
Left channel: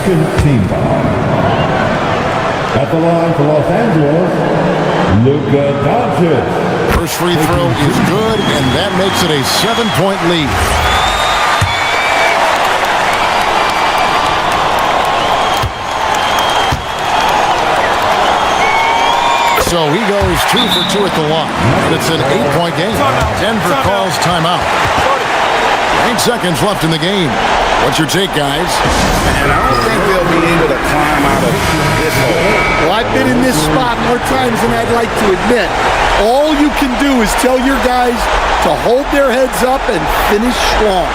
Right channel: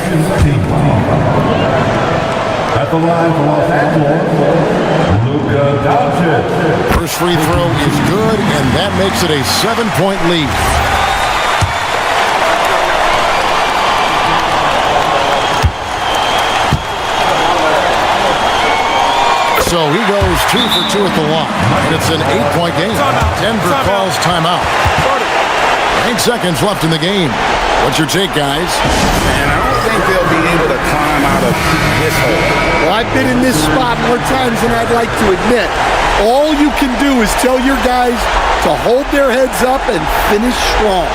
second team foul. At the line for Los Angeles, Luka Doncic. First free throw is good, and that makes it a 7-point lead. So he goes 2 for 2 at the line, and it's an 8-point game. Denver calls timeout. 8 seconds left in the game. What's your take, guys? And I don't think they'll be able to climb out of this hole. Well, I've been in this spot more times than I'd like to admit. All you can do is tell your guys to hold their heads up and finish strong.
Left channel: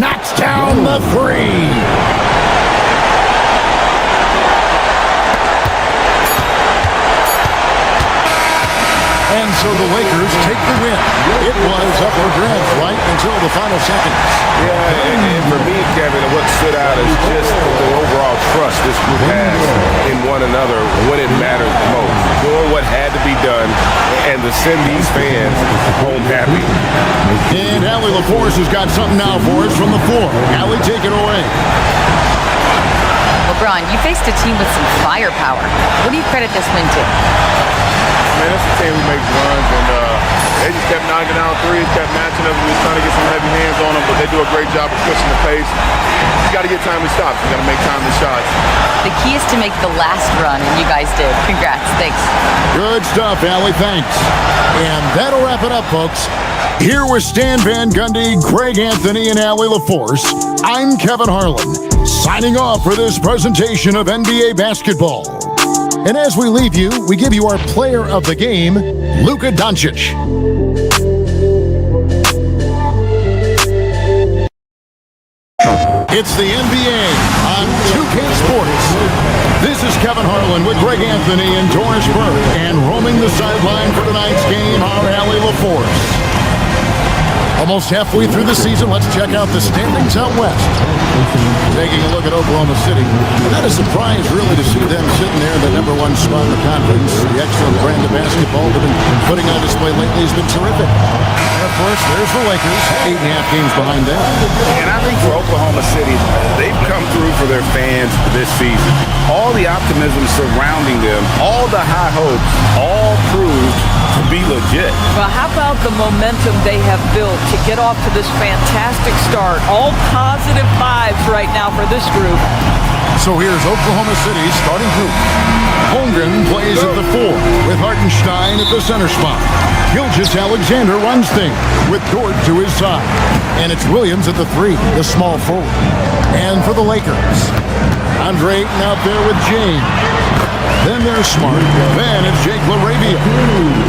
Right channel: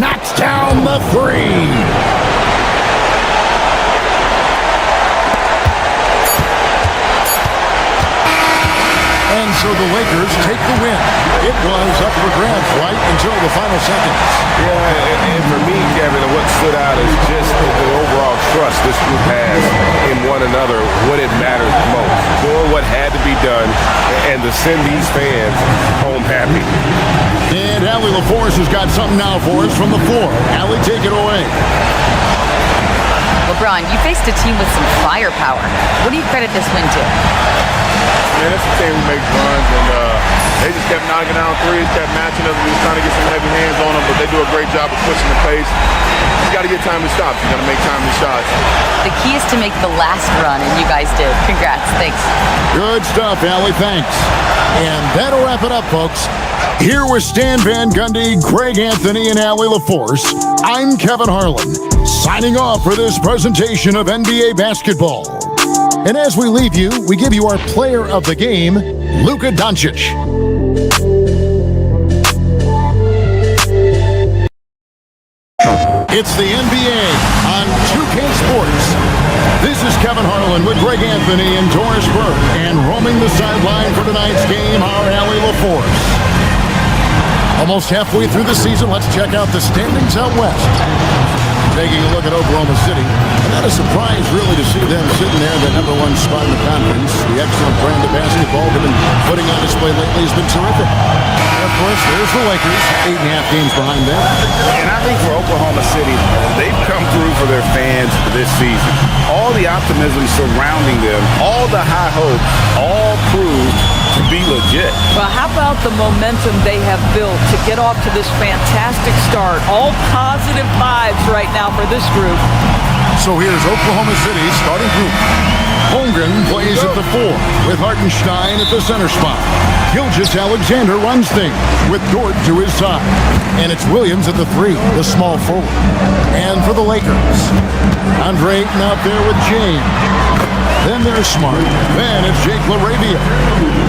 Knocks down the three. And so the Lakers take the win. It was up for grabs right until the final seconds. Yeah, and for me, Kevin, what stood out is just the overall trust this group has in one another when it mattered most. Doing what had to be done and to send these fans home happy. And Allie LaForce has got something now for us from the floor. Allie, take it away. LeBron, you faced a team with some firepower. What do you credit this win to? Man, that's a team who makes runs, and they just kept knocking down threes, kept matching us. We were trying to get some heavy hands on them, but they do a great job of pushing the pace. You got to get timely stops. You got to make timely shots. The key is to make the last run, and you guys did. Congrats. Thanks. Good stuff, Allie. Thanks. And that'll wrap it up, folks. Here with Stan Van Gundy, Greg Anthony, and Allie LaForce, I'm Kevin Harlan, signing off for this presentation of NBA basketball. And as we leave you, we give you our player of the game, Luka Doncic. It's the NBA on 2K Sports. This is Kevin Harlan with Greg Anthony and Doris Burke. And roaming the sideline for tonight's game, our Allie LaForce. Almost halfway through the season, let's check out the standings out west. Taking a look at Oklahoma City, and not a surprise really to see them sitting there in the #1 spot in the conference. The excellent brand of basketball they've been putting on display lately has been terrific. And of course, there's the Lakers, 8.5 games behind them. And I think for Oklahoma City, they've come through for their fans this season. All the optimism surrounding them, all the high hopes, all proved to be legit. Well, how about the momentum they have built to get off to this fantastic start? All positive vibes right now for this group. So here's Oklahoma City's starting group. Holmgren plays at the 4 with Hartenstein at the center spot. Gilgeous-Alexander runs things with Dort to his side. And it's Williams at the 3, the small forward. And for the Lakers, Andre Ayton out there with James. Then there's Smart. Then it's Jake LaRavia.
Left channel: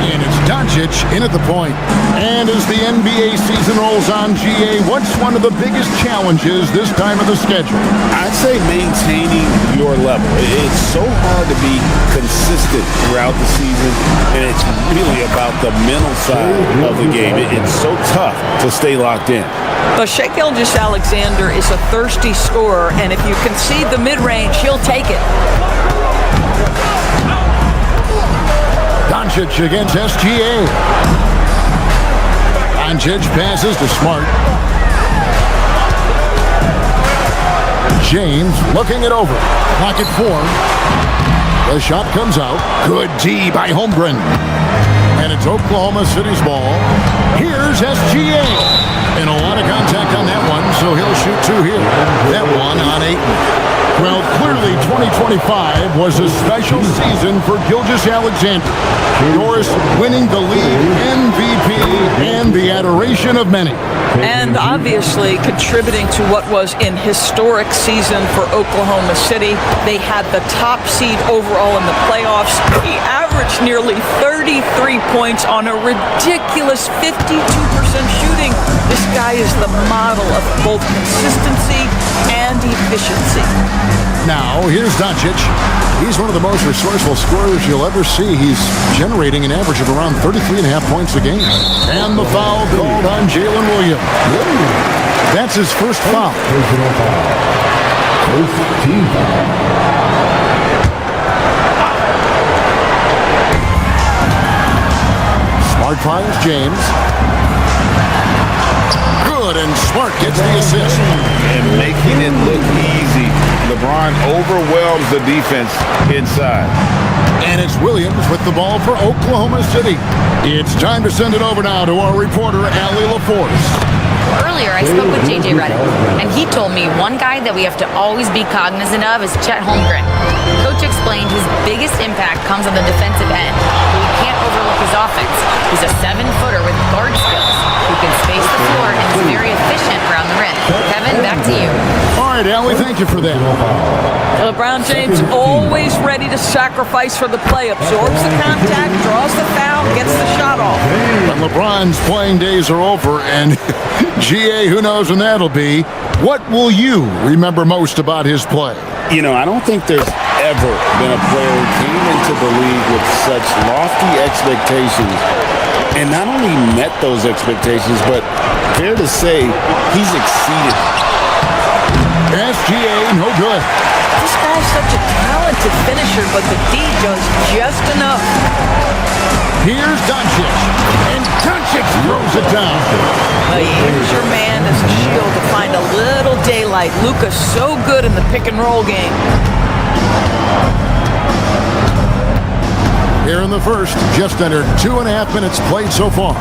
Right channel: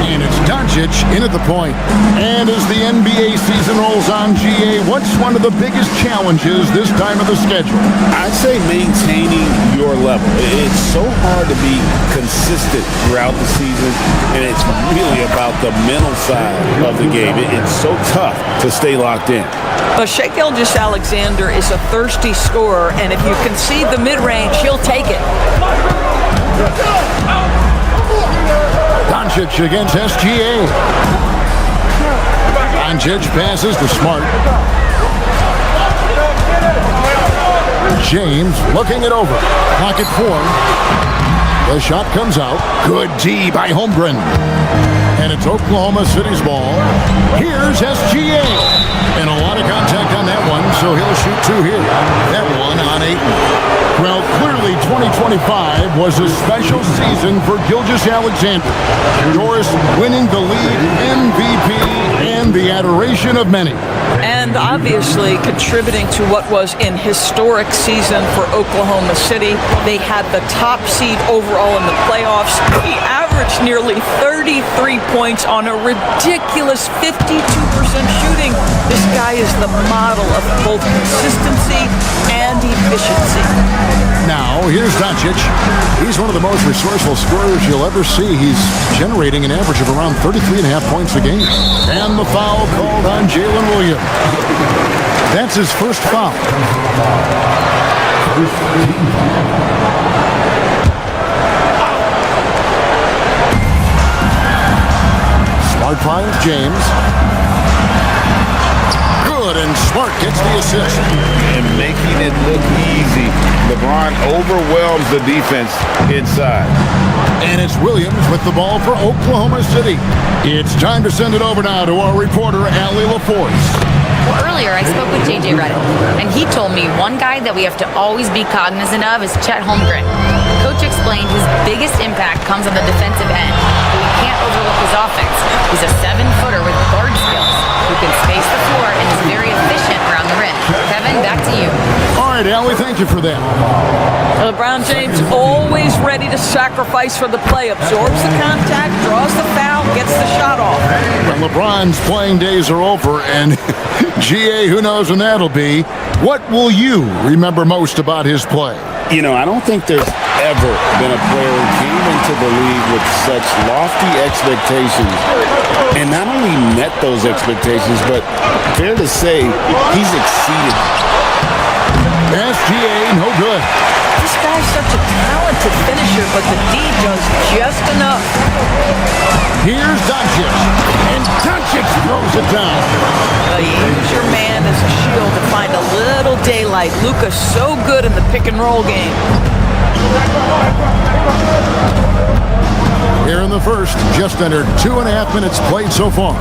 And it's Doncic in at the point. And as the NBA season rolls on, GA, what's one of the biggest challenges this time of the schedule? I'd say maintaining your level. It's so hard to be consistent throughout the season, and it's really about the mental side of the game. It's so tough to stay locked in. But Shai Gilgeous-Alexander is a thirsty scorer, and if you concede the mid-range, he'll take it. Doncic against SGA. Doncic passes to Smart. James looking it over. Clock at 4. The shot comes out. Good D by Holmgren. And it's Oklahoma City's ball. Here's SGA. And a lot of contact on that one, so he'll shoot 2 here. That one on Ayton. Well, clearly 2025 was a special season for Gilgeous-Alexander. Doris winning the league MVP and the adoration of many. And obviously contributing to what was an historic season for Oklahoma City. They had the top seed overall in the playoffs. He averaged nearly 33 points on a ridiculous 52% shooting. This guy is the model of both consistency and efficiency. Now, here's Doncic. He's one of the most resourceful scorers you'll ever see. He's generating an average of around 33.5 points a game. And the foul called on Jalen Williams. That's his first foul. First team foul. Smart finds James. Good, and Smart gets the assist. And making it look easy. LeBron overwhelms the defense inside. And it's Williams with the ball for Oklahoma City. It's time to send it over now to our reporter, Allie LaForce. Well, earlier I spoke with J.J. Redick, and he told me one guy that we have to always be cognizant of is Chet Holmgren. Coach explained his biggest impact comes on the defensive end, but we can't overlook his offense. He's a 7-footer with guard skills who can space the floor and is very efficient around the rim. Kevin, back to you. All right, Allie, thank you for that. LeBron James always ready to sacrifice for the play, absorbs the contact, draws the foul, gets the shot off. When LeBron's playing days are over, and GA, who knows when that'll be, what will you remember most about his play? You know, I don't think there's ever been a player who came into the league with such lofty expectations and not only met those expectations, but fair to say, he's exceeded. SGA, no good. This guy's such a talented finisher, but the D does just enough. Here's Doncic, and Doncic throws it down. Use your man as a shield to find a little daylight. Luka's so good in the pick and roll game. Here in the first, just under 2.5 minutes played so far.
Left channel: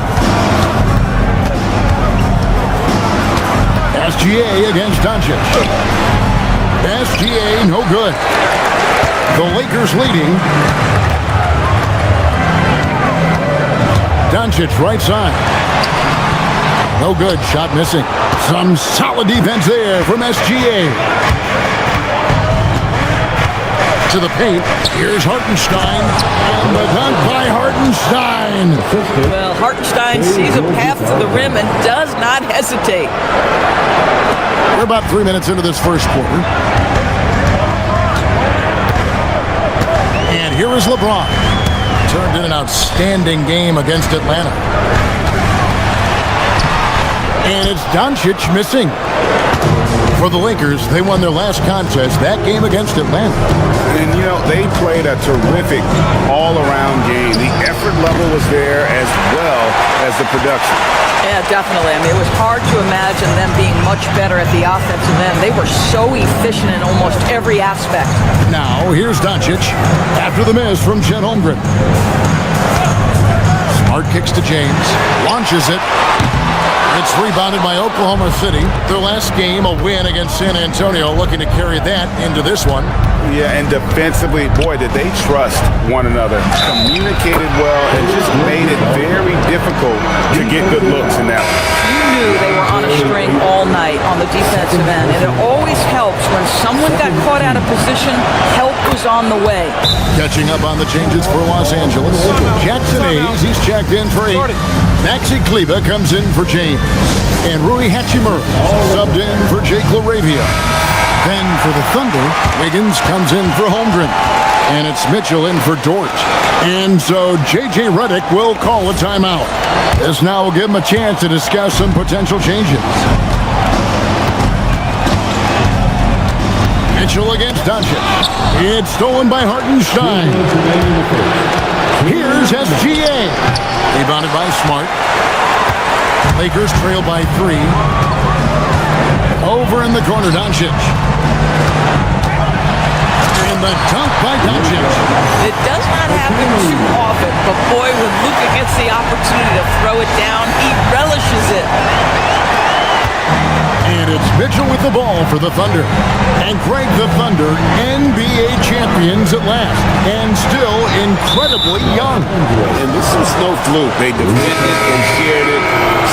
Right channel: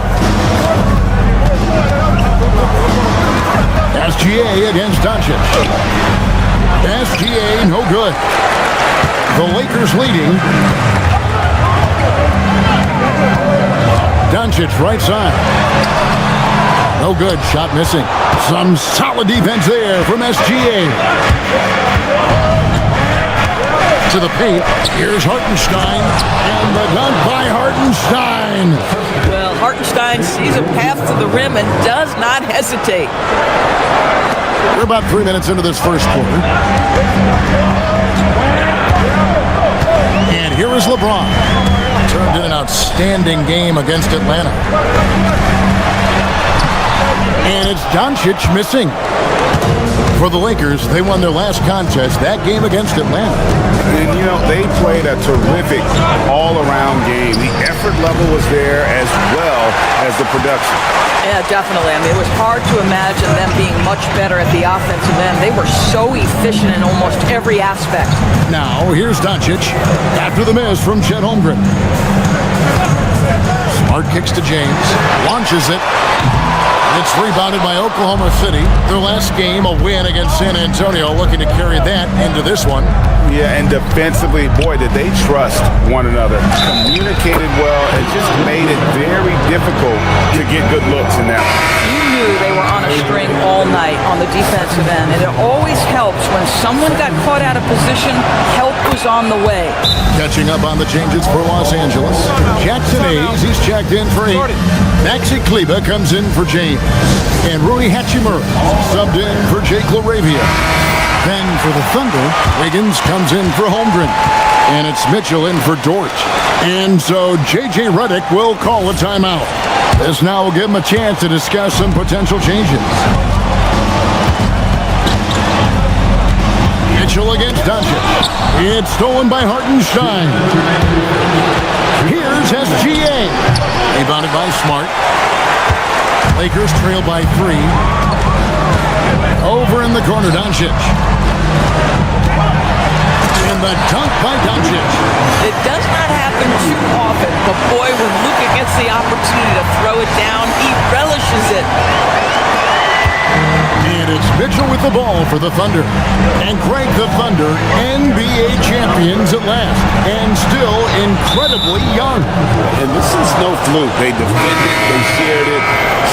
SGA against Doncic. SGA, no good. The Lakers leading. Doncic right side. No good, shot missing. Some solid defense there from SGA. To the paint, here's Hartenstein, and the dunk by Hartenstein. Well, Hartenstein sees a path to the rim and does not hesitate. We're about 3 minutes into this first quarter. And here is LeBron. Turned in an outstanding game against Atlanta. And it's Doncic missing. For the Lakers, they won their last contest, that game against Atlanta. And, you know, they played a terrific all-around game. The effort level was there as well as the production. Yeah, definitely. I mean, it was hard to imagine them being much better at the offensive end. They were so efficient in almost every aspect. Now, here's Doncic after the miss from Chet Holmgren. Smart kicks to James, launches it. It's rebounded by Oklahoma City. Their last game, a win against San Antonio, looking to carry that into this one. Yeah, and defensively, boy, did they trust one another. Communicated well and just made it very difficult to get good looks in that one. You knew they were on a string all night on the defensive end, and it always helps when someone got caught out of position, help was on the way. Catching up on the changes for Los Angeles. Jackson Hayes, he's checked in for 8. Maxi Kleber comes in for James. And Rui Hachimura subbed in for Jake LaRavia. Then for the Thunder, Wiggins comes in for Holmgren. And it's Mitchell in for Dort. And so J.J. Redick will call a timeout. This now will give him a chance to discuss some potential changes. Mitchell against Doncic. It's stolen by Hartenstein. Here's SGA. Rebounded by Smart. Lakers trail by 3. Over in the corner, Doncic. And the dunk by Doncic. It does not happen too often, but boy, when Luka gets the opportunity to throw it down, he relishes it. And it's Mitchell with the ball for the Thunder. And Greg, the Thunder, NBA champions at last. And still incredibly young. And this is no fluke. They defended, they shared it,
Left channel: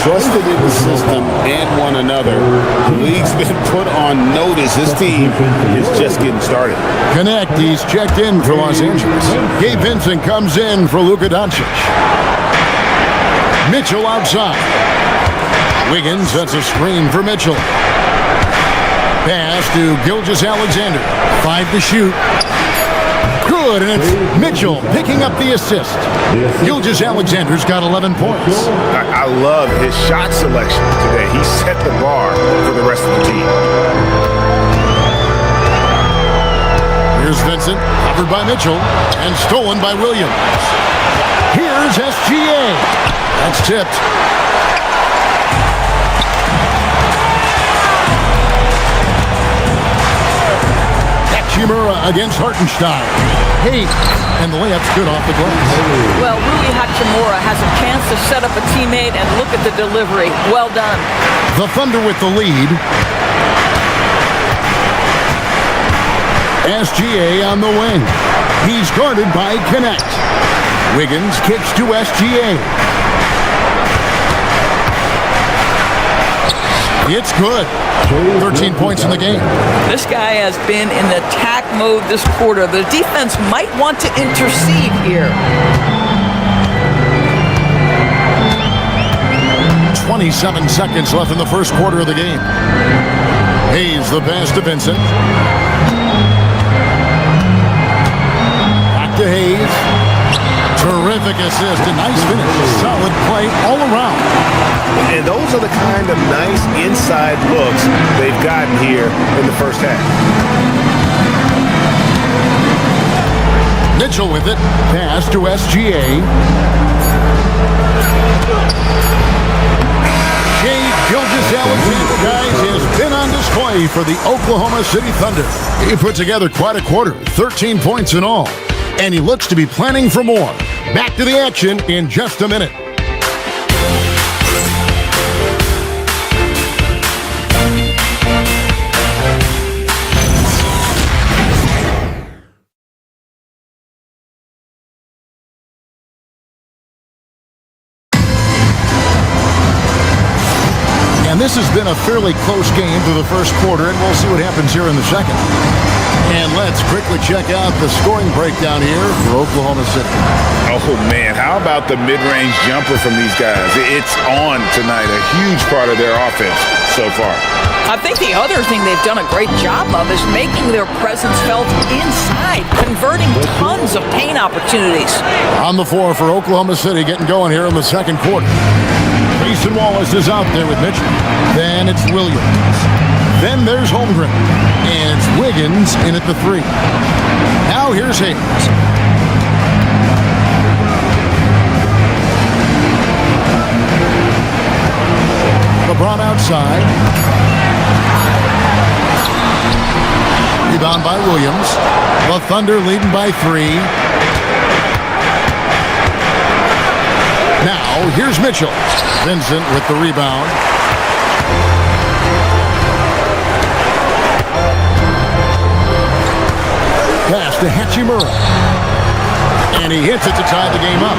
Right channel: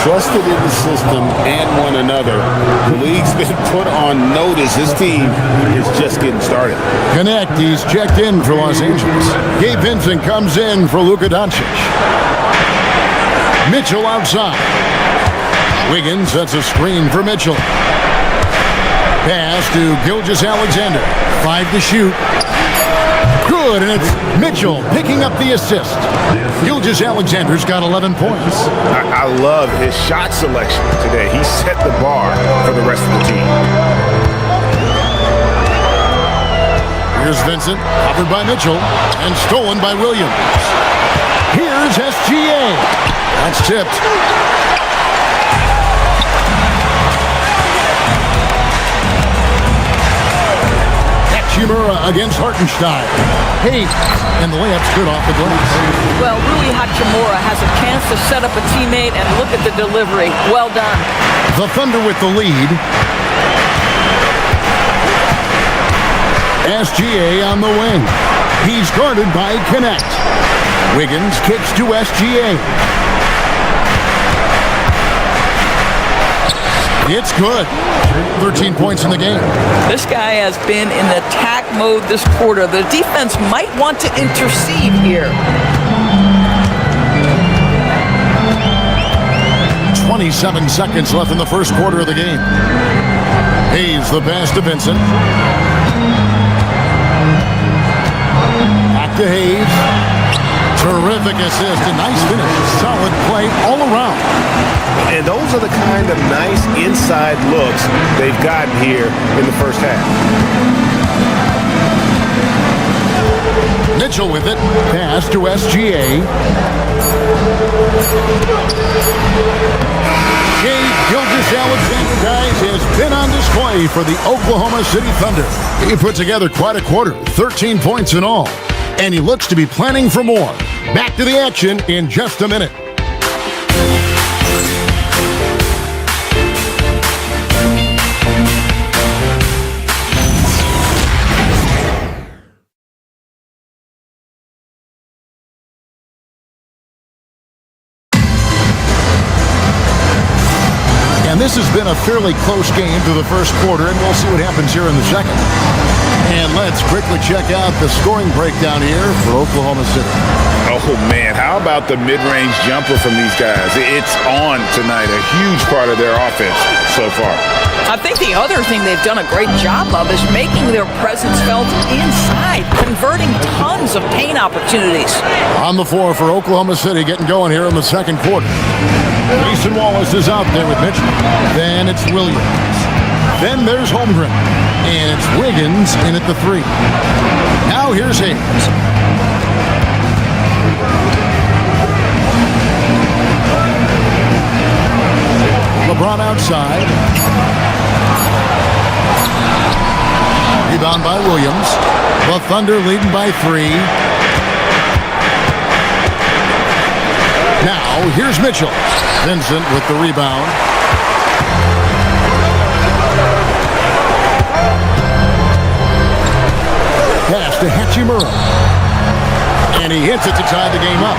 trusted in the system and one another. The league's been put on notice. This team is just getting started. Connect, he's checked in for Los Angeles. Gabe Vincent comes in for Luka Doncic. Mitchell outside. Wiggins sets a screen for Mitchell. Pass to Gilgeous-Alexander. 5 to shoot. Good, and it's Mitchell picking up the assist. Gilgeous-Alexander's got 11 points. I love his shot selection today. He set the bar for the rest of the team. Here's Vincent, covered by Mitchell, and stolen by Williams. Here's SGA. That's tipped. Hachimura against Hartenstein. Hayes, and the layup's good off the glass. Well, Rui Hachimura has a chance to set up a teammate, and look at the delivery. Well done. The Thunder with the lead. SGA on the wing. He's guarded by Connect. Wiggins kicks to SGA. It's good. 13 points in the game. This guy has been in attack mode this quarter. The defense might want to intercede here. 27 seconds left in the first quarter of the game. Hayes the pass to Vincent. Back to Hayes. Terrific assist, a nice finish. Solid play all around. And those are the kind of nice inside looks they've gotten here in the first half. Mitchell with it. Pass to SGA. Shai Gilgeous-Alexander, guys, has been on display for the Oklahoma City Thunder. He put together quite a quarter, 13 points in all. And he looks to be planning for more. Back to the action in just a minute. And this has been a fairly close game through the first quarter, and we'll see what happens here in the second. And let's quickly check out the scoring breakdown here for Oklahoma City. Oh, man, how about the mid-range jumper from these guys? It's on tonight, a huge part of their offense so far. I think the other thing they've done a great job of is making their presence felt inside, converting tons of paint opportunities. On the floor for Oklahoma City, getting going here in the second quarter. Mason Wallace is out there with Mitchell. Then it's Williams. Then there's Holmgren. And it's Wiggins in at the three. Now here's Hayes. LeBron outside. Rebound by Williams. The Thunder leading by 3. Now here's Mitchell. Vincent with the rebound. Pass to Hachimura. And he hits it to tie the game up.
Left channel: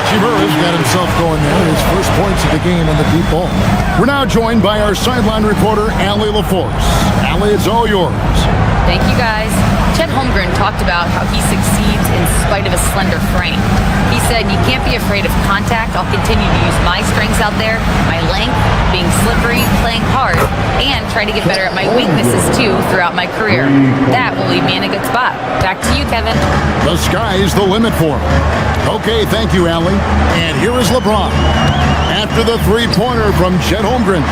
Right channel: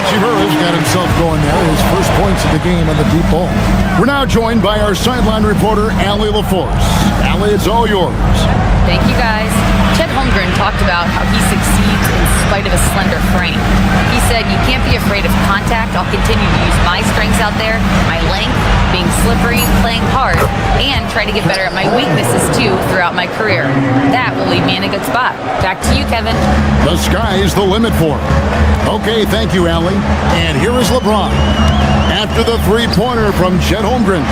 Hachimura's got himself going there. His first points of the game on the deep ball. We're now joined by our sideline reporter, Allie LaForce. Allie, it's all yours. Thank you, guys. Chet Holmgren talked about how he succeeds in spite of a slender frame. He said, you can't be afraid of contact. I'll continue to use my strengths out there, my length, being slippery, playing hard, and try to get better at my weaknesses, too, throughout my career. That will leave me in a good spot. Back to you, Kevin. The sky's the limit for him. Okay, thank you, Allie. And here is LeBron. After the three-pointer from Chet Holmgren.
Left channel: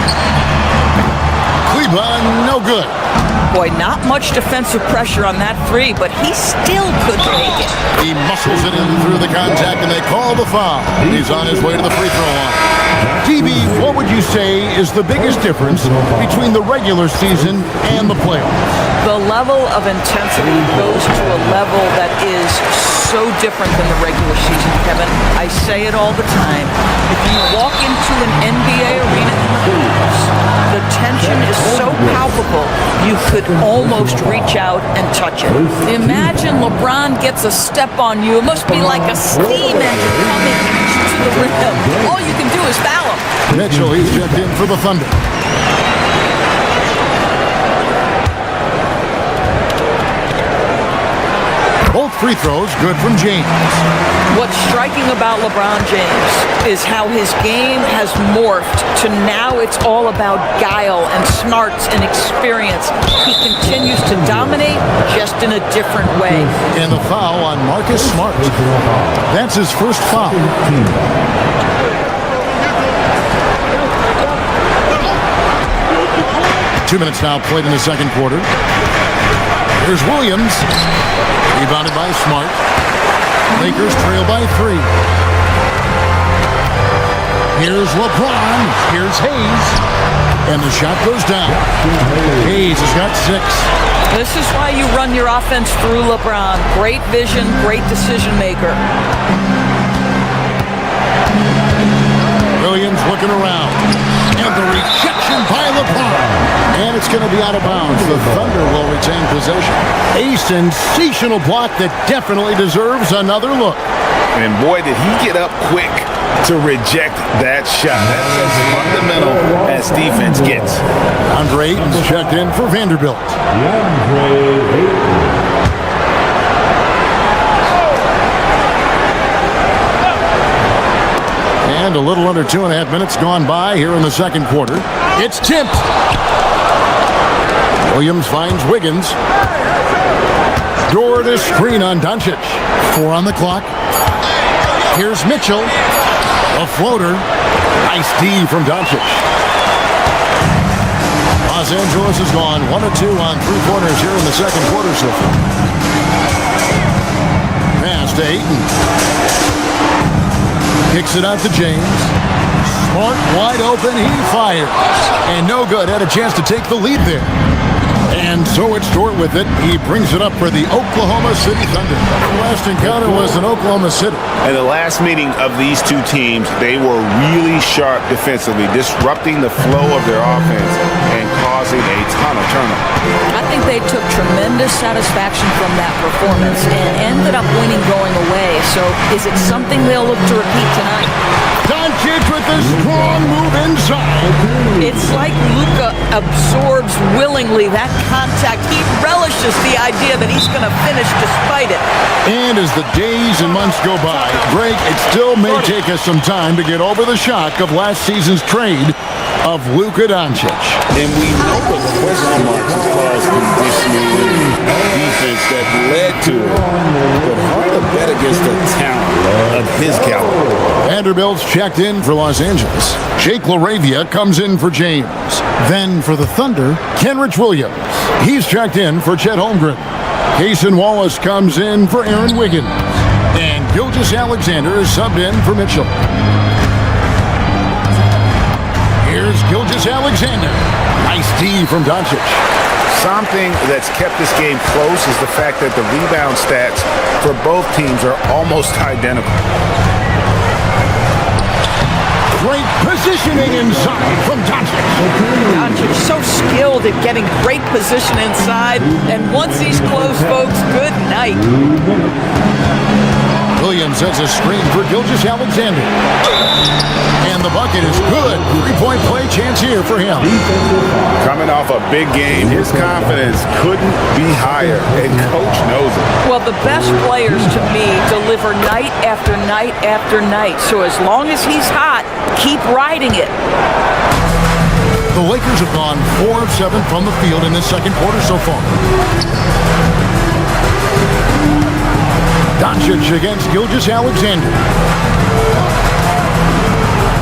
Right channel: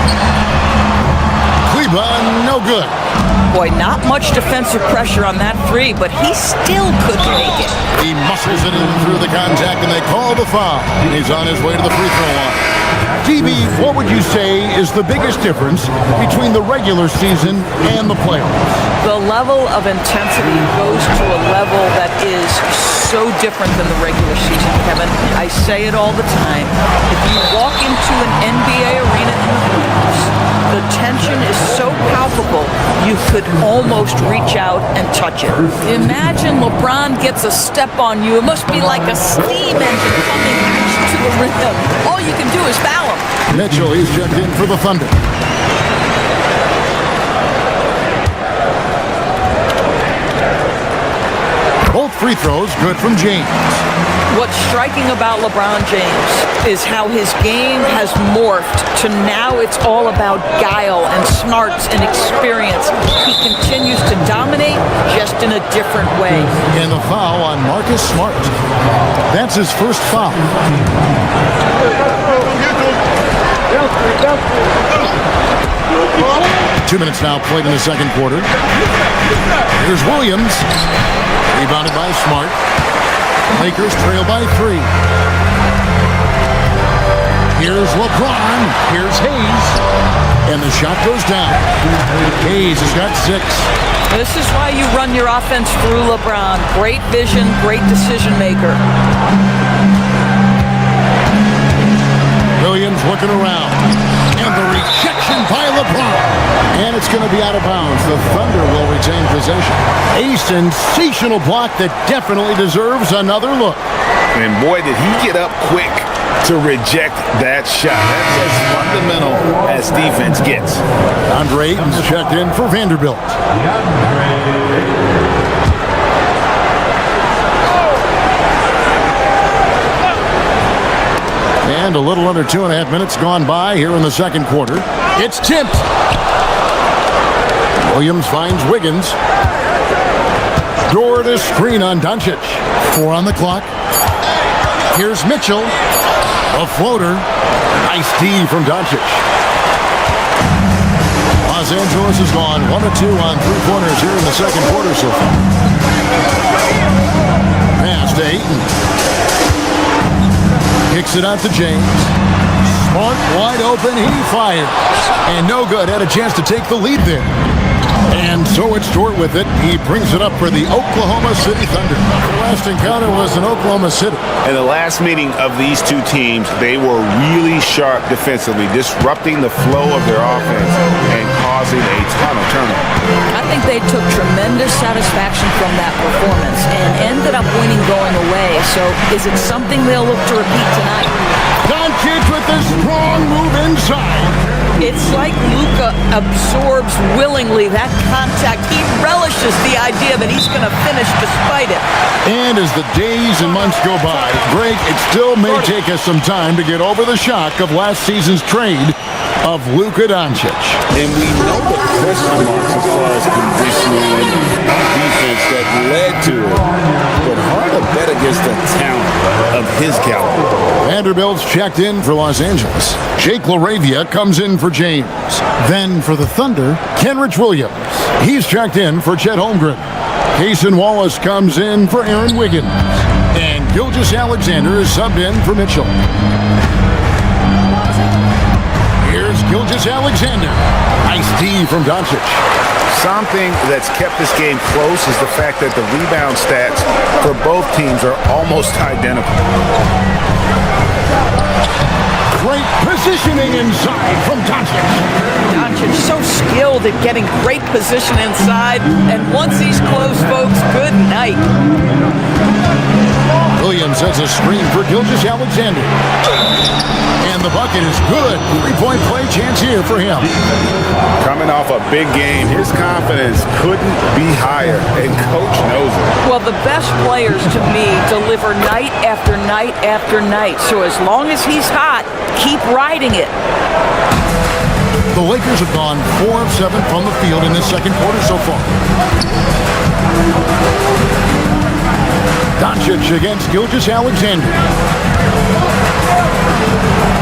Cleveland, no good. Boy, not much defensive pressure on that three, but he still could make it. He muscles it in through the contact, and they call the foul. And he's on his way to the free throw line. DB, what would you say is the biggest difference between the regular season and the playoffs? The level of intensity goes to a level that is so different than the regular season, Kevin. I say it all the time. If you walk into an NBA arena in the playoffs, the tension is so palpable, you could almost reach out and touch it. Imagine LeBron gets a step on you. It must be like a steam engine coming at you to the rim. All you can do is foul him. Mitchell, he's checked in for the Thunder. Both free throws good from James. What's striking about LeBron James is how his game has morphed to now it's all about guile and smarts and experience. He continues to dominate just in a different way. And the foul on Marcus Smart. That's his first foul. 2 minutes now played in the second quarter. Here's Williams. Rebounded by Smart. Lakers trail by 3. Here's LeBron. Here's Hayes. And the shot goes down. Hayes has got 6. This is why you run your offense through LeBron. Great vision, great decision maker. Williams looking around. And the rejection by LeBron. And it's going to be out of bounds. The Thunder will retain possession. A sensational block that definitely deserves another look. And boy, did he get up quick to reject that shot. That's as fundamental as defense gets. DeAndre Ayton's checked in for Vanderbilt. And a little under 2.5 minutes gone by here in the second quarter. It's tipped. Williams finds Wiggins. Door to screen on Doncic. 4 on the clock. Here's Mitchell. A floater. Nice D from Doncic. Los Angeles has gone 1 of 2 on 3-pointers here in the second quarter so far. Pass to Ayton. Kicks it out to James. Smart, wide open, he fires. And no good, had a chance to take the lead there. And so it's Dort with it. He brings it up for the Oklahoma City Thunder. Their last encounter was in Oklahoma City. In the last meeting of these two teams, they were really sharp defensively, disrupting the flow of their offense and causing a ton of turnover. I think they took tremendous satisfaction from that performance and ended up winning going away. So is it something they'll look to repeat tonight? Doncic with a strong move inside. It's like Luka absorbs willingly that contact. He relishes the idea that he's going to finish despite it. And as the days and months go by, Greg, it still may take us some time to get over the shock of last season's trade of Luka Doncic. And we know the question marks as far as conditioning and defense that led to it. But hard to bet against the talent of his caliber. Vanderbilt's checked in for Los Angeles. Jake LaRavia comes in for James. Then for the Thunder, Kenrich Williams. He's checked in for Chet Holmgren. Cason Wallace comes in for Aaron Wiggins. And Gilgeous-Alexander is subbed in for Mitchell. Here's Gilgeous-Alexander. Nice D from Doncic. Something that's kept this game close is the fact that the rebound stats for both teams are almost identical. Great positioning inside from Doncic. Doncic so skilled at getting great position inside, and once he's close, folks, good night. Williams sets a screen for Gilgeous-Alexander. And the bucket is good. 3-point play chance here for him. Coming off a big game, his confidence couldn't be higher, and coach knows it. Well, the best players to me deliver night after night after night. So as long as he's hot, keep riding it. The Lakers have gone 4 of 7 from the field in this second quarter so far. Doncic against Gilgeous-Alexander.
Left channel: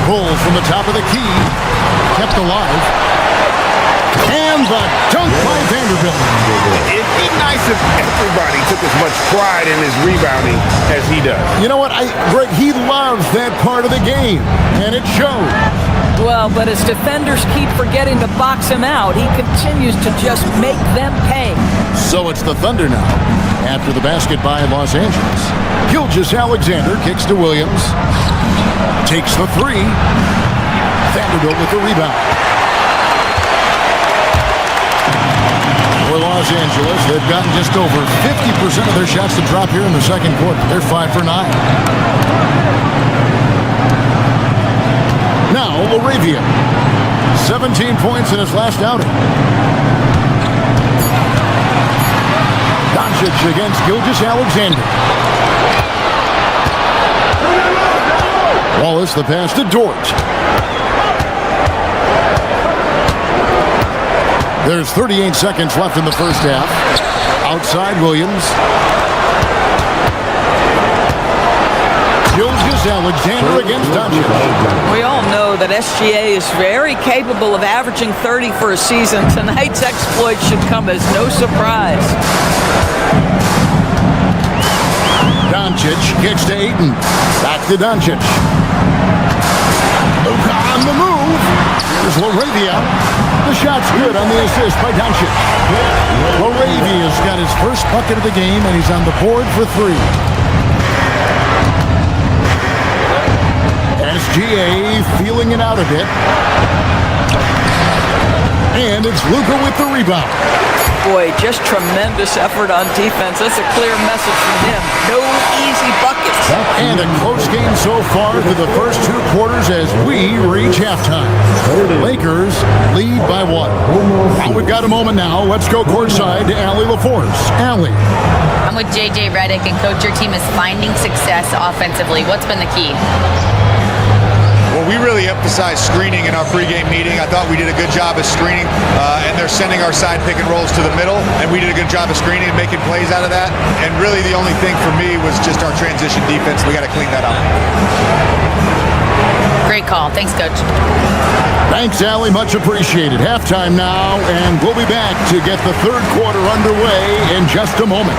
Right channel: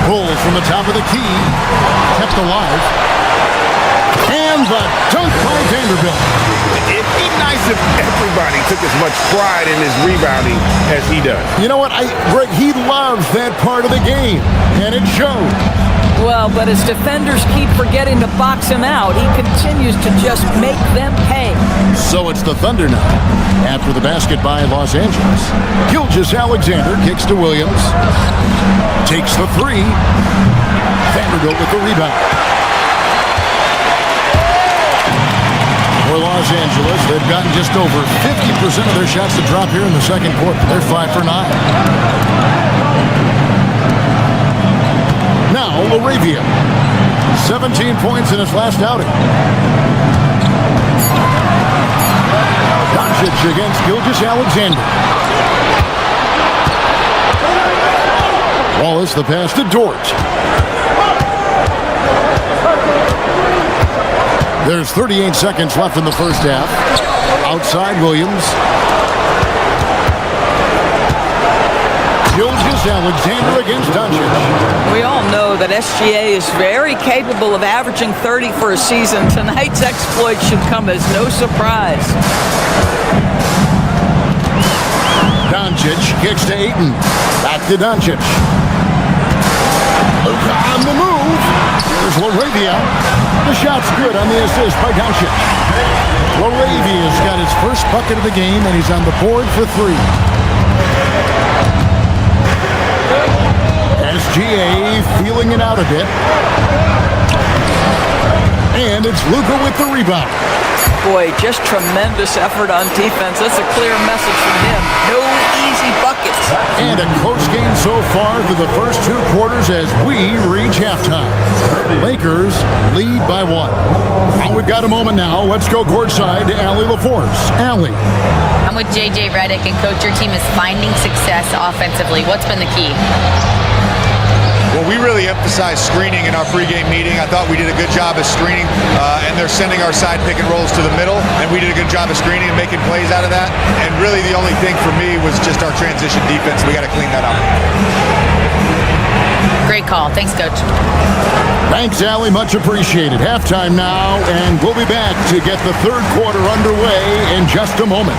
Pulls from the top of the key. Kept alive. And the dunk by Vanderbilt. It'd be nice if everybody took as much pride in his rebounding as he does. You know what, Greg, he loves that part of the game, and it shows. Well, but as defenders keep forgetting to box him out, he continues to just make them pay. So it's the Thunder now. After the basket by Los Angeles. Gilgeous-Alexander kicks to Williams. Takes the 3. Vanderbilt with the rebound. For Los Angeles, they've gotten just over 50% of their shots to drop here in the second quarter. They're 5 for 9. Now, LaRavia. 17 points in his last outing. Doncic against Gilgeous-Alexander. Wallace the pass to Dort. There's 38 seconds left in the first half. Outside Williams. Gilgeous-Alexander against Doncic. We all know that SGA is very capable of averaging 30 for a season. Tonight's exploit should come as no surprise. Doncic kicks to Ayton. Back to Doncic. Luka on the move. Here's Laravia. The shot's good on the assist by Doncic. Laravia's got his first bucket of the game, and he's on the board for 3. SGA feeling it out a bit. And it's Luka with the rebound. Boy, just tremendous effort on defense. That's a clear message from him. No easy buckets. And a close game so far through the first 2 quarters as we reach halftime. Lakers lead by 1. Well, we've got a moment now. Let's go courtside to Allie LaForce. Allie. I'm with J.J. Redick, and Coach, your team is finding success offensively. What's been the key? Well, we really emphasized screening in our pregame meeting. I thought we did a good job of screening, and they're sending our side pick and rolls to the middle, and we did a good job of screening and making plays out of that. And really the only thing for me was just our transition defense. We got to clean that up. Great call. Thanks, Coach. Thanks, Allie. Much appreciated. Halftime now, and we'll be back to get the third quarter underway in just a moment.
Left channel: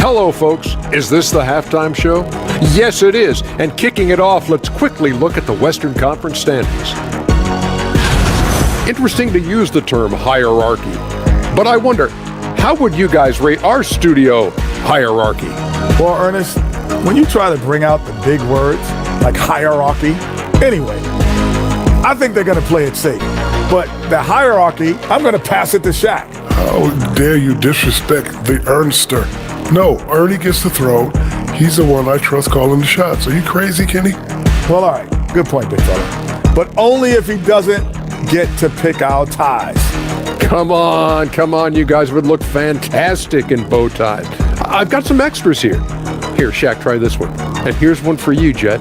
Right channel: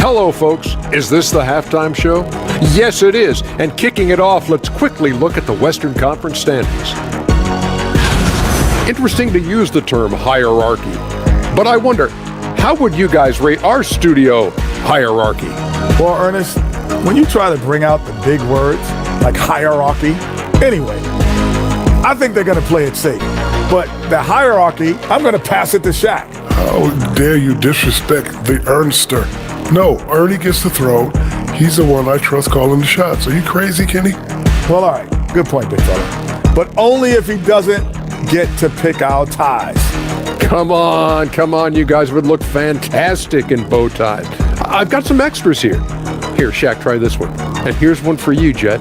Hello, folks. Is this the halftime show? Yes, it is. And kicking it off, let's quickly look at the Western Conference standings. Interesting to use the term hierarchy, but I wonder, how would you guys rate our studio hierarchy? Well, Ernest, when you try to bring out the big words like hierarchy, anyway, I think they're going to play it safe. But the hierarchy, I'm going to pass it to Shaq. How dare you disrespect the Ernster? No, Ernie gets the throw. He's the one I trust calling the shots. Are you crazy, Kenny? Well, all right. Good point, big fella. But only if he doesn't get to pick our ties. Come on. You guys would look fantastic in bow ties. I've got some extras here. Here, Shaq, try this one. And here's one for you, Jet.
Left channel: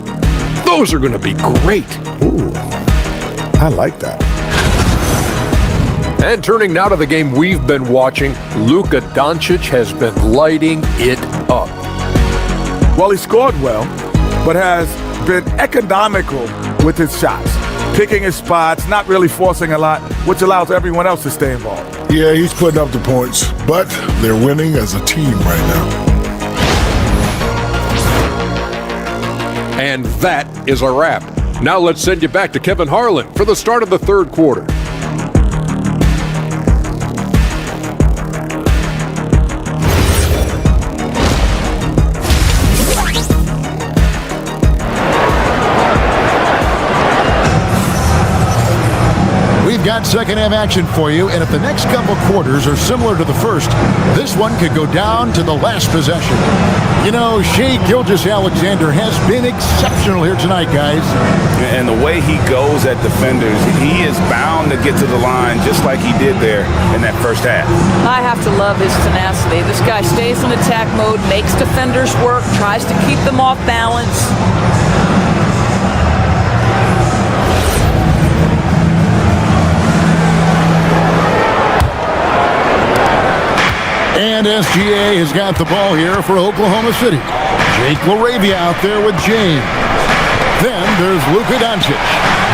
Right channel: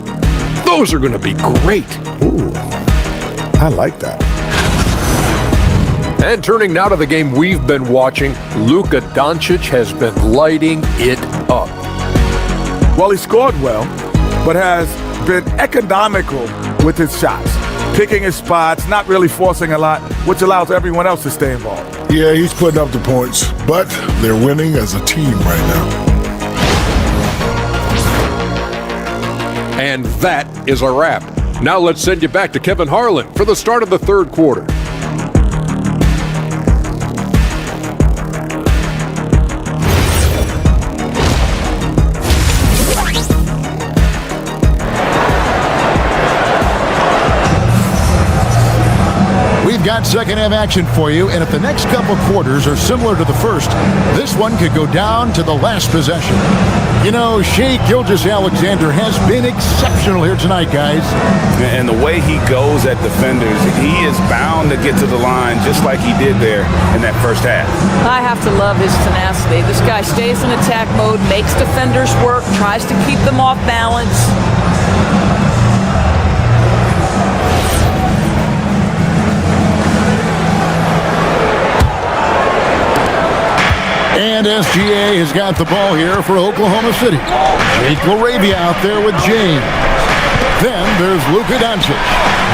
Those are going to be great. Ooh, I like that. And turning now to the game we've been watching, Luka Doncic has been lighting it up. Well, he scored well, but has been economical with his shots, picking his spots, not really forcing a lot, which allows everyone else to stay involved. Yeah, he's putting up the points, but they're winning as a team right now. And that is a wrap. Now let's send you back to Kevin Harlan for the start of the third quarter. We've got second half action for you, and if the next couple quarters are similar to the first, this one could go down to the last possession. You know, Shai Gilgeous-Alexander has been exceptional here tonight, guys. And the way he goes at defenders, he is bound to get to the line just like he did there in that first half. I have to love his tenacity. This guy stays in attack mode, makes defenders work, tries to keep them off balance. And SGA has got the ball here for Oklahoma City. Jake LaRavia out there with James. Then there's Luka Doncic.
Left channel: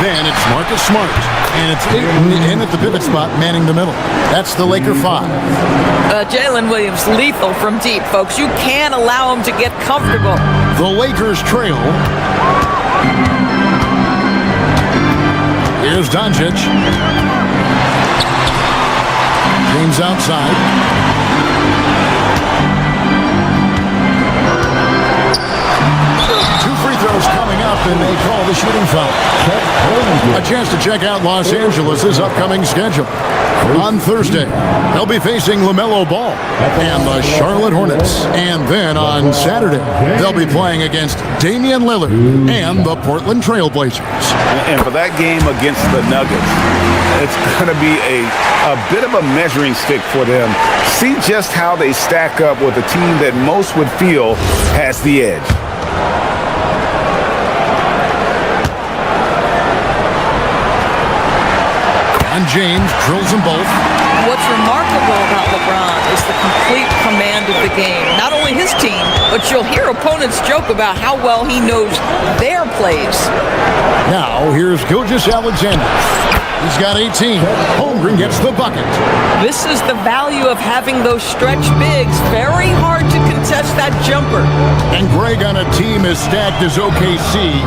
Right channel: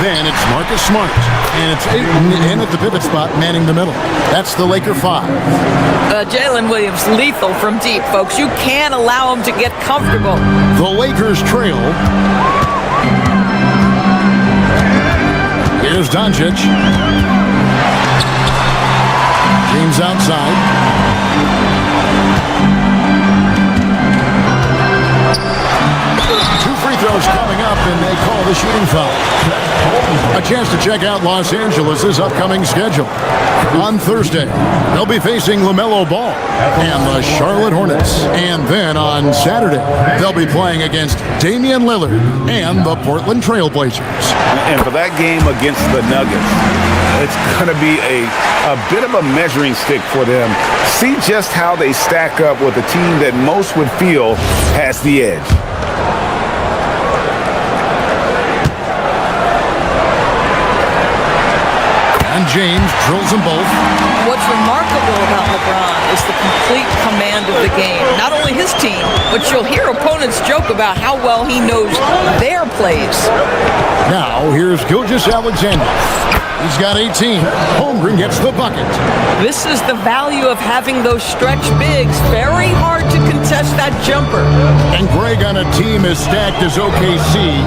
Then it's Marcus Smart. And it's Ayton in at the pivot spot, manning the middle. That's the Laker 5. Jalen Williams, lethal from deep, folks. You can't allow him to get comfortable. The Lakers trail. Here's Doncic. James outside. Two free throws coming up, and they call the shooting foul. A chance to check out Los Angeles' upcoming schedule. On Thursday, they'll be facing LaMelo Ball and the Charlotte Hornets. And then on Saturday, they'll be playing against Damian Lillard and the Portland Trail Blazers. And for that game against the Nuggets, it's going to be a bit of a measuring stick for them. See just how they stack up with a team that most would feel has the edge. And James drills them both. What's remarkable about LeBron is the complete command of the game. Not only his team, but you'll hear opponents joke about how well he knows their plays. Now, here's Gilgeous-Alexander. He's got 18. Holmgren gets the bucket. This is the value of having those stretch bigs. Very hard to contest that jumper. And Greg, on a team as stacked as OKC,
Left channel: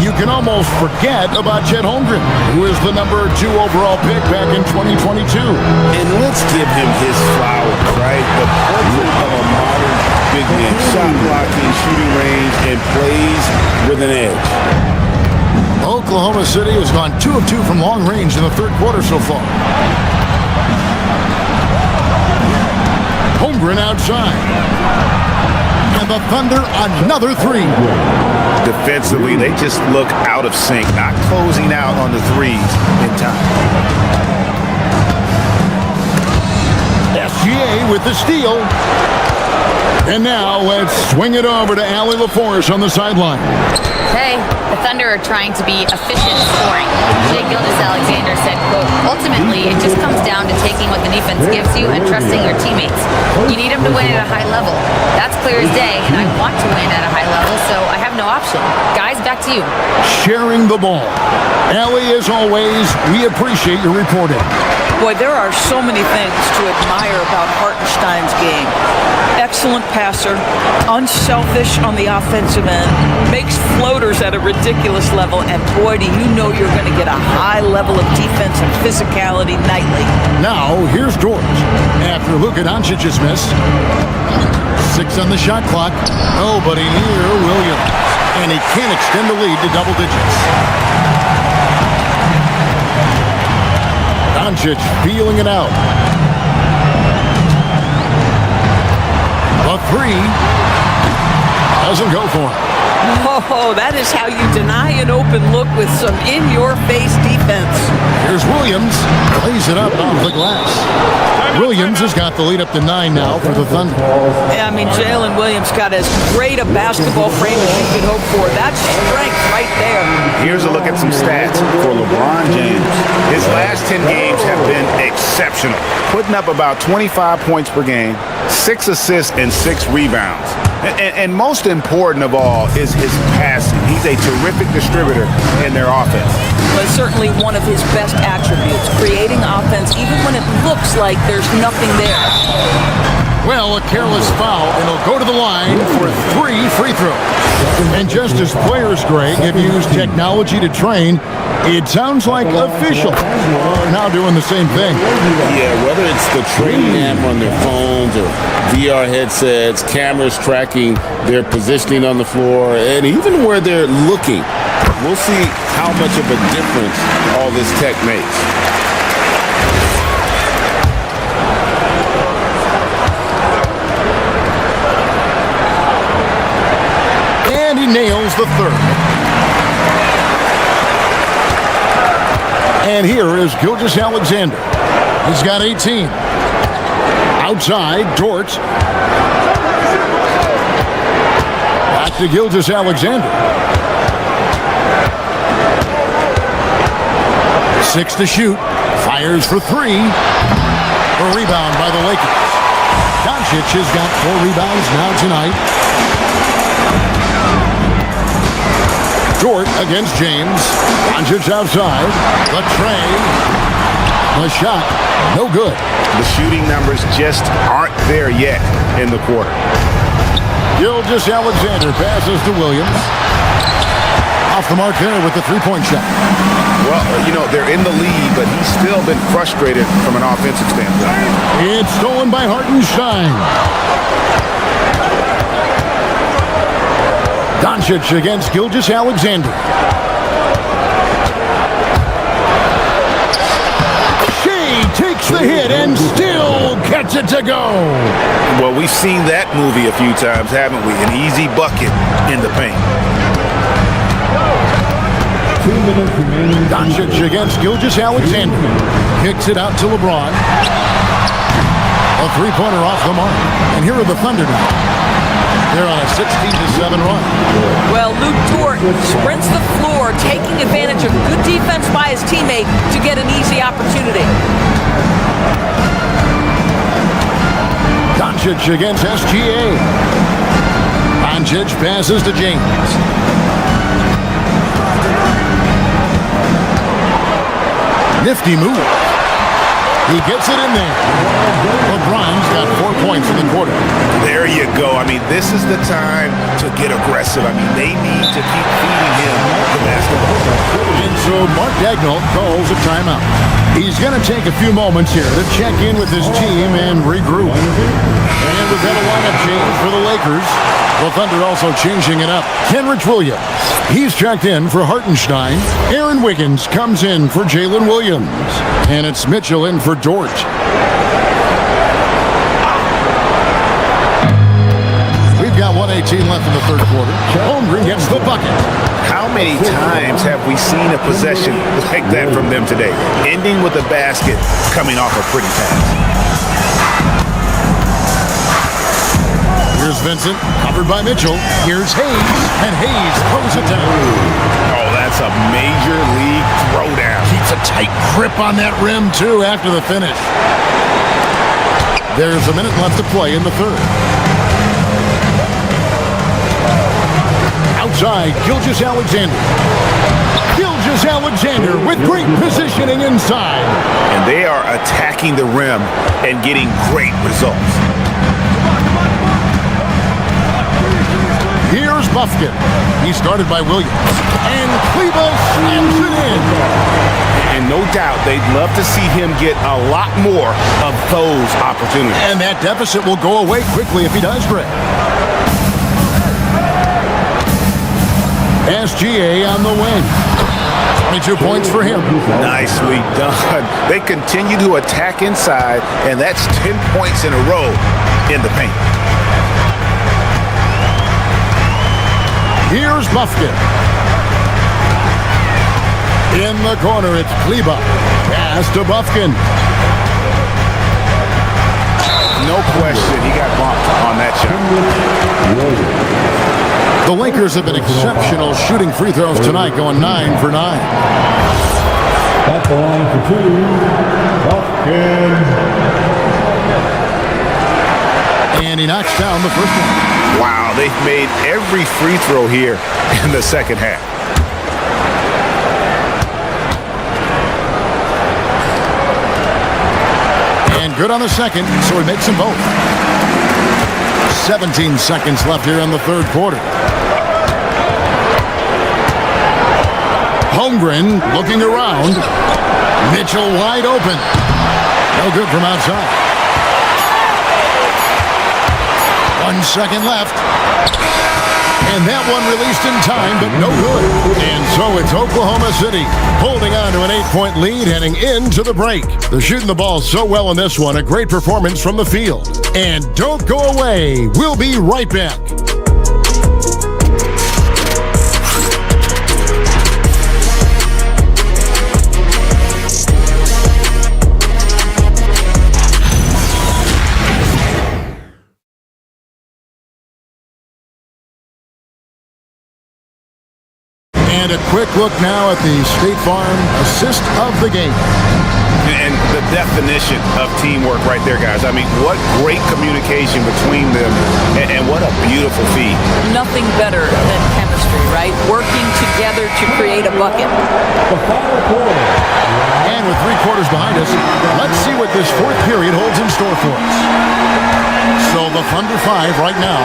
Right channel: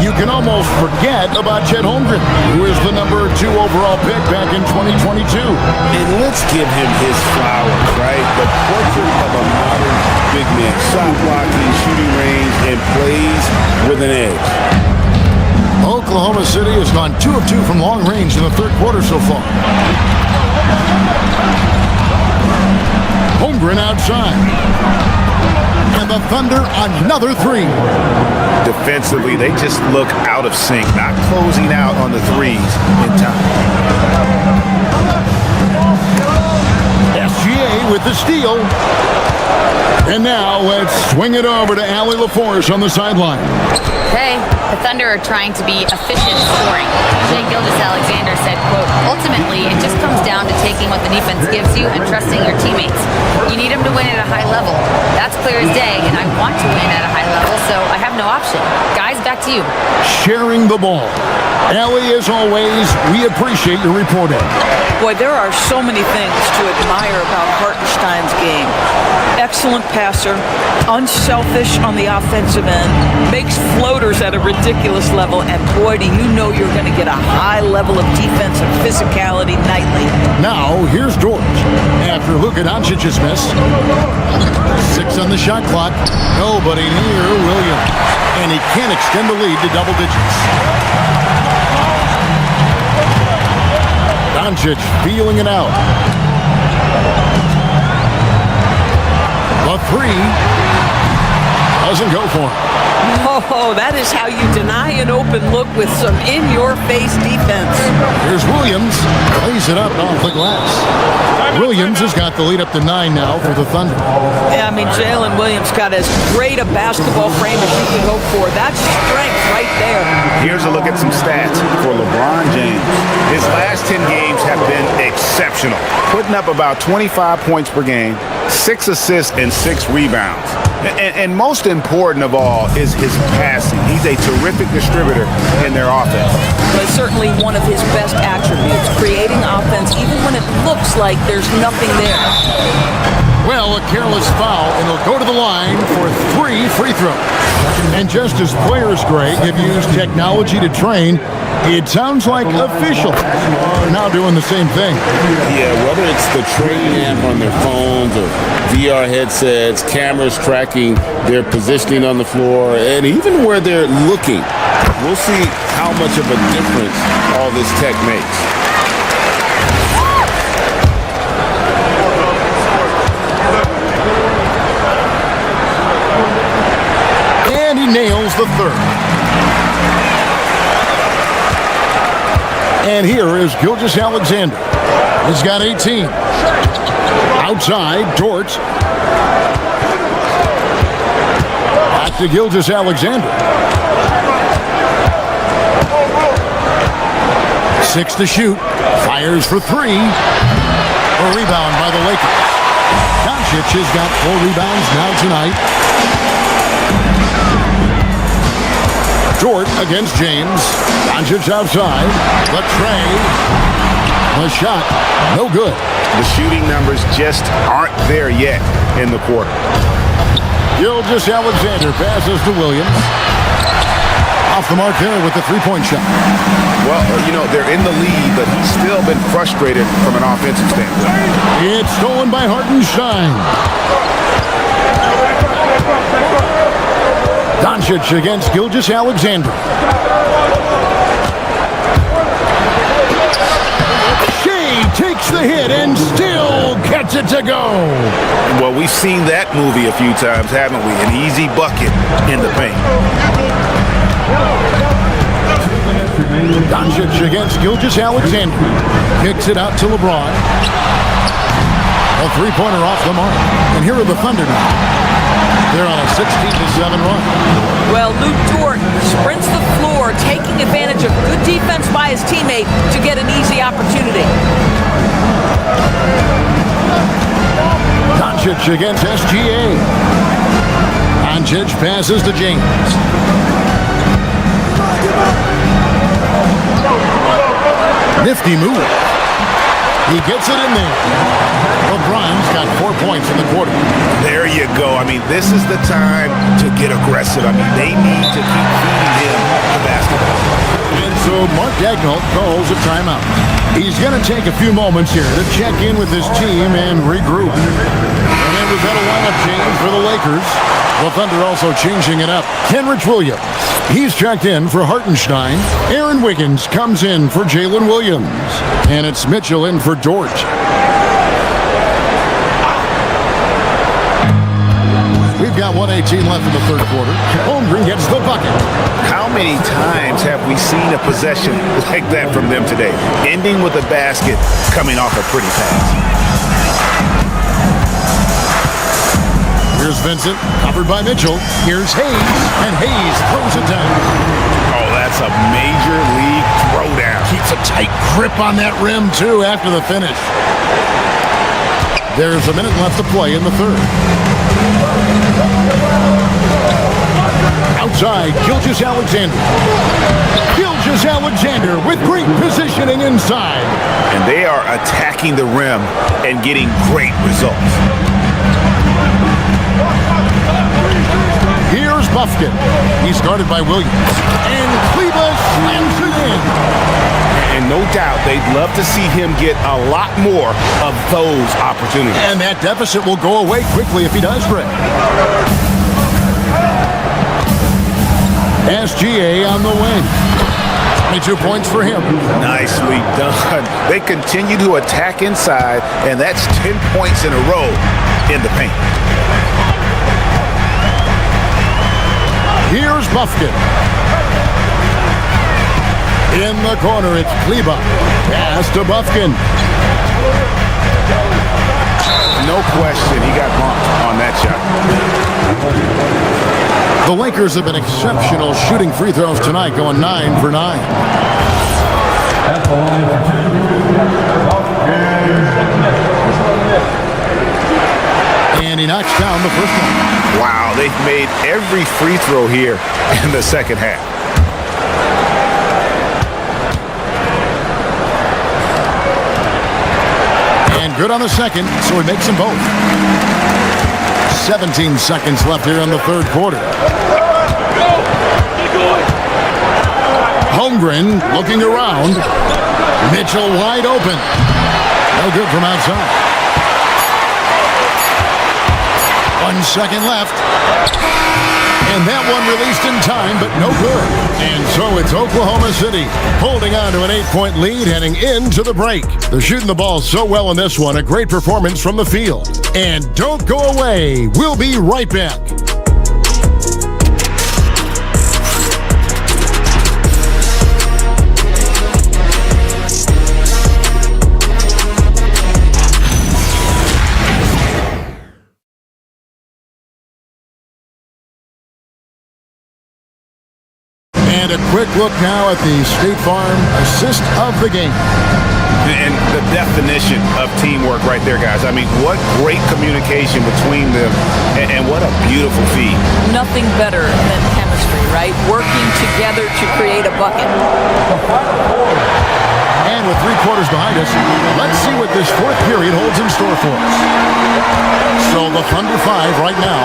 you can almost forget about Chet Holmgren, who is the number 2 overall pick back in 2022. And let's give him his flowers, right? The portrait of a modern big man. Shot blocking, shooting range, and plays with an edge. Oklahoma City has gone 2 of 2 from long range in the third quarter so far. Holmgren outside. And the Thunder another 3. Defensively, they just look out of sync, not closing out on the threes in time. SGA with the steal. And now let's swing it over to Allie LaForce on the sideline. Hey, the Thunder are trying to be efficient scoring. Shai Gilgeous-Alexander said, quote, ultimately, it just comes down to taking what the defense gives you and trusting your teammates. You need them to win at a high level. That's clear as day, and I want to win at a high level, so I have no option. Guys, back to you. Sharing the ball. Allie, as always, we appreciate your reporting. Boy, there are so many things to admire about Hartenstein's game. Excellent passer, unselfish on the offensive end, makes floaters at a ridiculous level, and boy, do you know you're going to get a high level of defensive physicality nightly. Now, here's George. After Luka Doncic's miss, 6 on the shot clock, nobody near Williams, and he can't extend the lead to double digits. Doncic feeling it out. The 3 doesn't go for him. Oh, that is how you deny an open look with some in-your-face defense. Here's Williams. Plays it up off the glass. Williams has got the lead up to 9 now for the Thunder. I mean, Jalen Williams got as great a basketball frame as you could hope for. That's strength right there. Here's a look at some stats for LeBron James. His last 10 games have been exceptional, putting up about 25 points per game, 6 assists, and 6 rebounds. And most important of all is his passing. He's a terrific distributor in their offense. But certainly one of his best attributes, creating offense even when it looks like there's nothing there. Well, a careless foul, and he'll go to the line for 3 free throws. And just as players, Greg, have used technology to train, it sounds like officials are now doing the same thing. Yeah, whether it's the training app on their phones or VR headsets, cameras tracking their positioning on the floor, and even where they're looking, we'll see how much of a difference all this tech makes. And he nails the 3rd. And here is Gilgeous-Alexander. He's got 18. Outside, Dort. Back to Gilgeous-Alexander. 6 to shoot. Fires for 3. A rebound by the Lakers. Doncic has got 4 rebounds now tonight. Dort against James. Doncic outside. The tray. The shot. No good. The shooting numbers just aren't there yet in the quarter. Gilgeous-Alexander passes to Williams. Off the mark there with the 3-point shot. Well, they're in the lead, but he's still been frustrated from an offensive standpoint. It's stolen by Hartenstein. Doncic against Gilgeous-Alexander. Shai takes the hit and still gets it to go. Well, we've seen that movie a few times, haven't we? An easy bucket in the paint. Doncic against Gilgeous-Alexander. Kicks it out to LeBron. A 3-pointer off the mark. And here are the Thunder now. They're on a 16-7 run. Well, Lou Dort sprints the floor, taking advantage of good defense by his teammate to get an easy opportunity. Doncic against SGA. Doncic passes to James. Nifty move. He gets it in there. LeBron's got 4 points in the quarter. There you go. I mean, this is the time to get aggressive. I mean, they need to keep feeding him the basketball. And so Mark Daigneault calls a timeout. He's going to take a few moments here to check in with his team and regroup. And we've got a lineup change for the Lakers. The Thunder also changing it up. Kenrich Williams, he's checked in for Hartenstein. Aaron Wiggins comes in for Jalen Williams. And it's Mitchell in for Dort. We've got 1:18 left in the third quarter. Holmgren gets the bucket. How many times have we seen a possession like that from them today? Ending with a basket, coming off a pretty pass. Here's Vincent, covered by Mitchell. Here's Hayes, and Hayes throws it down. Oh, that's a major league throwdown. Keeps a tight grip on that rim, too, after the finish. There's a minute left to play in the third. Outside, Gilgeous-Alexander. Gilgeous-Alexander with great positioning inside. And they are attacking the rim and getting great results. Here's Buffkin. He's guarded by Williams. And Kleba slams it in. And no doubt they'd love to see him get a lot more of those opportunities. And that deficit will go away quickly if he does, Greg. SGA on the wing. 22 points for him. Nicely done. They continue to attack inside, and that's 10 points in a row in the paint. Here's Buffkin. In the corner, it's Kleba. Pass to Buffkin. No question, he got bumped on that shot. The Lakers have been exceptional shooting free throws tonight, going 9 for 9. At the line for two, Buffkin. And he knocks down the first one. Wow, they've made every free throw here in the second half. And good on the second, so he makes them both. 17 seconds left here in the third quarter. Holmgren looking around. Mitchell wide open. No good from outside. 1 second left. And that one released in time, but no good. And so it's Oklahoma City holding on to an 8-point lead heading into the break. They're shooting the ball so well in this one. A great performance from the field. And don't go away. We'll be right back. And a quick look now at the State Farm assist of the game. And the definition of teamwork right there, guys. I mean, what great communication between them, and what a beautiful feed. Nothing better than chemistry, right? Working together to create a bucket. And with 3 quarters behind us, let's see what this fourth period holds in store for us. So the Thunder 5 right now.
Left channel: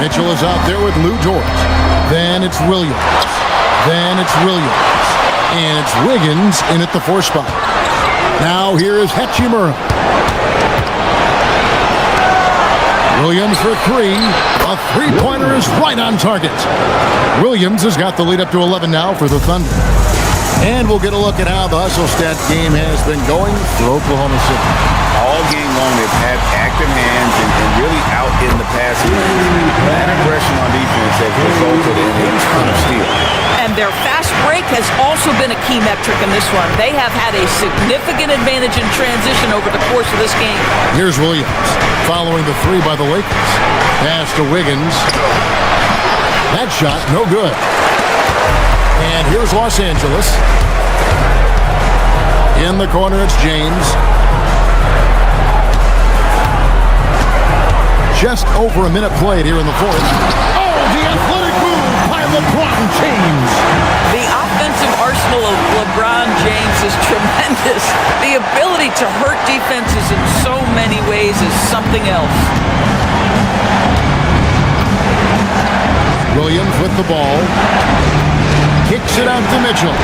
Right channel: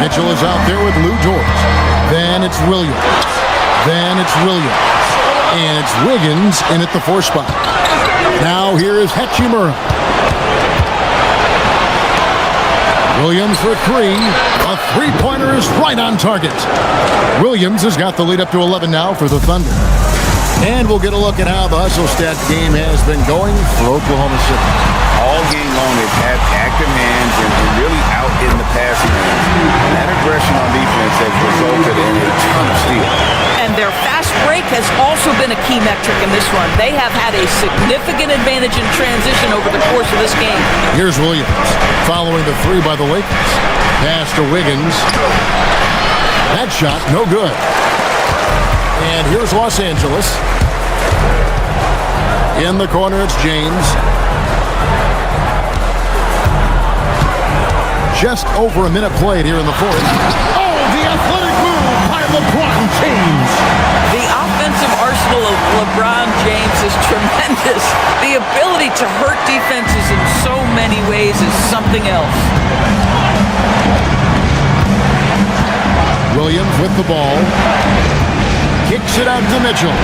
Mitchell is out there with Lou Dort. Then it's Williams. Then it's Williams. And it's Wiggins in at the 4 spot. Now here is Hachimura. Williams for 3. A 3-pointer is right on target. Williams has got the lead up to 11 now for the Thunder. And we'll get a look at how the hustle stat game has been going for Oklahoma City. All game long, they've had active hands and really out in the passing lanes. That aggression on defense has resulted in a ton of steals. And their fast break has also been a key metric in this one. They have had a significant advantage in transition over the course of this game. Here's Williams following the 3 by the Lakers. Pass to Wiggins. That shot, no good. And here's Los Angeles. In the corner, it's James. just over a minute played here in the fourth. Oh, the athletic move by LeBron James. The offensive arsenal of LeBron James is tremendous. The ability to hurt defenses in so many ways is something else. Williams with the ball. Kicks it out to Mitchell.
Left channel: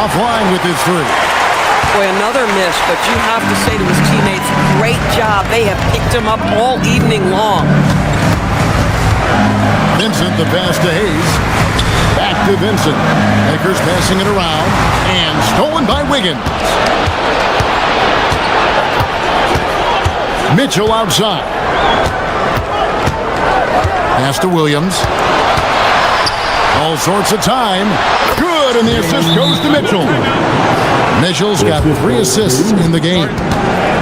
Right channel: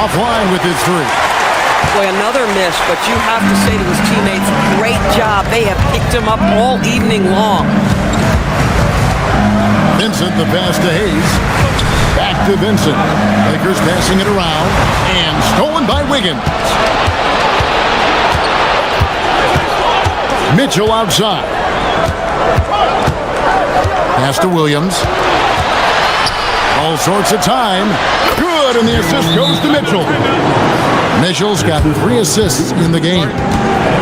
Offline with his three. Boy, another miss, but you have to say to his teammates, great job. They have picked him up all evening long. Vincent, the pass to Hayes. Back to Vincent. Lakers passing it around. And stolen by Wiggins. Mitchell outside. Pass to Williams. All sorts of time. Good, and the assist goes to Mitchell. Mitchell's got 3 assists in the game.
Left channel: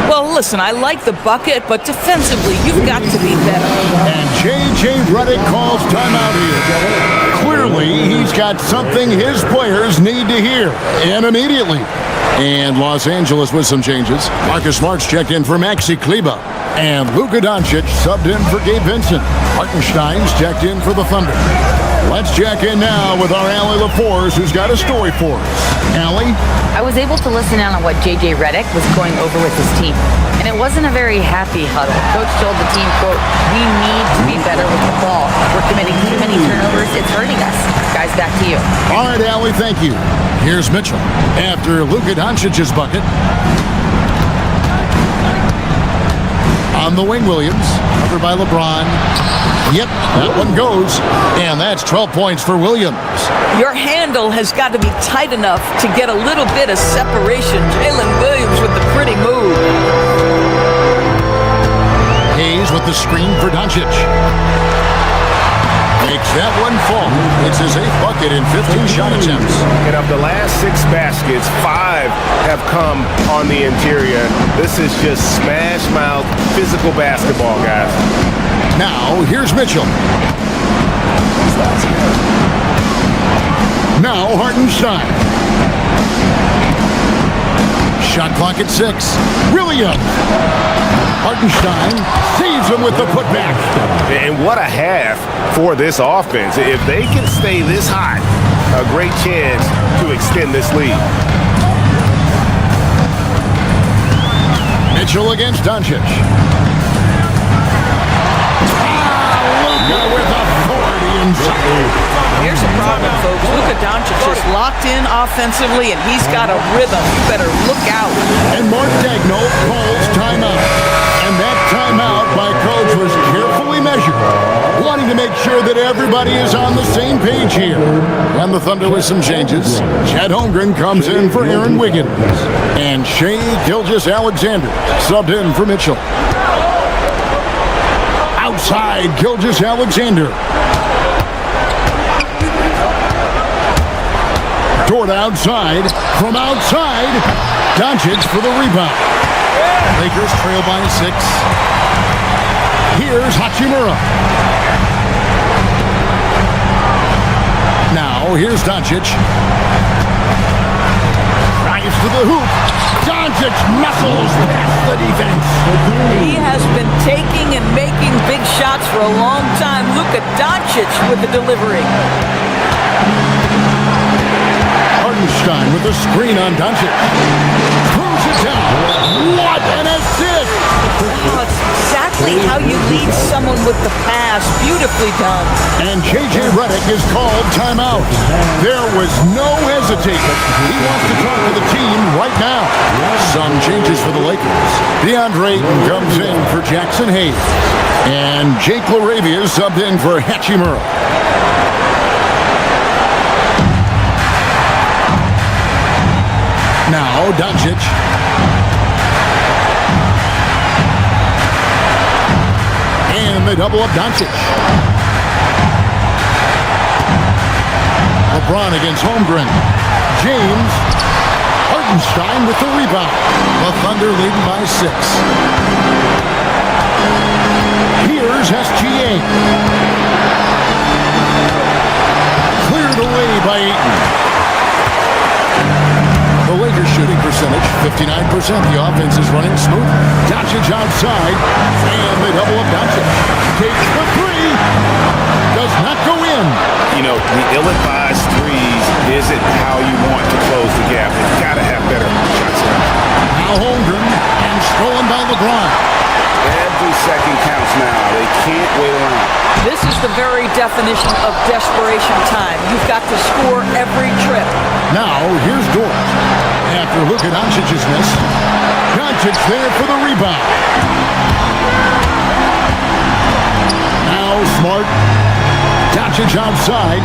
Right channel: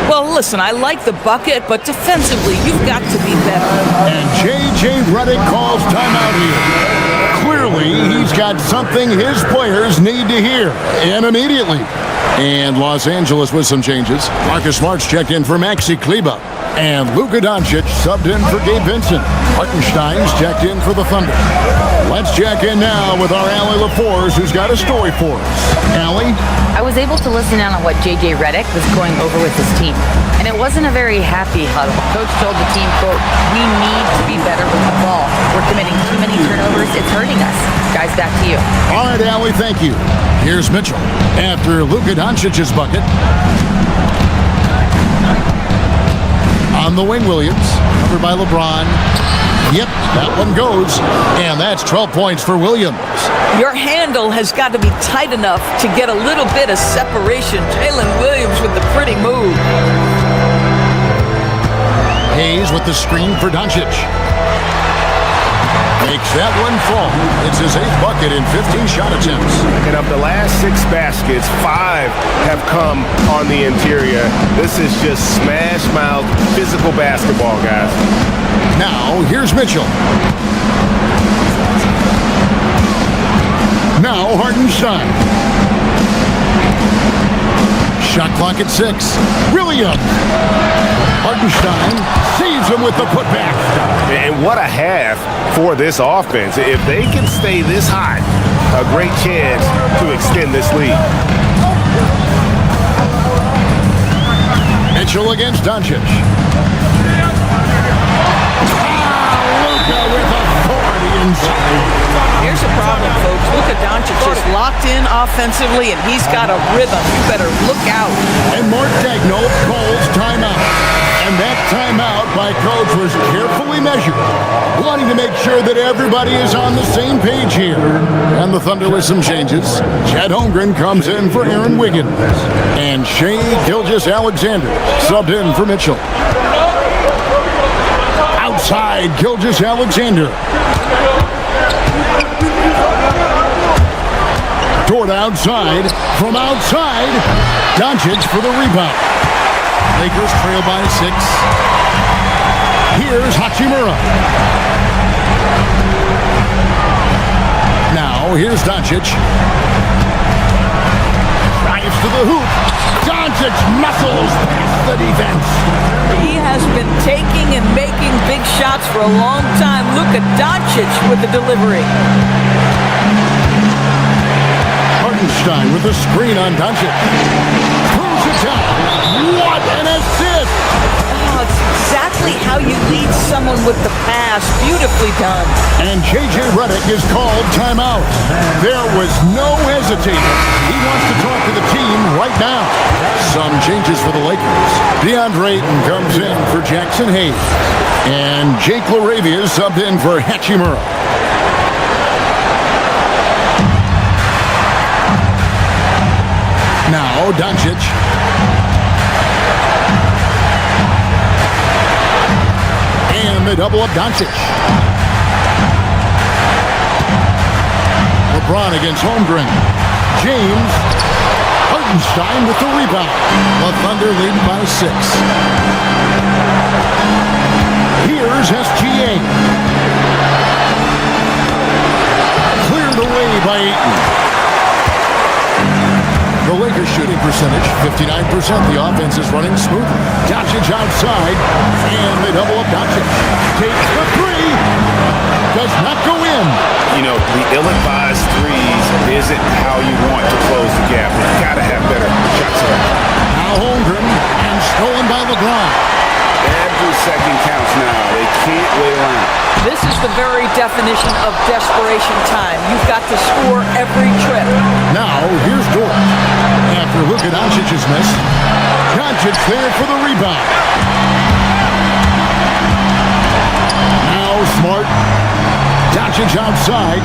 Well, listen, I like the bucket, but defensively, you've got to be better. And J.J. Redick calls timeout here. Clearly, he's got something his players need to hear, and immediately. And Los Angeles with some changes. Marcus Smart's checked in for Maxi Kleber. And Luka Doncic subbed in for Gabe Vincent. Hartenstein's checked in for the Thunder. Let's check in now with our Allie LaForce, who's got a story for us. Allie? I was able to listen in on what J.J. Redick was going over with his team, and it wasn't a very happy huddle. Coach told the team, quote, "We need to be better with the ball. We're committing too many turnovers. It's hurting us." Guys, back to you. All right, Allie, thank you. Here's Mitchell after Luka Doncic's bucket. On the wing, Williams, covered by LeBron. Yep, that one goes, and that's 12 points for Williams. Your handle has got to be tight enough to get a little bit of separation. Jalen Williams with the pretty move. Hayes with the screen for Doncic. Makes that one fall. It's his 8th bucket in 15 shot attempts. And of the last 6 baskets, 5 have come on the interior. This is just smash-mouth physical basketball, guys. Now, here's Mitchell. Now, Hartenstein. Shot clock at 6. Williams. Hartenstein saves him with the putback. And what a half for this offense. If they can stay this hot, a great chance to extend this lead. Mitchell against Doncic. Luka with authority inside. Here's the problem, folks. Luka Doncic is locked in offensively, and he's got a rhythm. You better look out. And Mark Daigneault calls timeout. And that timeout by Coach was carefully measured, wanting to make sure that everybody is on the same page here. And the Thunder with some changes. Chet Holmgren comes in for Aaron Wiggins. And Shai Gilgeous-Alexander subbed in for Mitchell. Outside, Gilgeous-Alexander. Toward outside. From outside, Doncic for the rebound. Lakers trail by 6. Here's Hachimura. Now, here's Doncic. Drives to the hoop. Doncic muscles past the defense. He has been taking and making big shots for a long time. Luka Doncic with the delivery. Hartenstein with the screen on Doncic. Throws it down. What an assist! Oh, it's exactly how you lead someone with the pass. Beautifully done. And J.J. Redick is called timeout. There was no hesitating. He wants to talk to the team right now. Some changes for the Lakers. DeAndre Ayton comes in for Jackson Hayes. And Jake LaRavia is subbed in for Hachimura. Now, Doncic. And they double up Doncic. LeBron against Holmgren. James. Hartenstein with the rebound. The Thunder leading by 6. Here's SGA. Cleared away by Ayton. The Lakers shooting percentage, 59%. The offense is running smoothly. Doncic outside, and they double up Doncic. Takes the three. Does not go in. You know, the ill-advised threes isn't how you want to close the gap. You've got to have better shots around. Now Holmgren, and stolen by LeBron. Every second counts now. They can't wait around. This is the very definition of desperation time. You've got to score every trip. Now, here's Dort. After Luka Doncic's miss, Doncic there for the rebound. Now Smart. Doncic outside.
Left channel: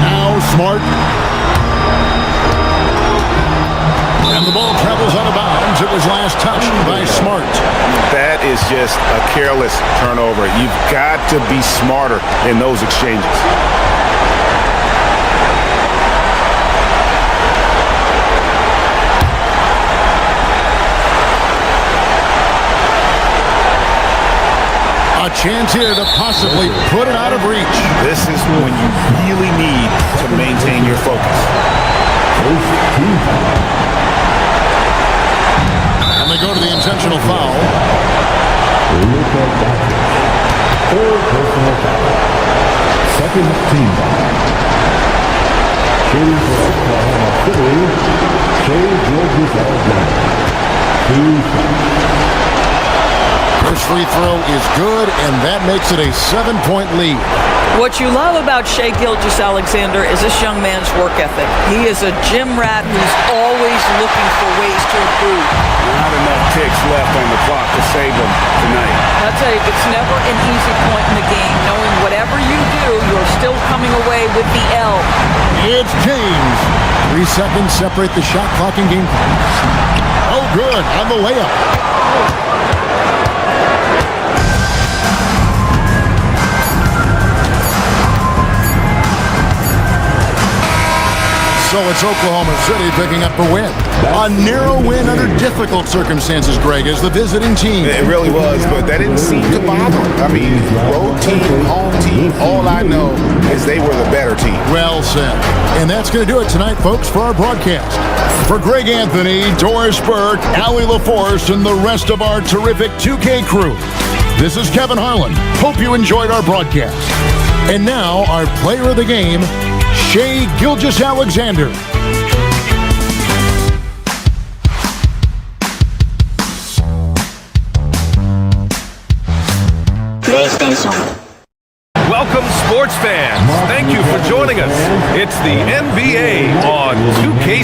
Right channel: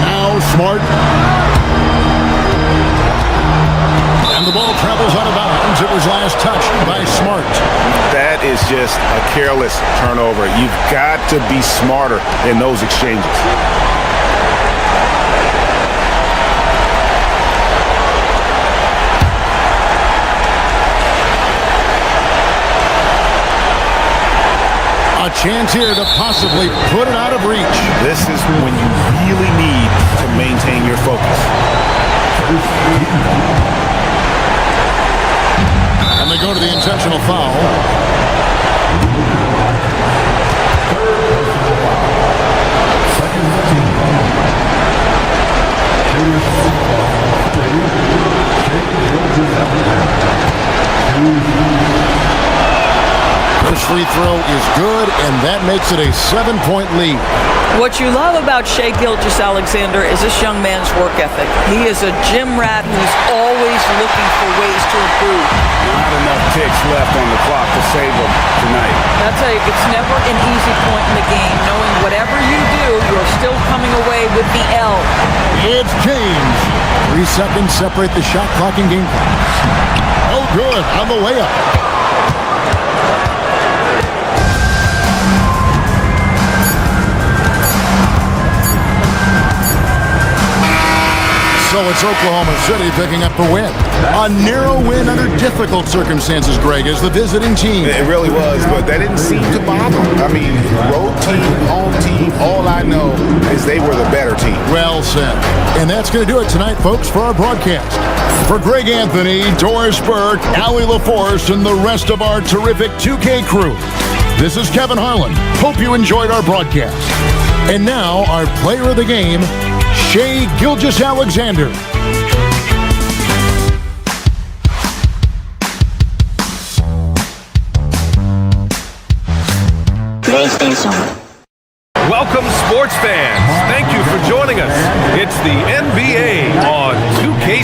Now Smart. And the ball travels out of bounds. It was last touched by Smart. That is just a careless turnover. You've got to be smarter in those exchanges. A chance here to possibly put it out of reach. This is when you really need to maintain your focus. And they go to the intentional foul. Third personal foul. Second team. First free throw is good, and that makes it a 7-point lead. What you love about Shai Gilgeous-Alexander is this young man's work ethic. He is a gym rat who's always looking for ways to improve. Not enough ticks left on the clock to save them tonight. I'll tell you, it's never an easy point in the game, knowing whatever you do, you're still coming away with the L. It's James. 3 seconds separate the shot clock and game clock. Oh, good, on the layup. So it's Oklahoma City picking up the win. A narrow win under difficult circumstances, Greg, as the visiting team. It really was, but that didn't seem to bother. I mean, road team, home team, all I know is they were the better team. Well said. And that's going to do it tonight, folks, for our broadcast. For Greg Anthony, Doris Burke, Allie LaForce, and the rest of our terrific 2K crew, this is Kevin Harlan. Hope you enjoyed our broadcast. And now, our player of the game, Shai Gilgeous-Alexander. PlayStation. Welcome, sports fans. Thank you for joining us. It's the NBA on 2K